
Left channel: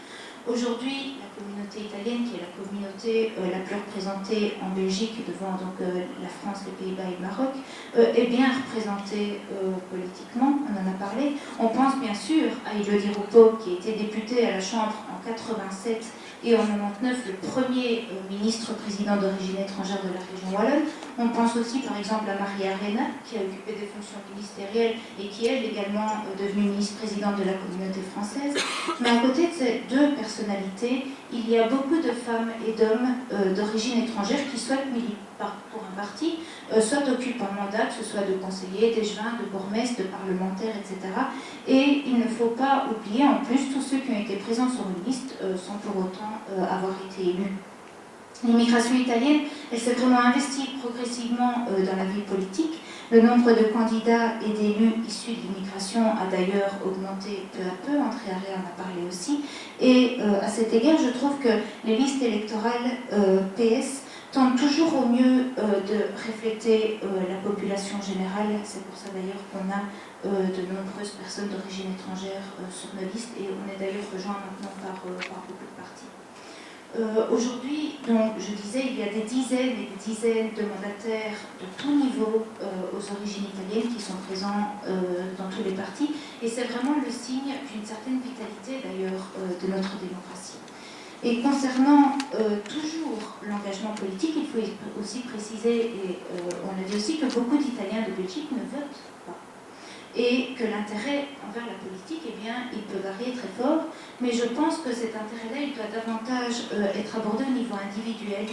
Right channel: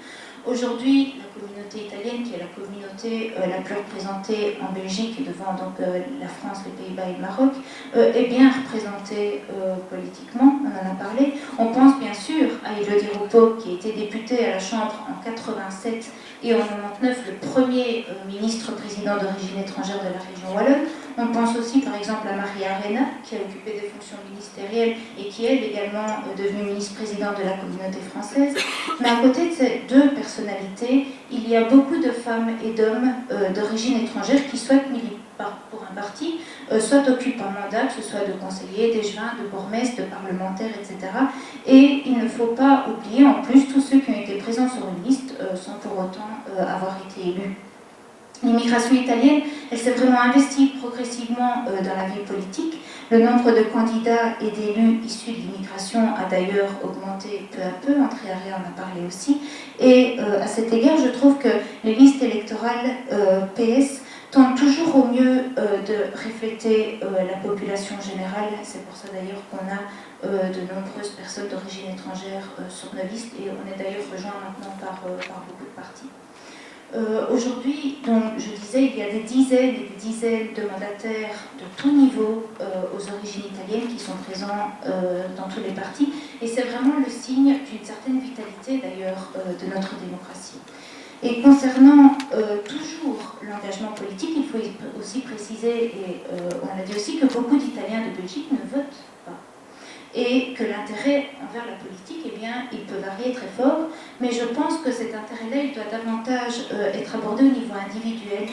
Aujourd'hui, la communauté italienne, qui est la communauté la plus représentée en Belgique, devant donc la France, les Pays-Bas et le Maroc, est bien représentée politiquement, on en a parlé. On pense bien sûr à Elodie Roupeau, qui a été députée à la Chambre en 87 et en 99 le premier ministre-président d'origine étrangère de la région wallonne. On pense aussi par exemple à Maria Arena, qui a occupé des fonctions ministérielles et qui est également devenue ministre-présidente de la communauté française. Mais à côté de ces deux personnalités, il y a beaucoup de femmes et d'hommes d'origine étrangère qui souhaitent militer pour un parti, soit occupent un mandat, que ce soit de conseiller, d'échevin, de bourgmestre, de parlementaire, etc. Et il ne faut pas oublier en plus tous ceux qui ont été présents sur une liste sans pour autant avoir été élus. L'immigration italienne, elle s'est vraiment investie progressivement dans la vie politique. Le nombre de candidats et d'élus issus de l'immigration a d'ailleurs augmenté peu à peu, André Arrea en a parlé aussi. Et à cet égard, je trouve que les listes électorales PS tentent toujours au mieux de refléter la population générale. C'est pour ça d'ailleurs qu'on a de nombreuses personnes d'origine étrangère sur nos listes, et on est d'ailleurs rejoint maintenant par beaucoup de partis. Aujourd'hui, donc, je disais, il y a des dizaines et des dizaines de mandataires de tout niveau aux origines italiennes qui sont présents dans tous les partis, et c'est vraiment le signe d'une certaine vitalité d'ailleurs de notre démocratie. Et concernant toujours l'engagement politique, il faut aussi préciser, et on a dit aussi, que beaucoup d'Italiens de Belgique ne votent pas. Et que l'intérêt envers la politique, eh bien, il peut varier très fort, mais je pense que cet intérêt-là, il doit davantage être abordé au niveau individuel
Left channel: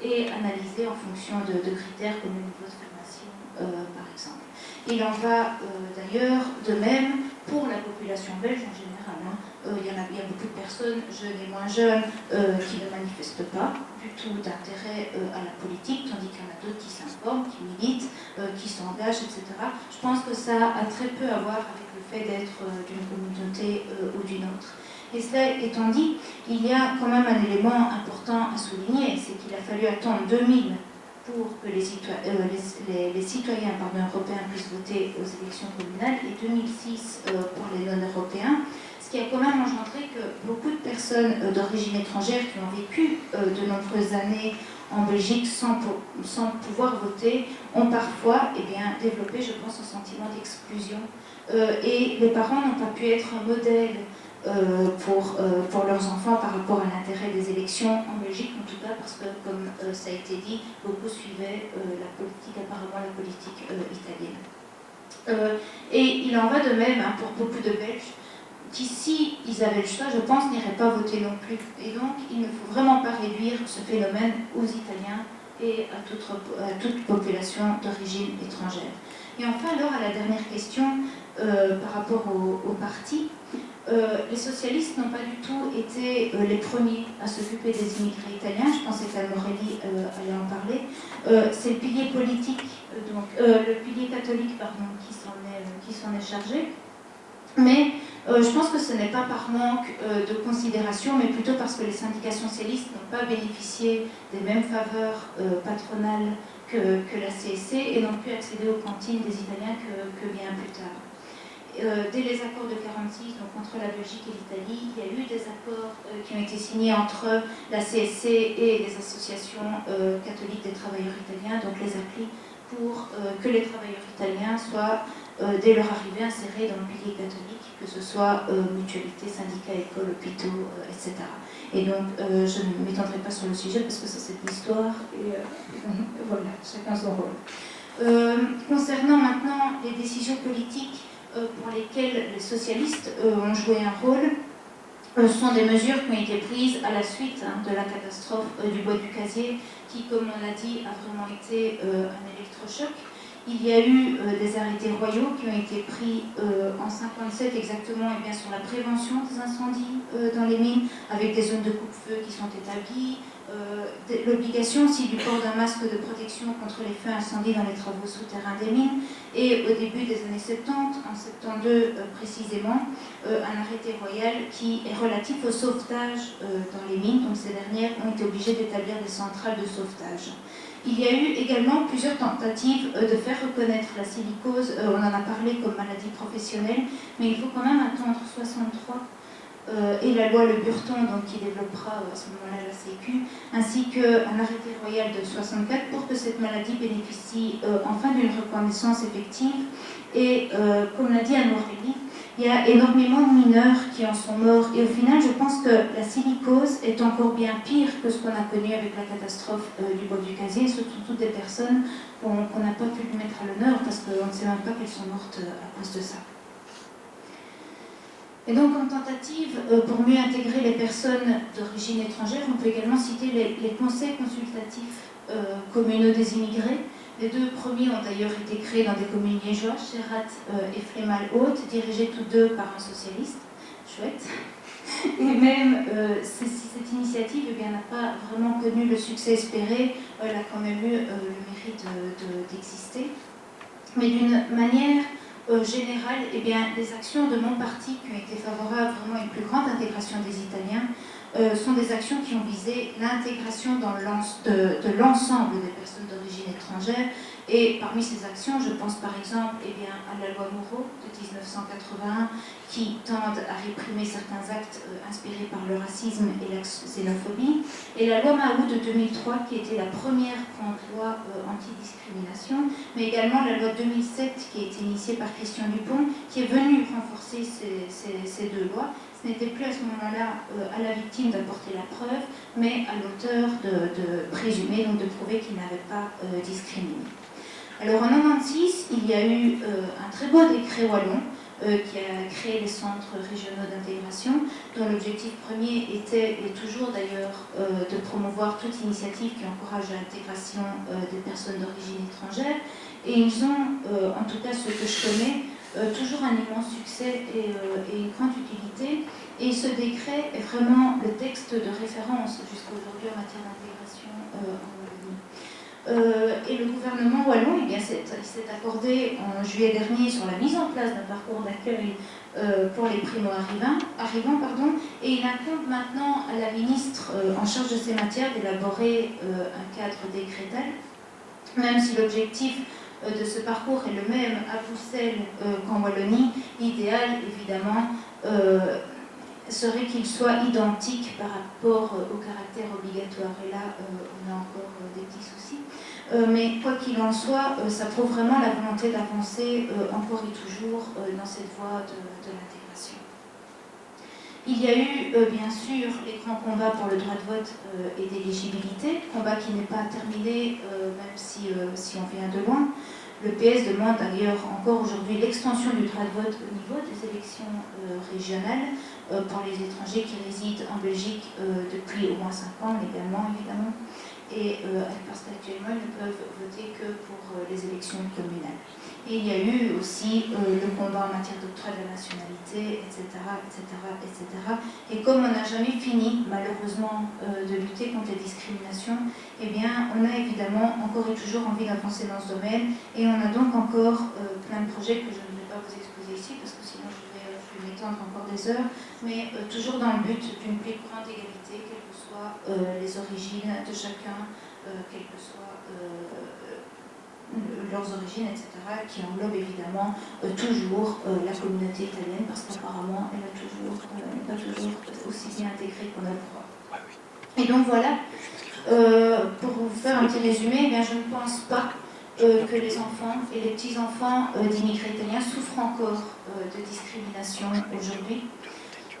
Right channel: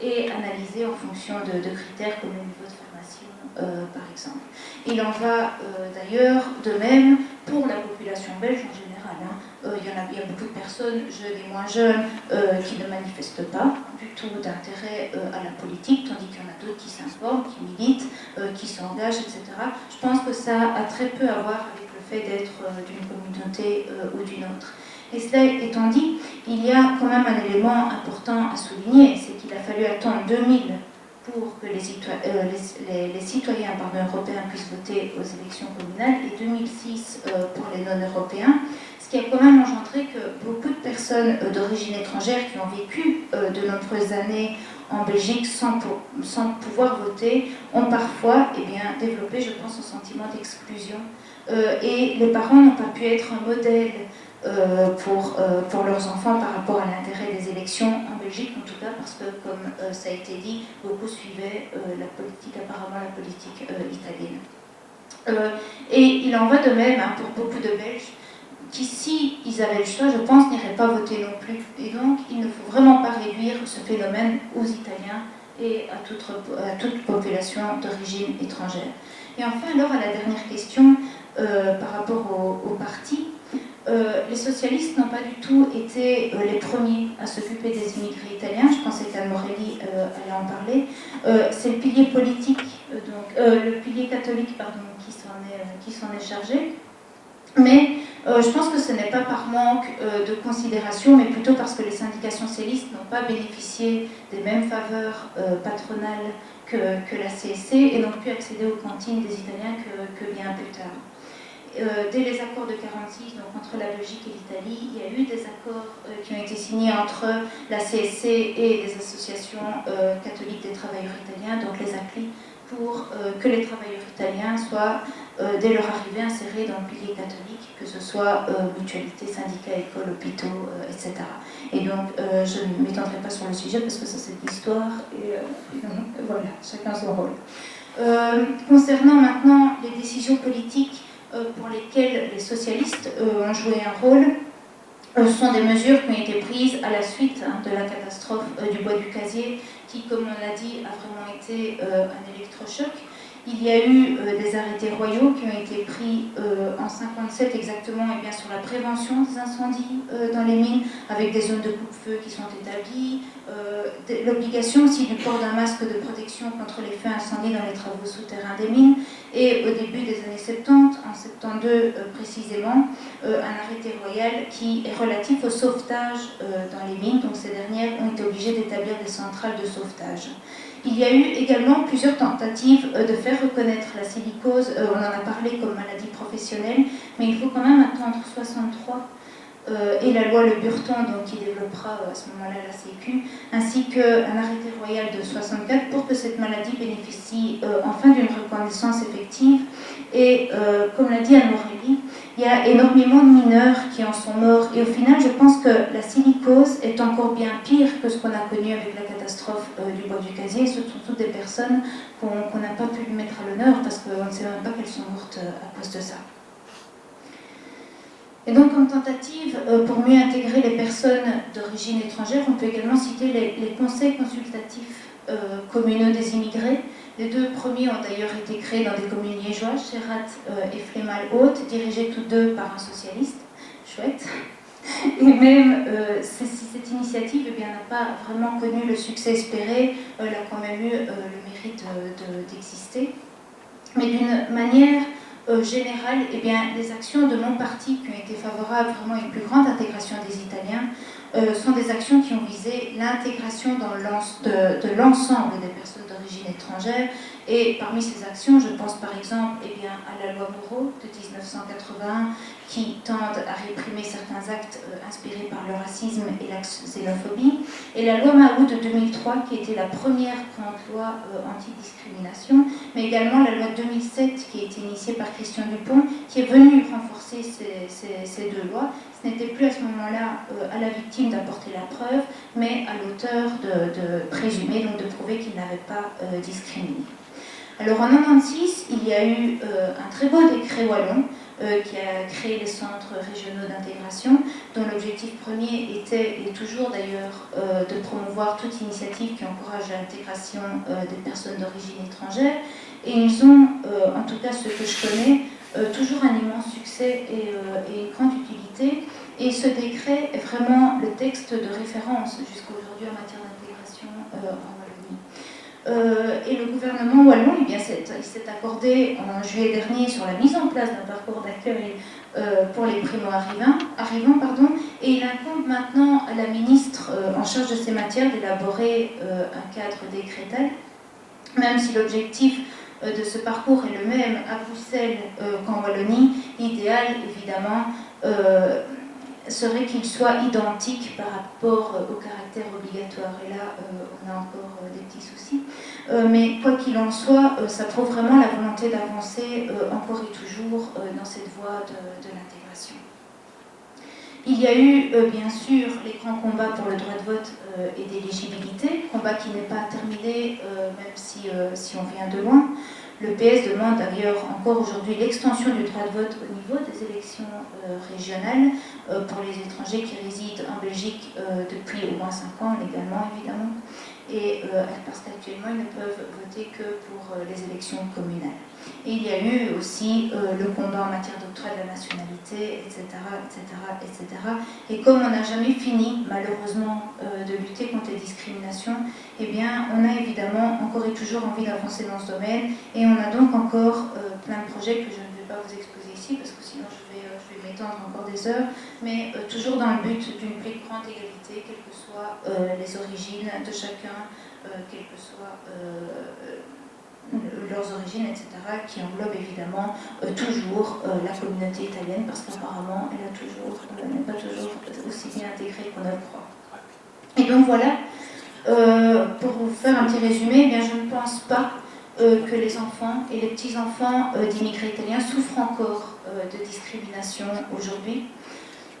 et analysé en fonction de critères comme le niveau de formation, par exemple. Il en va d'ailleurs de même pour la population belge en général. Il y a beaucoup de personnes, jeunes et moins jeunes, qui ne manifestent pas du tout d'intérêt à la politique, tandis qu'il y en a d'autres qui s'informent, qui militent, qui s'engagent, etc. Je pense que ça a très peu à voir avec le fait d'être d'une communauté ou d'une autre. Et cela étant dit, il y a quand même un élément important à souligner, c'est qu'il a fallu attendre 2000 pour que les citoyens européens puissent voter aux élections communales, et 2006 pour les non-européens, ce qui a quand même engendré que beaucoup de personnes d'origine étrangère qui ont vécu de nombreuses années en Belgique sans pouvoir voter ont parfois développé, je pense, un sentiment d'exclusion. Et les parents n'ont pas pu être un modèle pour leurs enfants par rapport à l'intérêt des élections en Belgique, en tout cas parce que, comme ça a été dit, beaucoup suivaient apparemment la politique italienne. Et il en va de même pour beaucoup de Belges qui, si ils avaient le choix, je pense, n'iraient pas voter non plus. Et donc, il ne faut vraiment pas réduire ce phénomène aux Italiens et à toute population d'origine étrangère. Et enfin, alors, à la dernière question, par rapport au parti, les socialistes n'ont pas du tout été les premiers à s'occuper des immigrés italiens. Je pensais qu'Anne Morelli allait en parler. C'est le pilier politique, le pilier catholique, qui s'en est chargé. Mais je pense que ce n'est pas par manque de considération, mais plutôt parce que les syndicats socialistes n'ont pas bénéficié des mêmes faveurs patronales que la CSC et n'ont pu accéder aux cantines des Italiens que bien plus tard. Dès les accords de 1946, donc entre la Belgique et l'Italie, il y a eu des accords qui ont été signés entre la CSC et les associations catholiques des travailleurs italiens, donc les ACLI pour que les travailleurs italiens soient, dès leur arrivée, insérés dans le pilier catholique, que ce soit mutualité, syndicats, écoles, hôpitaux, etc. Et donc, je ne m'étendrai pas sur le sujet parce que ça, c'est de l'histoire, et voilà, chacun son rôle. Concernant maintenant les décisions politiques pour lesquelles les socialistes ont joué un rôle, ce sont des mesures qui ont été prises à la suite de la catastrophe du bois du Casier, qui, comme on l'a dit, a vraiment été un électrochoc. Il y a eu des arrêtés royaux qui ont été pris en 1957 exactement et bien, sur la prévention des incendies dans les mines, avec des zones de coupe-feu qui sont établies, l'obligation aussi du port d'un masque de protection contre les feux incendies dans les travaux souterrains des mines, et au début des années 70, en 72 précisément, un arrêté royal qui est relatif au sauvetage dans les mines. Donc ces dernières ont été obligées d'établir des centrales de sauvetage. Il y a eu également plusieurs tentatives de faire reconnaître la silicose, on en a parlé comme maladie professionnelle, mais il faut quand même attendre 63 et la loi Le Burton, donc, qui développera à ce moment-là la Sécu, ainsi qu'un arrêté royal de 64 pour que cette maladie bénéficie enfin d'une reconnaissance effective. Et comme l'a dit Anne Morelli, il y a énormément de mineurs qui en sont morts. Et au final, je pense que la silicose est encore bien pire que ce qu'on a connu avec la catastrophe du bois du Casier, surtout toutes des personnes qu'on n'a pas pu lui mettre à l'honneur parce qu'on ne sait même pas qu'elles sont mortes à cause de ça. Et donc, comme tentative, pour mieux intégrer les personnes d'origine étrangère, on peut également citer les conseils consultatifs communaux des immigrés. Les deux premiers ont d'ailleurs été créés dans des communes liégeoises, Chérat et Flémal-Haute, dirigés tous deux par un socialiste. Chouette. Et même si cette initiative eh bien, n'a pas vraiment connu le succès espéré, elle a quand même eu le mérite d'exister. Mais d'une manière générale, eh bien, les actions de mon parti qui ont été favorables vraiment à une plus grande intégration des Italiens sont des actions qui ont visé l'intégration de l'ensemble des personnes d'origine étrangère. Et parmi ces actions, je pense par exemple eh bien, à la loi Moreau de 1981 qui tendent à réprimer certains actes inspirés par le racisme et la xénophobie, et la loi Mahou de 2003 qui a été la première grande loi anti-discrimination, mais également la loi 2007 qui a été initiée par Christian Dupont, qui est venue renforcer ces deux lois. Ce n'était plus à ce moment-là à la victime d'apporter la preuve, mais à l'auteur de présumer, donc de prouver qu'il n'avait pas discriminé. Alors en 1996, il y a eu un très beau décret wallon qui a créé les centres régionaux d'intégration, dont l'objectif premier était, et toujours d'ailleurs, de promouvoir toute initiative qui encourage l'intégration des personnes d'origine étrangère. Et ils ont, en tout cas ceux que je connais, toujours un immense succès et une grande utilité. Et ce décret est vraiment le texte de référence jusqu'à aujourd'hui en matière d'intégration en Wallonie. Et le gouvernement wallon eh bien, s'est accordé en juillet dernier sur la mise en place d'un parcours d'accueil pour les primo-arrivants, et il incombe maintenant à la ministre en charge de ces matières d'élaborer un cadre décrétal, même si l'objectif de ce parcours est le même à Bruxelles qu'en Wallonie. L'idéal, évidemment, serait qu'il soit identique par rapport au caractère obligatoire. Et là, on a encore des petits soucis. Mais quoi qu'il en soit, ça prouve vraiment la volonté d'avancer encore et toujours dans cette voie de l'intégration. Il y a eu, bien sûr, les grands combats pour le droit de vote et d'éligibilité, combat qui n'est pas terminé, même si on vient de loin. Le PS demande d'ailleurs encore aujourd'hui l'extension du droit de vote au niveau des élections régionales pour les étrangers qui résident en Belgique depuis au moins 5 ans, légalement évidemment, et parce qu'actuellement ils ne peuvent voter que pour les élections communales. Et il y a eu aussi le combat en matière d'octroi de la nationalité, etc., etc., etc. Et comme on n'a jamais fini, malheureusement, de lutter contre les discriminations, eh bien, on a évidemment encore et toujours envie d'avancer dans ce domaine, et on a donc encore plein de projets que je ne vais pas vous exposer ici, parce que sinon je vais m'étendre encore des heures, mais toujours dans le but d'une plus grande égalité, quelles que soient les origines de chacun, quelles que soient leurs origines, etc., qui englobe évidemment toujours la communauté italienne, parce qu'apparemment elle n'est pas toujours aussi bien intégrée qu'on a le croit. Et donc voilà, pour vous faire un petit résumé, eh bien, je ne pense pas que les enfants et les petits-enfants d'immigrés italiens souffrent encore de discrimination aujourd'hui.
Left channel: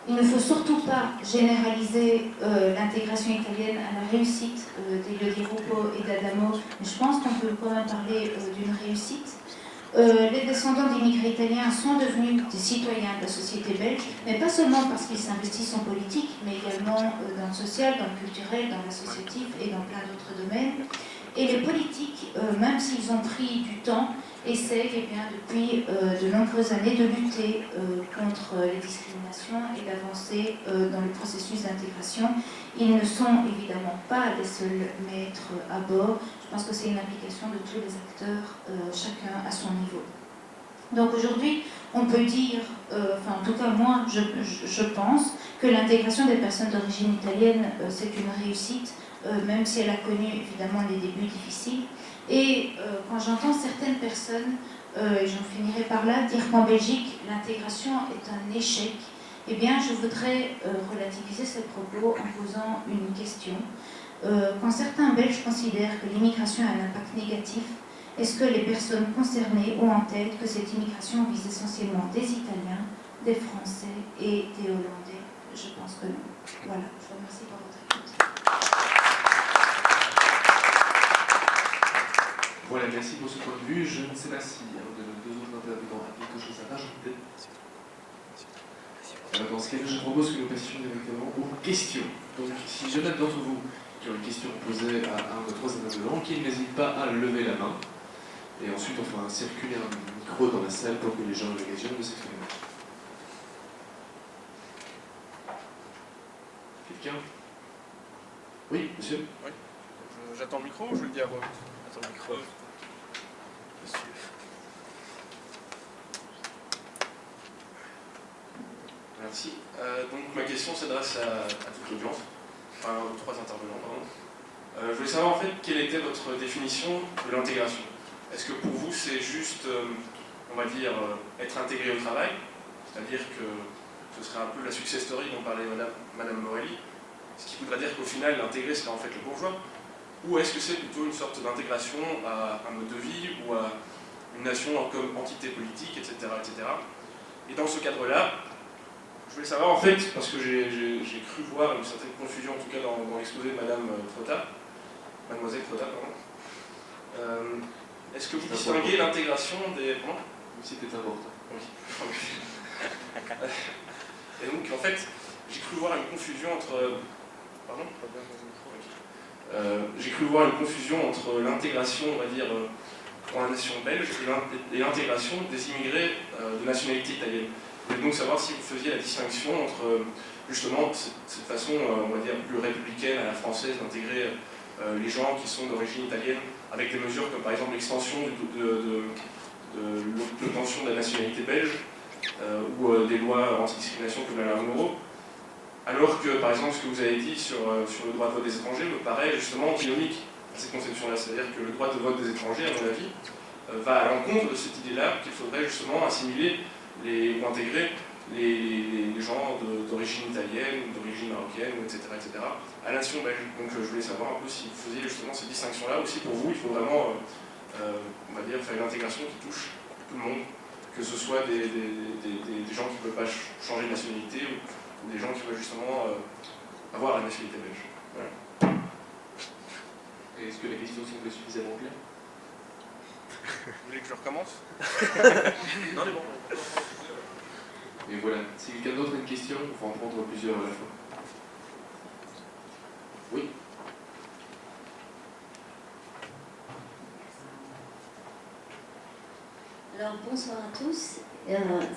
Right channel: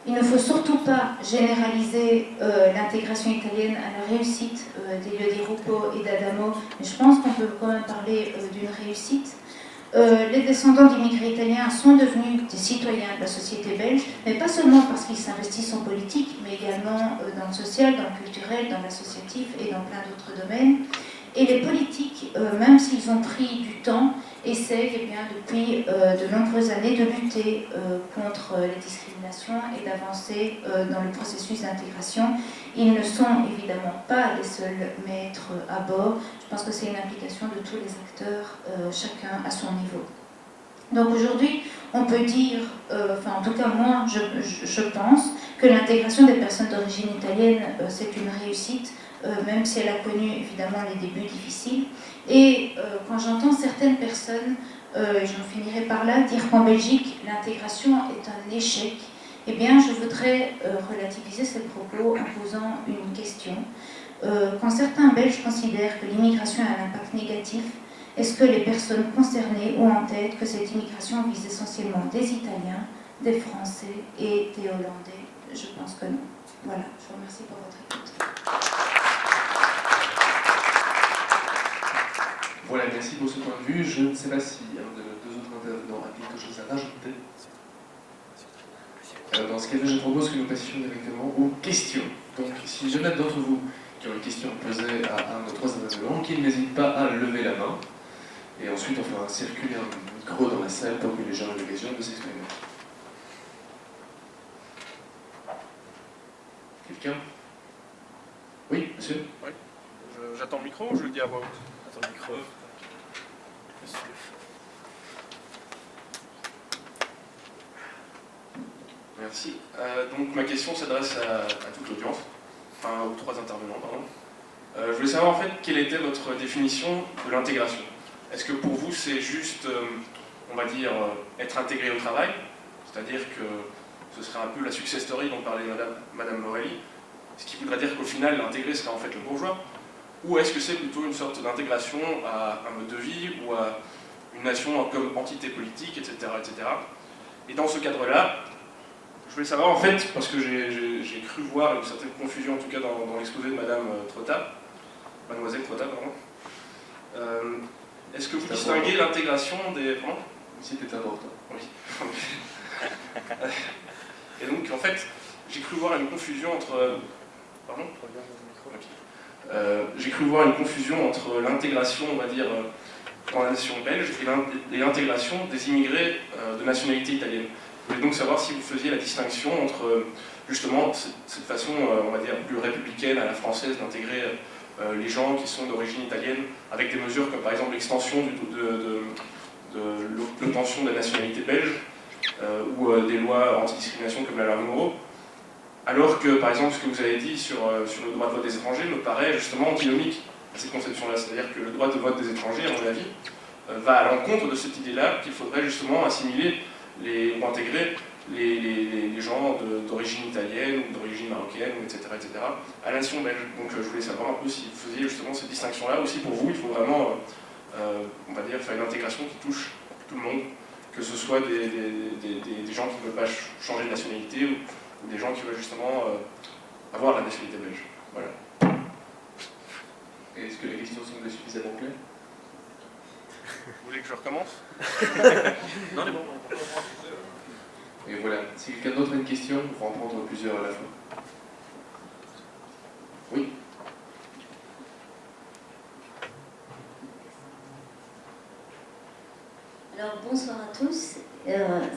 Il ne faut surtout pas généraliser l'intégration italienne à la réussite d'Elio Di Rupo et d'Adamo, mais je pense qu'on peut quand même parler d'une réussite. Les descendants d'immigrés italiens sont devenus des citoyens de la société belge, mais pas seulement parce qu'ils s'investissent en politique, mais également dans le social, dans le culturel, dans l'associatif et dans plein d'autres domaines. Et les politiques, même s'ils ont pris du temps, essayent depuis de nombreuses années de lutter contre les discriminations et d'avancer dans le processus d'intégration. Ils ne sont évidemment pas les seuls maîtres à bord. Je pense que c'est une implication de tous les acteurs, chacun à son niveau. Donc aujourd'hui, on peut dire, en tout cas moi, je pense que l'intégration des personnes d'origine italienne, c'est une réussite, même si elle a connu évidemment les débuts difficiles. Et quand j'entends certaines personnes, j'en finirai par là, dire qu'en Belgique, l'intégration est un échec, eh bien je voudrais relativiser ces propos en posant une question. Quand certains Belges considèrent que l'immigration a un impact négatif, est-ce que les personnes concernées ont en tête que cette immigration vise essentiellement des Italiens, des Français et des Hollandais? Je pense que non. Voilà, je vous remercie pour votre écoute. Voilà, merci pour ce point de vue. Je ne sais pas si un de nos deux autres intervenants a quelque chose à rajouter. Alors dans ce cas-là, je propose que nous passions directement aux questions. Donc si je note d'entre vous qui ont une question posée à un de trois intervenants, qu'ils n'hésitent pas à lever la main. Et ensuite, on fera circuler un micro dans la salle pour que les gens aient l'occasion de s'exprimer. Quelqu'un? Oui, monsieur? Oui. J'attends le micro ou je le dis à voix haute? Attends le micro. Monsieur. Merci. Donc ma question s'adresse à toute l'audience, enfin aux trois intervenants, pardon. Je voulais savoir en fait quelle était votre définition de l'intégration. Est-ce que pour vous c'est juste, on va dire, être intégré au travail, c'est-à-dire que ce serait un peu la success story dont parlait Madame Morelli, ce qui voudrait dire qu'au final l'intégrer serait en fait le bourgeois, ou est-ce que c'est plutôt une sorte d'intégration à un mode de vie ou à une nation comme entité politique, etc., etc. Et dans ce cadre-là, je voulais savoir en fait, parce que j'ai cru voir une certaine confusion, en tout cas dans l'exposé de Madame Trotta, Mademoiselle Trotta, pardon. Est-ce que vous distinguez l'intégration des... Pardon ? C'est important. Oui. Et donc en fait, j'ai cru voir une confusion entre... Pardon ? J'ai cru voir une confusion entre l'intégration, on va dire, dans la nation belge et l'intégration des immigrés de nationalité italienne. Je voulais donc savoir si vous faisiez la distinction entre justement cette façon, on va dire, plus républicaine à la française d'intégrer les gens qui sont d'origine italienne avec des mesures comme par exemple l'extension de l'obtention de la nationalité belge ou des lois anti-discrimination comme la loi Moreau, alors que par exemple ce que vous avez dit sur le droit de vote des étrangers me paraît justement antinomique à cette conception-là, c'est-à-dire que le droit de vote des étrangers, à mon avis, va à l'encontre de cette idée-là qu'il faudrait justement assimiler ou intégrer les gens d'origine italienne ou d'origine marocaine, etc., à la nation belge. Donc je voulais savoir un peu si vous faisiez justement cette distinction-là, ou si pour vous il faut vraiment, on va dire, faire une intégration qui touche tout le monde, que ce soit des gens qui ne veulent pas changer de nationalité ou des gens qui veulent justement avoir la nationalité belge. Voilà. Est-ce que la question semble suffisamment claire? Vous voulez que je recommence? Non, c'est bon. Et voilà, si quelqu'un d'autre a une question, on va en prendre plusieurs à la fois. Oui. Alors bonsoir à tous.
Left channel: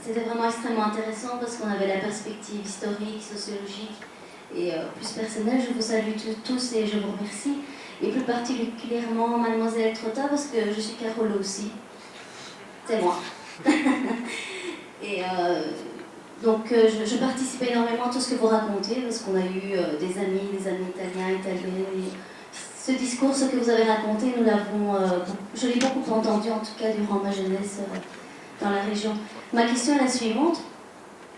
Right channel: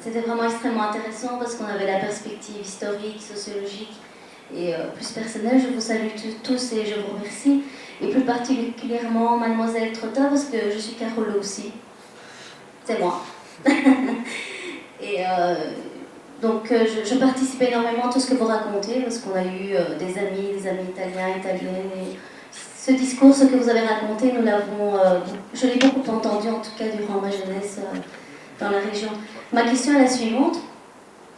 C'était vraiment extrêmement intéressant parce qu'on avait la perspective historique, sociologique et plus personnelle. Je vous salue tous et je vous remercie. Et plus particulièrement Mademoiselle Trotta parce que je suis Carolo aussi. C'est moi. Et donc je participe énormément à tout ce que vous racontez parce qu'on a eu des amis italiens, italiennes. Et ce discours, ce que vous avez raconté, je l'ai beaucoup entendu en tout cas durant ma jeunesse dans la région. Ma question est la suivante.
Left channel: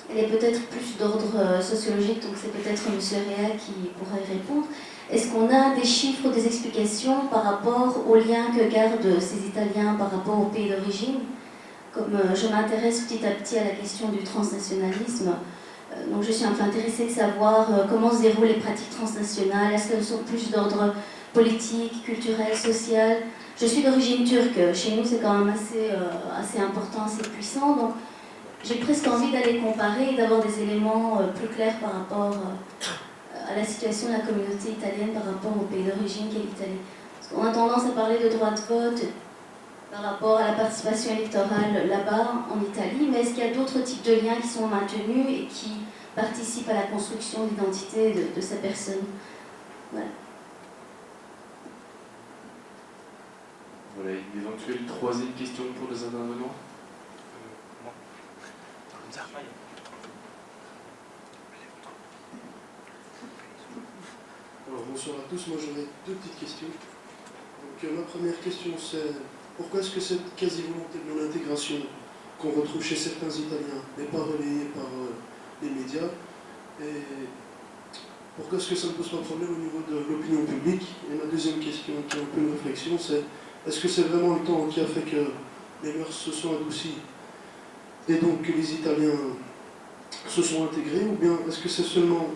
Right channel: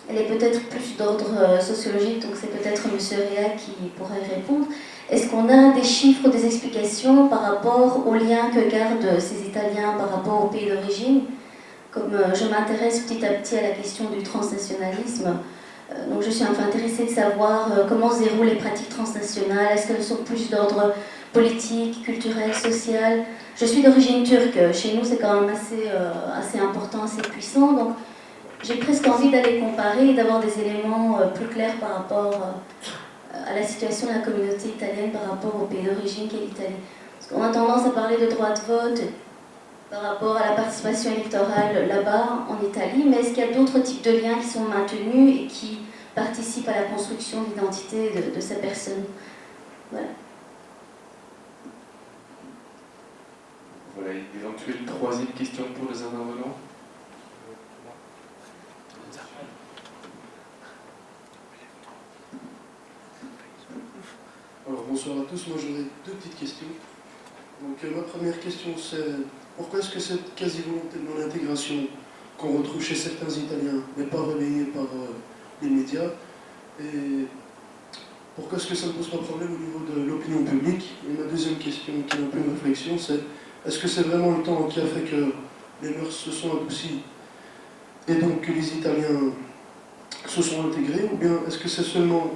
Elle est peut-être plus d'ordre sociologique, donc c'est peut-être M. Réa qui pourra y répondre. Est-ce qu'on a des chiffres, des explications par rapport aux liens que gardent ces Italiens par rapport au pays d'origine? Comme je m'intéresse petit à petit à la question du transnationalisme, donc je suis un peu intéressée de savoir comment se déroulent les pratiques transnationales. Est-ce qu'elles sont plus d'ordre politique, culturel, social? Je suis d'origine turque. Chez nous, c'est quand même assez important, assez puissant. Donc, j'ai presque envie d'aller comparer et d'avoir des éléments plus clairs par rapport à la situation de la communauté italienne par rapport au pays d'origine qui est l'Italie. Parce qu'on a tendance à parler de droit de vote par rapport à la participation électorale là-bas, en Italie, mais est-ce qu'il y a d'autres types de liens qui sont maintenus et qui participent à la construction de l'identité de ces personnes? Voilà. Voilà, une éventuelle troisième question pour les intervenants. Alors bonsoir à tous, moi j'aurais deux petites questions. Donc ma première question c'est pourquoi est-ce que cette quasi-volonté de non-intégration qu'on retrouve chez certains Italiens n'est pas relayée par les médias? Et pourquoi est-ce que ça ne pose pas problème au niveau de l'opinion publique? Et ma deuxième question, qui est un peu une réflexion, c'est est-ce que c'est vraiment le temps qui a fait que les mœurs se sont adoucies et donc que les Italiens se sont intégrés, ou bien est-ce que c'est seulement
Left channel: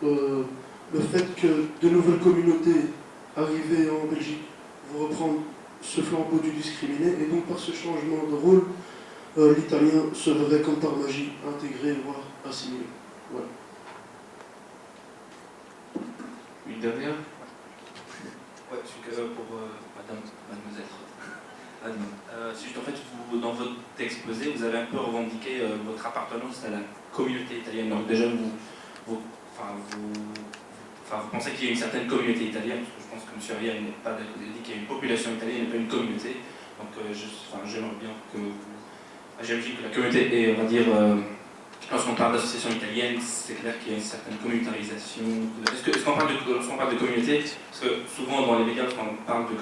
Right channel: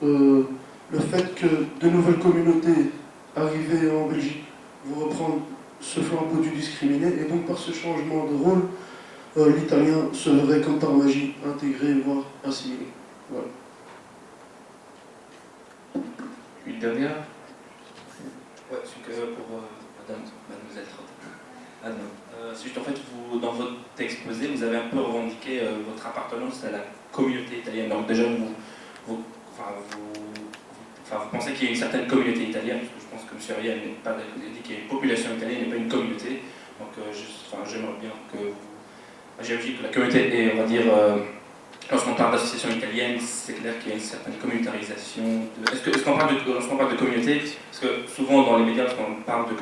le fait que de nouvelles communautés arrivées en Belgique vont reprendre ce flambeau du discriminé, et donc par ce changement de rôle, l'italien se verrait comme par magie intégré, voire assimilé. Voilà. Une dernière? Ouais, je suis pour mademoiselle Trotte. C'est juste en fait, vous, dans votre exposé, vous avez un peu revendiqué votre appartenance à la communauté italienne. Donc déjà, vous pensez qu'il y a une certaine communauté italienne, parce que je pense que M. Aria n'est pas dit qu'il y a une population italienne et pas une communauté. Donc j'aimerais bien que vous... J'ai dit que la communauté est, on va dire, lorsqu'on parle d'association italienne, c'est clair qu'il y a une certaine communautarisation. Lorsqu'on parle de communauté, parce que souvent dans les médias, lorsqu'on parle de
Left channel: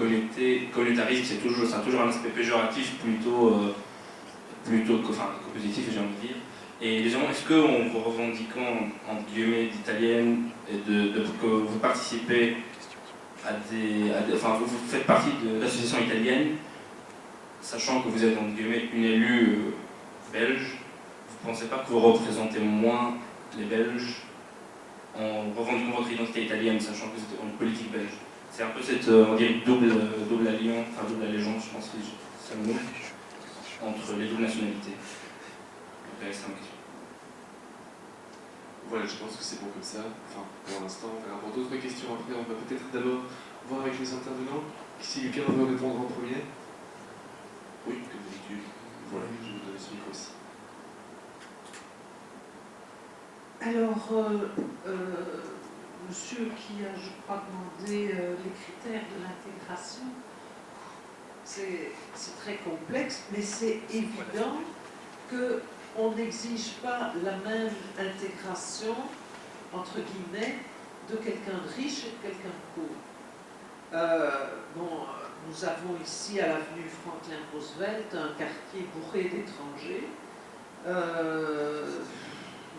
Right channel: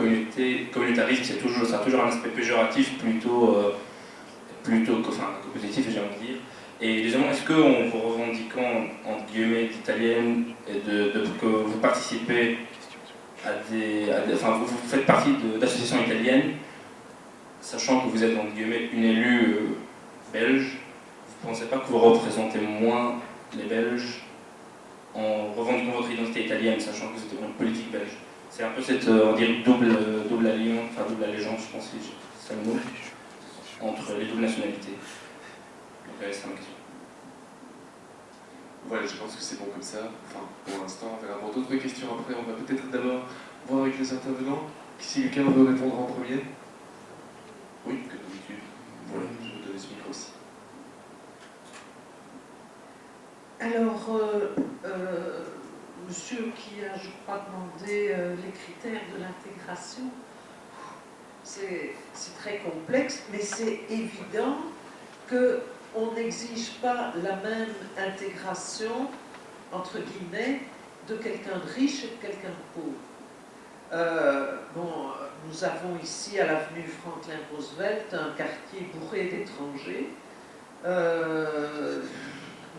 communautarisme, ça a toujours un aspect péjoratif plutôt que positif, j'ai envie de dire. Et deuxièmement, est-ce qu'en vous revendiquant, entre guillemets, d'italienne, et que vous participez vous faites partie d'associations italiennes, sachant que vous êtes, entre guillemets, une élue belge, vous ne pensez pas que vous représentez moins les Belges en revendiquant votre identité italienne, sachant que vous êtes une politique belge? C'est un peu cette, on dirait, double allégeance, je pense que c'est le nom, entre les doubles nationalités. C'est ma question. Voilà, je pense que c'est bon comme ça. Enfin, pour l'instant, on verra pour d'autres questions après. On va peut-être d'abord voir avec les intervenants si quelqu'un veut répondre en premier. Oui, comme d'habitude. Voilà, je vous donne ce micro aussi. Alors, monsieur qui a, je crois, demandé les critères de l'intégration, c'est très complexe, mais c'est évident qu'on n'exige pas la même intégration, entre guillemets, de quelqu'un de riche et de quelqu'un de pauvre. Nous avons ici, à l'avenue Franklin Roosevelt, un quartier bourré d'étrangers.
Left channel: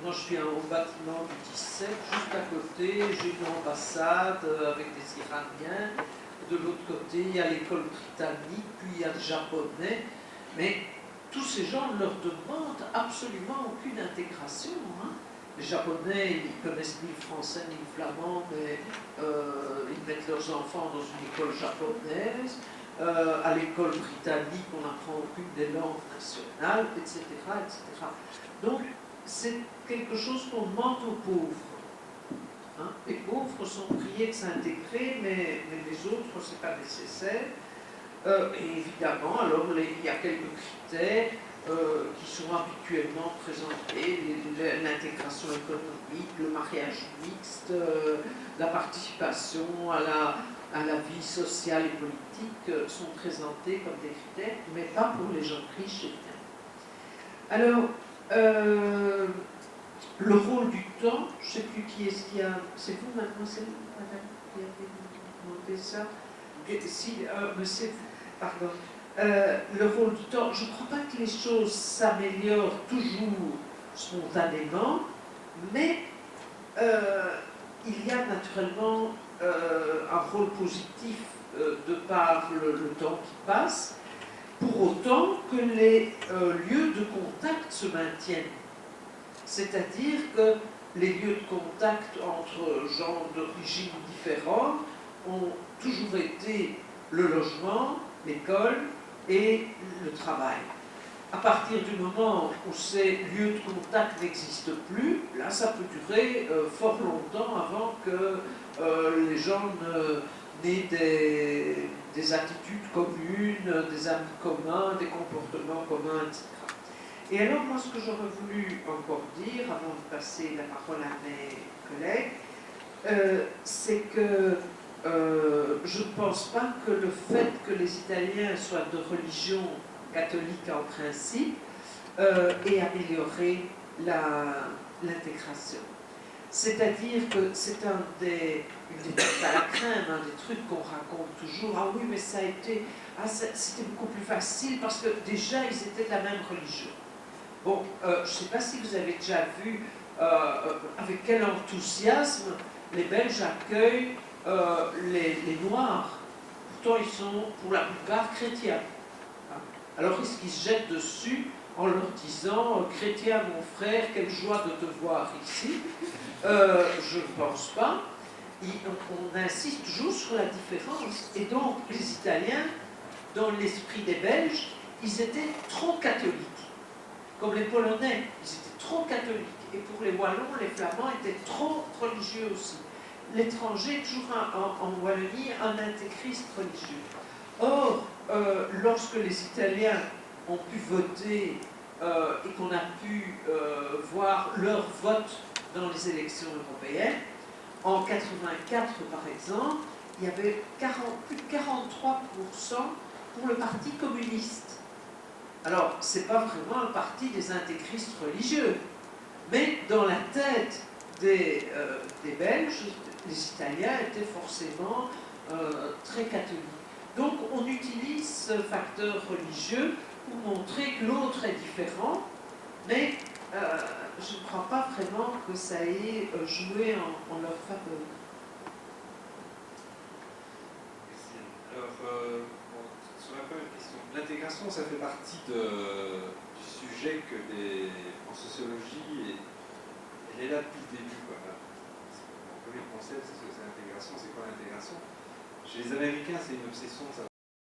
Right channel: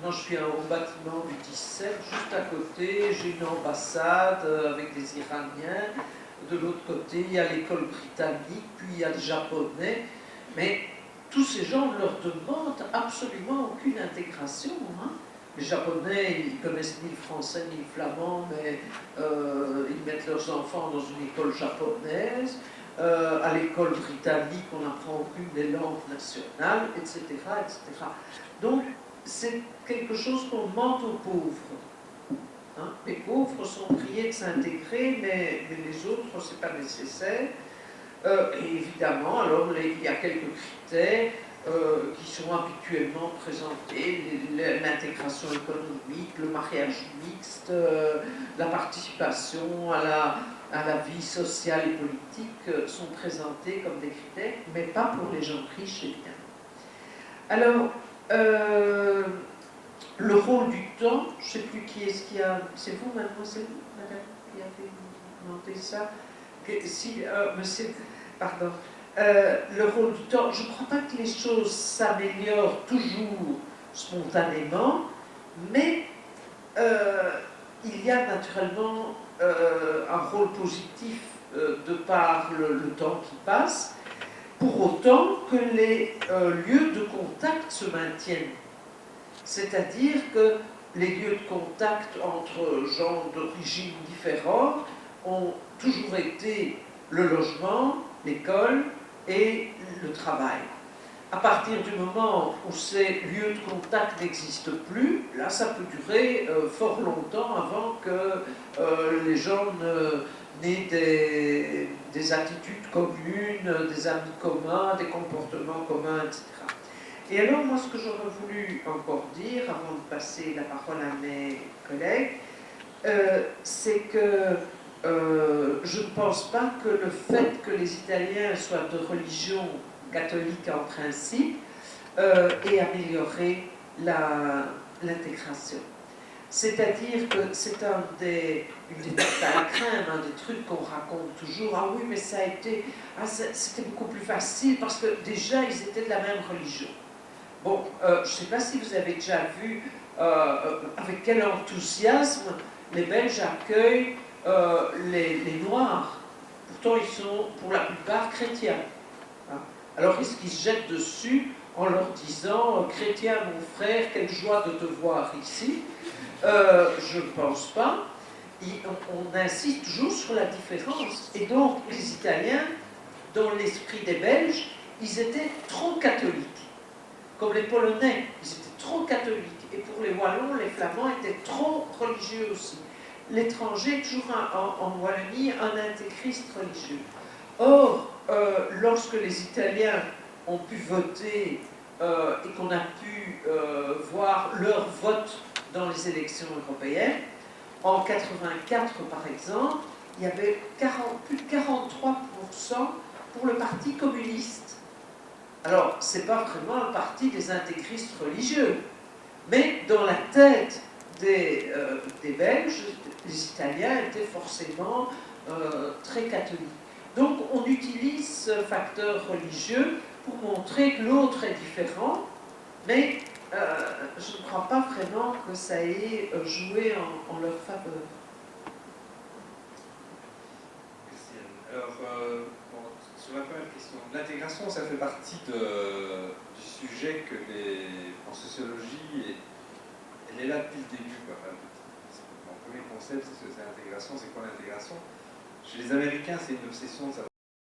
Moi, je suis au bâtiment du 17, juste à côté, j'ai une ambassade avec des Iraniens. De l'autre côté, il y a l'école britannique, puis il y a les Japonais. Mais tous ces gens ne leur demandent absolument aucune intégration. Hein. Les Japonais, ils connaissent ni le français ni le flamand, mais ils mettent leurs enfants dans une école japonaise. À l'école britannique, on n'apprend aucune des langues nationales, etc. etc. Donc, c'est quelque chose qu'on demande aux pauvres. Hein? Les pauvres sont priés de s'intégrer, mais les autres, ce n'est pas nécessaire. Et évidemment, alors, il y a quelques critères qui sont habituellement présentés, l'intégration économique, le mariage mixte, la participation à la vie sociale et politique sont présentés comme des critères, mais pas pour les gens riches, évidemment. Alors, le rôle du temps, je ne sais plus qui est-ce qui a... C'est vous, mademoiselle, madame, qui avez demandé ça? Monsieur, pardon. Le rôle du temps, je ne crois pas que les choses s'améliorent toujours spontanément, mais il y a naturellement un rôle positif de par le temps qui passe, pour autant que les lieux de contact se maintiennent. C'est-à-dire que les lieux de contact entre gens d'origine différentes ont toujours été le logement, l'école et le travail. À partir du moment où ces lieux de contact n'existent plus, là, ça peut durer fort longtemps avant que les gens n'aient des attitudes communes, des amis communs, des comportements communs, etc. Et alors, moi, ce que j'aurais voulu encore dire, avant de passer la parole à mes collègues, c'est que je ne pense pas que le fait que les Italiens soient de religion catholique en principe ait amélioré l'intégration. C'est-à-dire que c'est une des tartes à la crème, un des trucs qu'on raconte toujours. Ah oui, mais ça a été, c'était beaucoup plus facile parce que déjà ils étaient de la même religion. Bon, je ne sais pas si vous avez déjà vu avec quel enthousiasme les Belges accueillent les Noirs. Pourtant, ils sont pour la plupart chrétiens. Alors, est-ce qu'ils se jettent dessus en leur disant « Chrétien, mon frère, quelle joie de te voir ici ?» Je ne pense pas. On insiste toujours sur la différence. Et donc, les Italiens, dans l'esprit des Belges, ils étaient trop catholiques. Comme les Polonais, ils étaient trop catholiques. Et pour les Wallons, les Flamands étaient trop religieux aussi. L'étranger, toujours en Wallonie, un intégriste religieux. Or, lorsque les Italiens ont pu voter et qu'on a pu voir leur vote dans les élections européennes, en 1984 par exemple, il y avait plus de 43% pour le Parti communiste. Alors, ce n'est pas vraiment un parti des intégristes religieux, mais dans la tête des Belges, les Italiens étaient forcément très catholiques. Donc on utilise ce facteur religieux pour montrer que l'autre est différent, mais je ne crois pas vraiment que ça ait joué en leur faveur. Merci. Alors, sur la première question, l'intégration, ça fait partie du sujet que en sociologie, elle est là depuis le début. Mon premier concept, c'est l'intégration, c'est quoi l'intégration? Chez les Américains, c'est une obsession de savoir